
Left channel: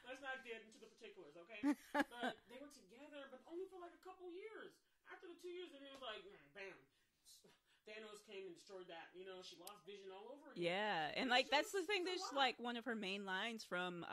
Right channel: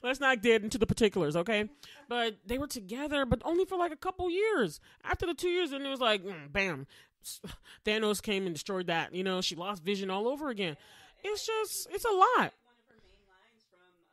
Let's not get into the particulars, okay? But they were together, but only for like a couple years. After the 2 years, and it was like, bam. Thanos came and destroyed that. You know, she lost Vision all over again. Yeah, and it's like just, that's the thing, it's a lot. Like one of her main lines from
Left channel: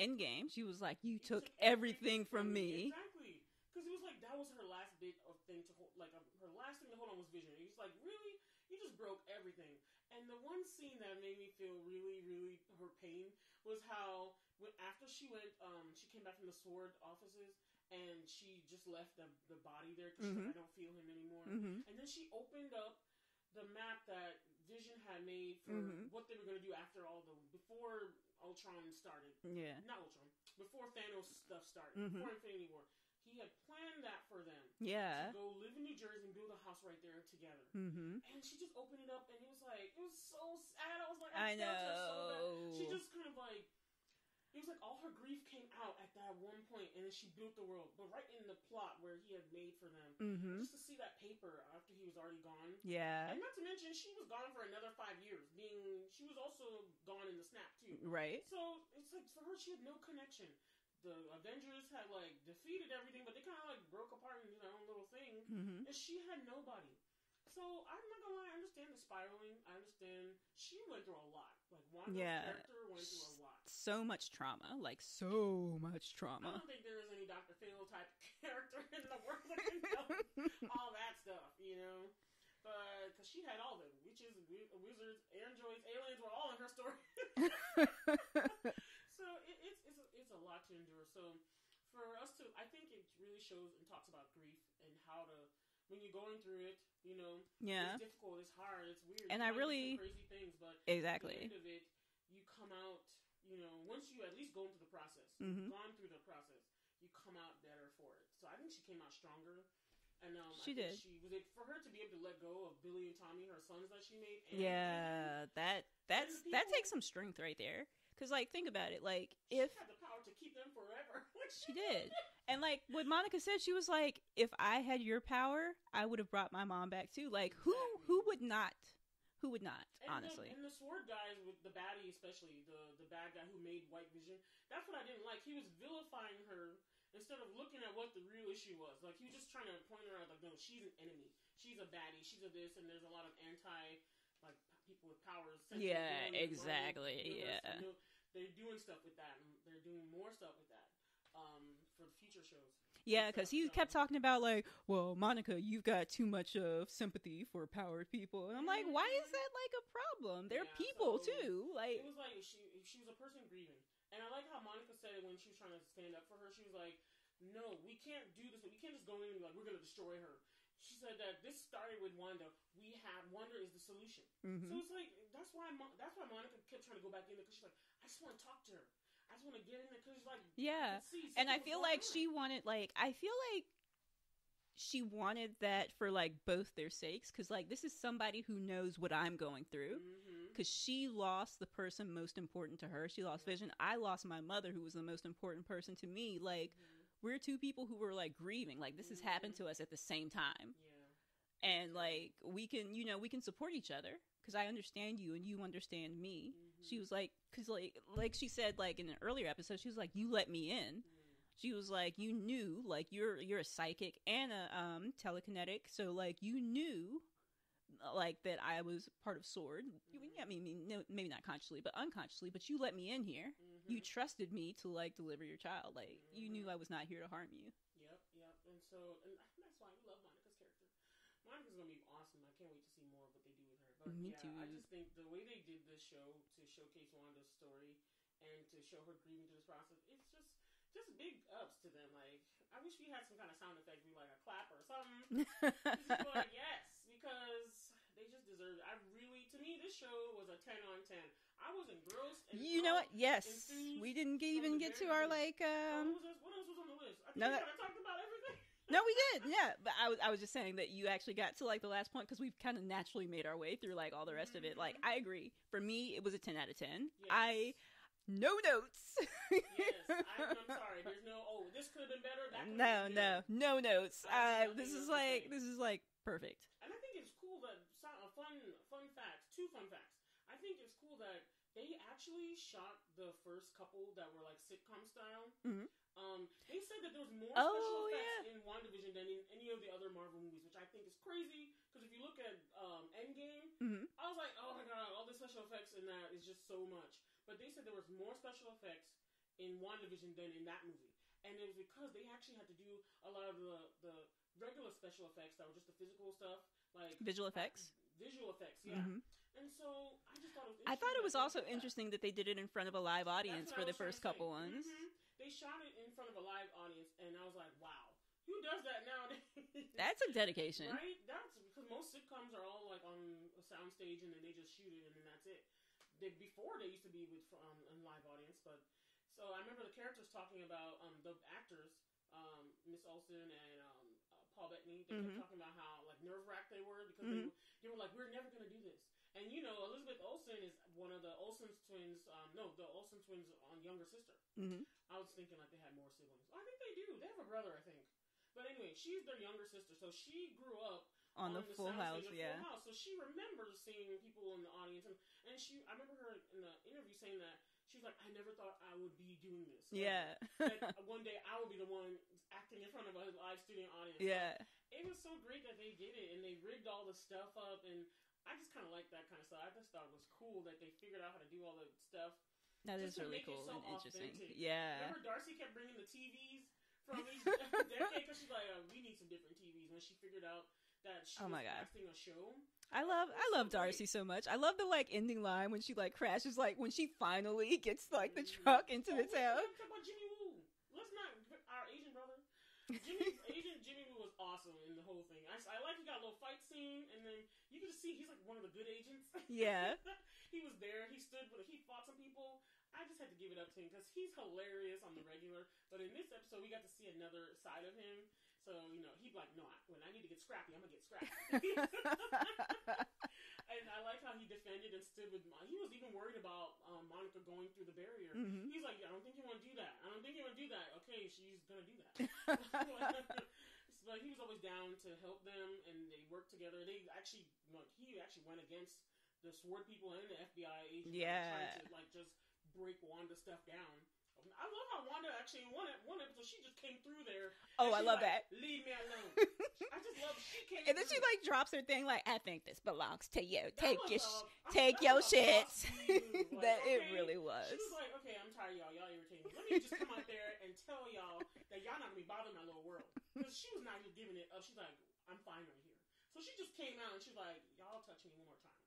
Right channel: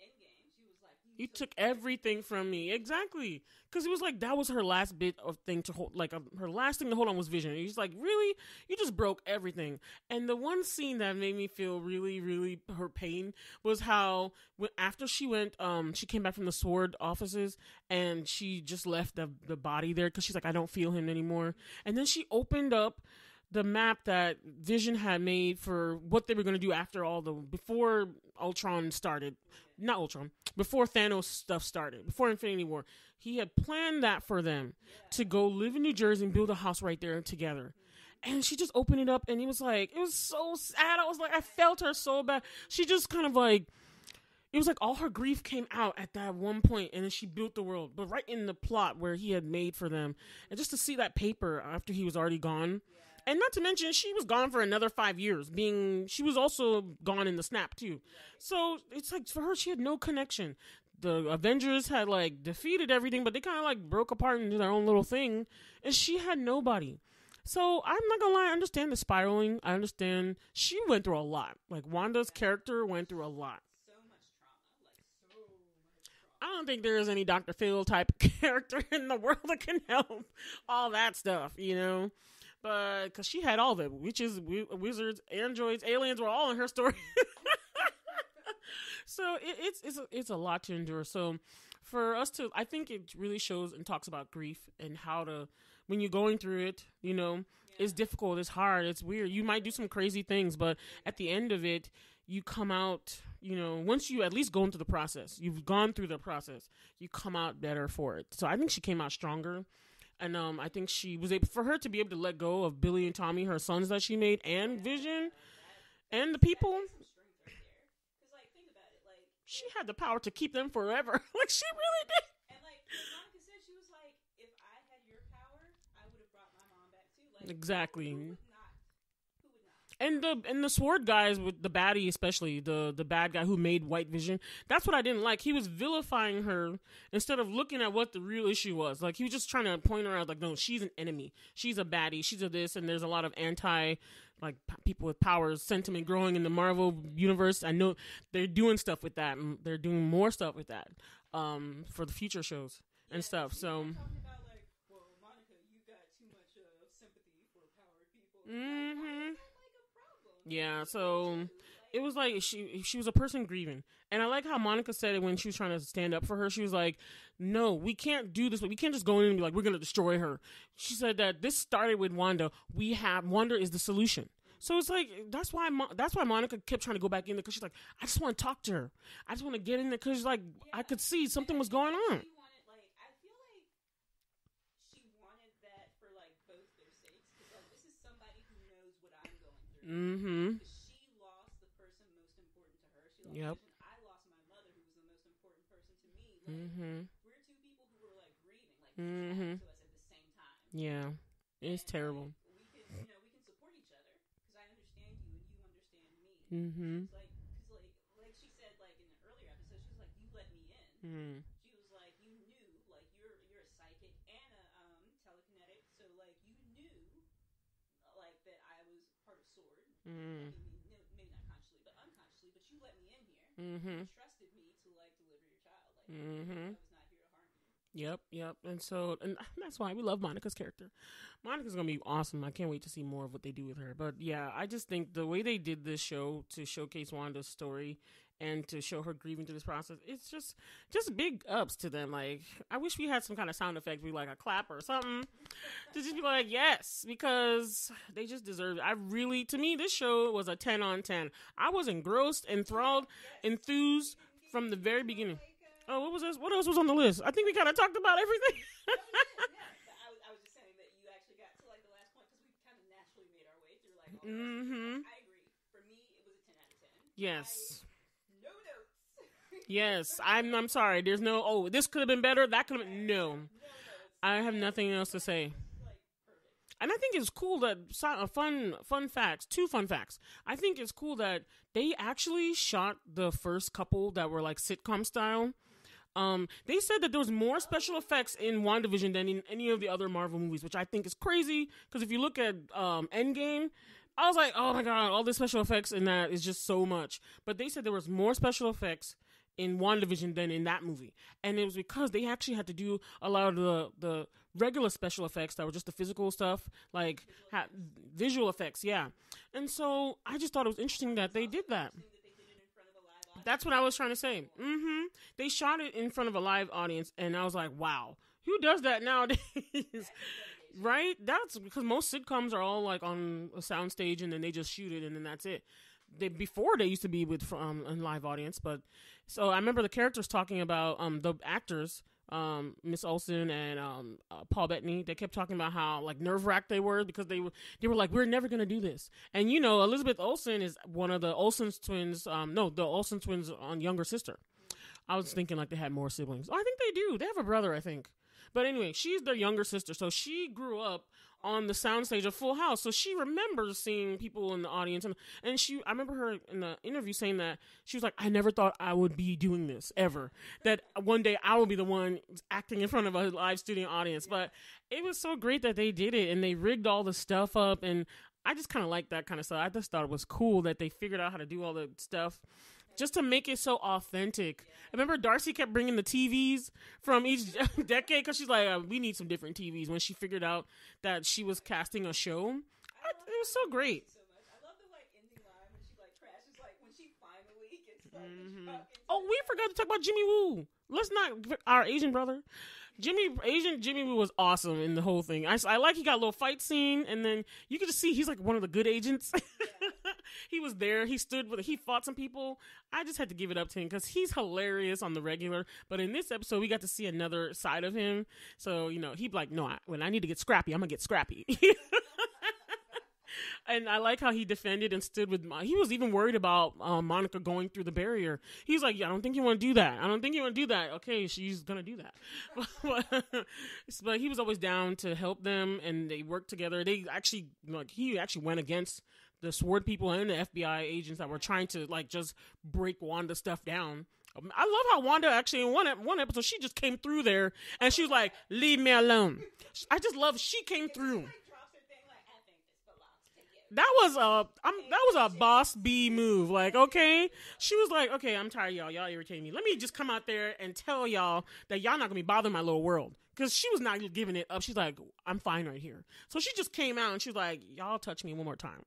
Endgame, she was like, "You took everything from me." Exactly, because it was like that was her last bit of thing to hold. Like her last thing to hold on was Vision. He's like, "Really, you just broke everything." And the one scene that made me feel really, really her pain was how after she went, she came back from the Sword offices and she just left the body there because she's like, "I don't feel him anymore." And then she opened up the map that Vision had made for what they were going to do after before Ultron started. Not Ultron, before Thanos stuff started, before Infinity War. He had planned that for them to go live in New Jersey and build a house right there together. And she just opened it up and it was so sad. I was like, I felt her so bad. She just kind of like, it was like all her grief came out at that one point, and then she built the world, but right in the plot where he had made for them. And just to see that paper after he was already gone. And not to mention, she was gone for another 5 years, she was also gone in the snap too. Right. So it's like, for her, she had no connection. The Avengers had like defeated everything, but they kind of like broke apart into their own little thing, and she had nobody. So I'm not gonna lie, I understand the spiraling. I understand she went through a lot. Like Wanda's character went through a lot. So much trauma. Like so much trauma. I don't think there is any Dr. Phil type character in the world that can help all that stuff, you know? But because she had all of it, witches, wizards, androids, aliens were all in her story. So it's a lot to endure. So for us to, I think it really shows and talks about grief and how to, when you're going through it, you know, it's difficult, it's hard, it's weird. And you might do some crazy things, but at the end of it, you come out, you know, once you at least go into the process, you've gone through the process, you come out better for it. So I think she came out stronger. And I think she was able, for her to be able to let go of Billy and Tommy, her sons that she made, and Vision, and the people. That takes some strength right there. Because, like, think about it. Like, she had the power to keep them forever. Like, she really did. And, like, what Monica said, she was like, if I had your power, I would have brought my mom back, too. Like, exactly. Who would not? Who would not? And the Sword guys, with the baddie especially, the bad guy who made White Vision, that's what I didn't like. He was vilifying her instead of looking at what the real issue was. Like, he was just trying to point her out, like, no, she's an enemy. She's a baddie. She's a this, and there's a lot of people with powers sentiment growing in the Marvel universe. I know they're doing stuff with that, and they're doing more stuff with that for the future shows. Yeah, because he kept talking about, like, well, Monica, you've got too much of sympathy for powered people. And I'm like, why is that, like, a problem? They're people, too. Like, it was like she was a person grieving. And I like how Monica said it when she was trying to stand up for her. She was like, no, we can't do this. We can't just go in and be like, we're going to destroy her. She said that this started with Wanda. Wanda is the solution. So it's like, that's why Monica kept trying to go back in there, because she's like, I just want to talk to her. I just want to get in there, because like, I could see something was going on. She wanted, like, I feel like she wanted that for, like, both their sakes, because, like, this is somebody who knows what I'm going through, because she lost the person most important to her. She lost Vision. I lost my mother, who was the most important person to me. Like, we're two people who were, like, grieving. Like, this has happened to us at the same time. It's terrible. Like, we can support each other, because I understand you and you understand me. She was like, because like she said, like, in an earlier episode, she was like, you let me in. She was like, you knew, like, you're a psychic and a telekinetic, so, like, you knew, like, that I was part of Sword. I mean, no, maybe not consciously, but unconsciously, but you let me in here. You trusted me to, like, deliver your child. Like, you knew I was not here to harm you. Yep. And that's why we love Monica's character. Monica's gonna be awesome. I can't wait to see more of what they do with her. But yeah, I just think the way they did this show to showcase Wanda's story and to show her grieving through this process. It's just big ups to them. Like, I wish we had some kind of sound effect, be like a clap or something, to just be like, yes, because they just deserve it. To me, this show was a 10 on 10. I was engrossed, enthralled, enthused from the very beginning. What else was on the list? I think we kind of talked about everything. No, we did. Yeah, but I was just saying that you actually got to like the last point because we've kind of naturally made our way through like all the rest of it. Like, I agree. For me, it was a 10 out of 10. Yes. No notes. Yes, I'm sorry. There's no, this could have been better. That could have no notes. I have nothing else to say. This is like perfect. And I think it's cool that two fun facts. I think it's cool that they actually shot the first couple that were like sitcom style. They said that there was more special effects in WandaVision than in any of the other Marvel movies, which I think is crazy. Because if you look at Endgame, I was like, oh my god, all the special effects in that is just so much. But they said there was more special effects in WandaVision than in that movie, and it was because they actually had to do a lot of the regular special effects that were just the physical stuff, like visual effects, yeah. And so I just thought it was interesting that they did that. Interesting that they did it in front of a live audience. That's what I was trying to say. They shot it in front of a live audience, and I was like, wow, who does that nowadays? That's a dedication, right? That's because most sitcoms are all like on a soundstage, and then they just shoot it, and then that's it. Before they used to be with a live audience, but so I remember the characters talking about the actors. Miss Olsen and Paul Bettany, they kept talking about how like nerve-wracked they were because they were like, we're never gonna do this. And you know, Elizabeth Olsen is one of the Olsen twins. The Olsen twins' younger sister. I was thinking like they had more siblings. Oh, I think they do. They have a brother, I think. But anyway, she's their younger sister, so she grew up on the soundstage of Full House, so she remembers seeing people in the audience, and I remember her in the interview saying that she was like, I never thought I would be doing this ever, that one day I will be the one acting in front of a live studio audience. But it was so great that they did it, and they rigged all the stuff up, and I just kind of like that kind of stuff. I just thought it was cool that they figured out how to do all the stuff just to make it so authentic. I remember Darcy kept bringing the TVs from each decade because she's like, we need some different TVs, when she figured out that she was casting a show. I love Darcy so much. I love the like ending line when she like crashes, like when she finally gets like the truck into we forgot to talk about Jimmy Woo. Let's not, our Asian brother. Jimmy Woo was awesome in the whole thing. I like he got a little fight scene, and then you could just see he's like one of the good agents. Yeah. He was there. He fought some people. I just had to give it up to him because he's hilarious on the regular. But in this episode, we got to see another side of him. So, you know, he'd be like, no, when I need to get scrappy, I'm going to get scrappy. And I like how he defended and stood with he was even worried about Monica going through the barrier. He's like, I don't think you want to do that. Okay, she's going to do that. But he was always down to help them, and they worked together. He actually went against the SWORD people and the FBI agents that were trying to like just break Wanda's stuff down. I love how Wanda actually in one episode she just came through there and she was like, "Leave me alone." I just love she came through. And then she like drops her thing like, "I think this belongs to you." That was a boss B move. Like, okay, really she was like, "Okay, I'm tired, y'all. Y'all irritating me. Let me just come out there and tell y'all that y'all not gonna be bothering my little world." Because she was not giving it up. She's like, "I'm fine right here." So she just came out and she's like, "Y'all touch me one more time.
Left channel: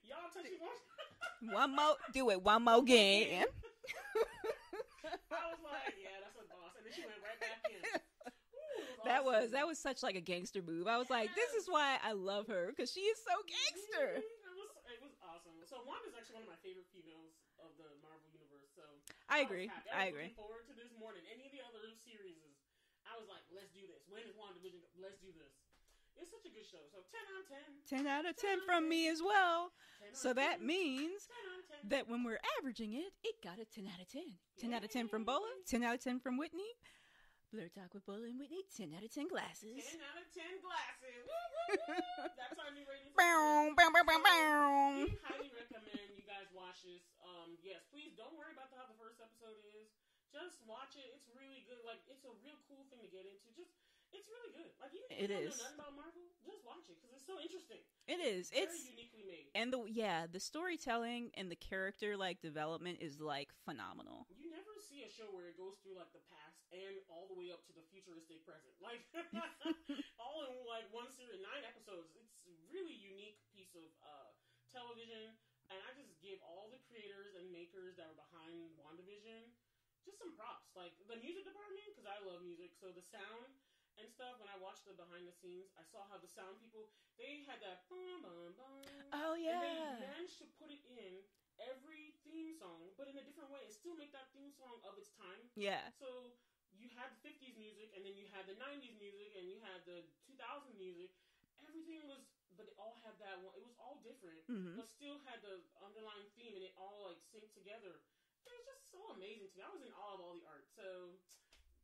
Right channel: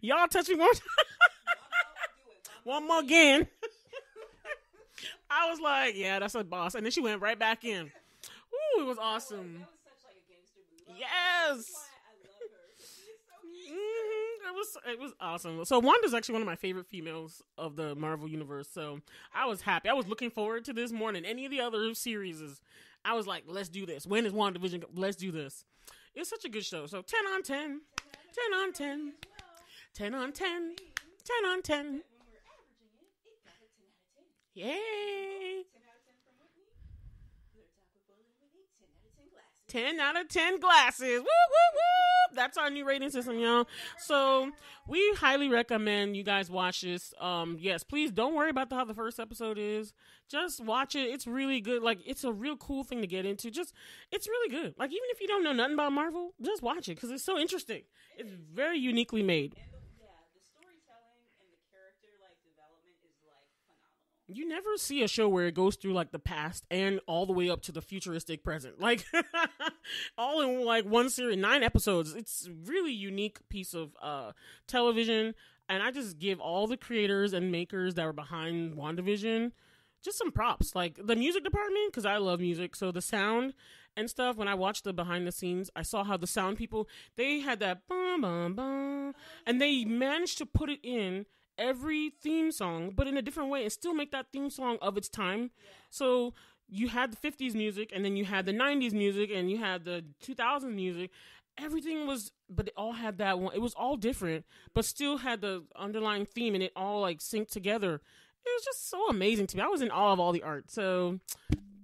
Y'all touch me one more time. One more. Do it. One more again." I was like, yeah, that's a boss. And then she went right back in. Ooh, it was awesome. That was such like a gangster move. I was like, this is why I love her, because she is so gangster. It was awesome. So Wanda's actually one of my favorite females of the Marvel universe. So I was happy. I was looking forward to this more than any of the other series. I was like, let's do this. When is WandaVision? Let's do this. It's such a good show. So 10 on 10. 10 out of 10 from me as well. 10 on 10. So that means 10 on 10. That when we're averaging it, it got a 10 out of 10. 10 out of 10 from Bola, 10 out of 10 from Whitney. BlerdTalk with Bola and Whitney, 10 out of 10 glasses. 10 out of 10 glasses. Woo, woo, woo. That's our new rating system, y'all. So we highly recommend you guys watch this. Yes, please don't worry about how the first episode is. Just watch it. It's really good. Like, it's a real cool thing to get into. It's really good. Like, even if you don't know nothing about Marvel, just watch it because it's so interesting. It's very uniquely made. And the storytelling and the character like development is like phenomenal. You never see a show where it goes through like the past and all the way up to the futuristic present. Like all in like one series, 9 episodes. It's really unique piece of television. And I just give all the creators and makers that were behind WandaVision just some props. Like the music department, because I love music. So the sound and stuff, when I watched the behind the scenes, I saw how the sound people, they had that bum, bum, bum. And they managed to put it in every theme song, but in a different way and still make that theme song of its time. Yeah. So you had the 50s music, and then you had the 90s music, and you had the 2000s music. Everything was, but it all had that one. It was all different, but still had the underlying theme, and it all like synced together. It was just so amazing to me. I was in awe of all the art. So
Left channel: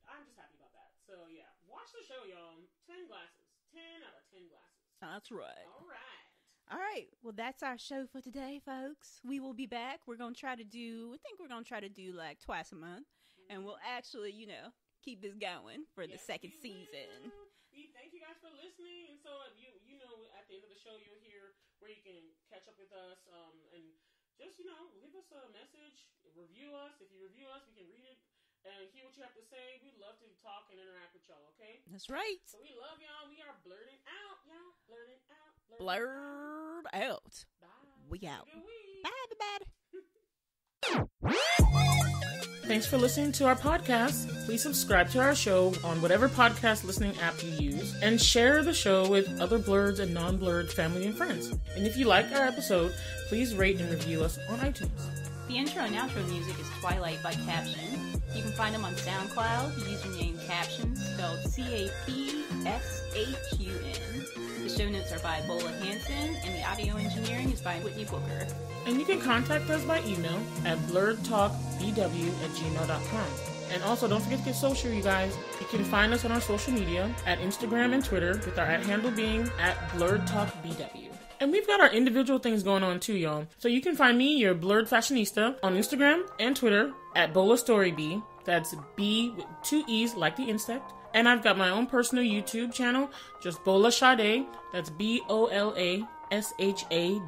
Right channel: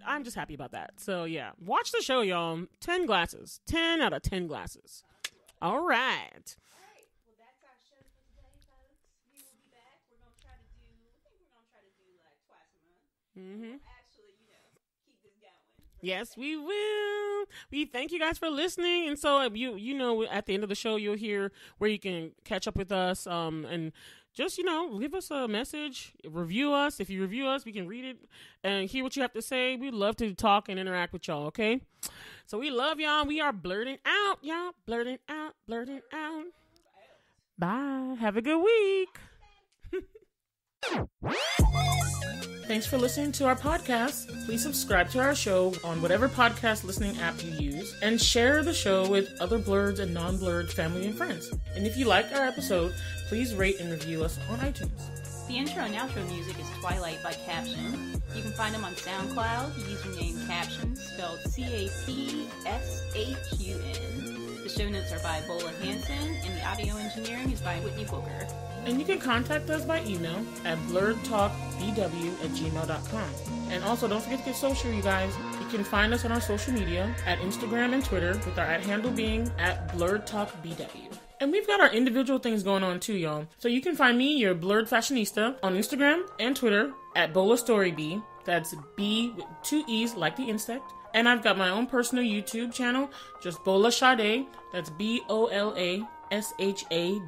I'm just happy about that. So yeah, watch the show, y'all. 10 glasses. 10 out of 10 glasses. That's right. All right. All right. Well, that's our show for today, folks. We will be back. We're going to try to do, like twice a month. And we'll actually, keep this going for the second season. Yes, we will. We thank you guys for listening. And so you know, at the end of the show, you'll hear where you can catch up with us, and just, leave us a message, review us. If you review us, we can read it and hear what you have to say. We'd love to talk and interact with y'all, okay? That's right. So we love y'all. We are blerding out, y'all. Blerding out. Blerd out. Bye. Have a good week. Bye, everybody. Thanks for listening to our podcast. Please subscribe to our show on whatever podcast listening app you use, and share the show with other Blerds and non-Blerd family and friends. And if you like our episode, please rate and review us on iTunes. The intro and outro music is Twilight by Caption. You can find them on SoundCloud, username Caption, spelled Capshun. The show notes are by Bola, Hanson, and the audio engineering is by Whitney Booker. And you can contact us by email at blerdtalkbw@gmail.com. And also, don't forget to get social, you guys. You can find us on our social media at Instagram and Twitter, with our @handle being @blerdtalkbw. And we've got our individual things going on too, y'all. So you can find me, your Blerd Fashionista, on Instagram and Twitter at BolaStoryB. That's B with 2 E's like the insect. And I've got my own personal YouTube channel, just Bola Sade. That's BOLASHADE.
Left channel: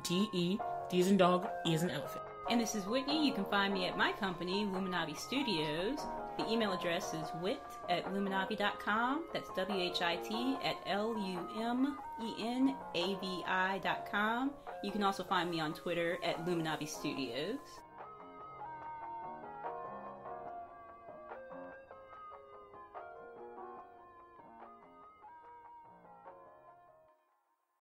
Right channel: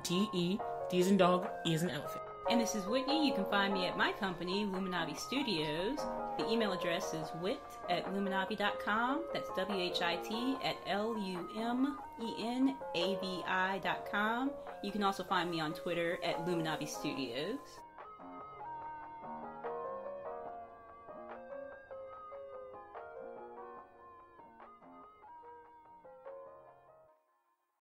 D as in dog, E as in elephant. And this is Whitney. You can find me at my company, Luminavi Studios. The email address is wit@luminavi.com. That's WHIT@LUMENAVI.com. You can also find me on Twitter at Luminavi Studios.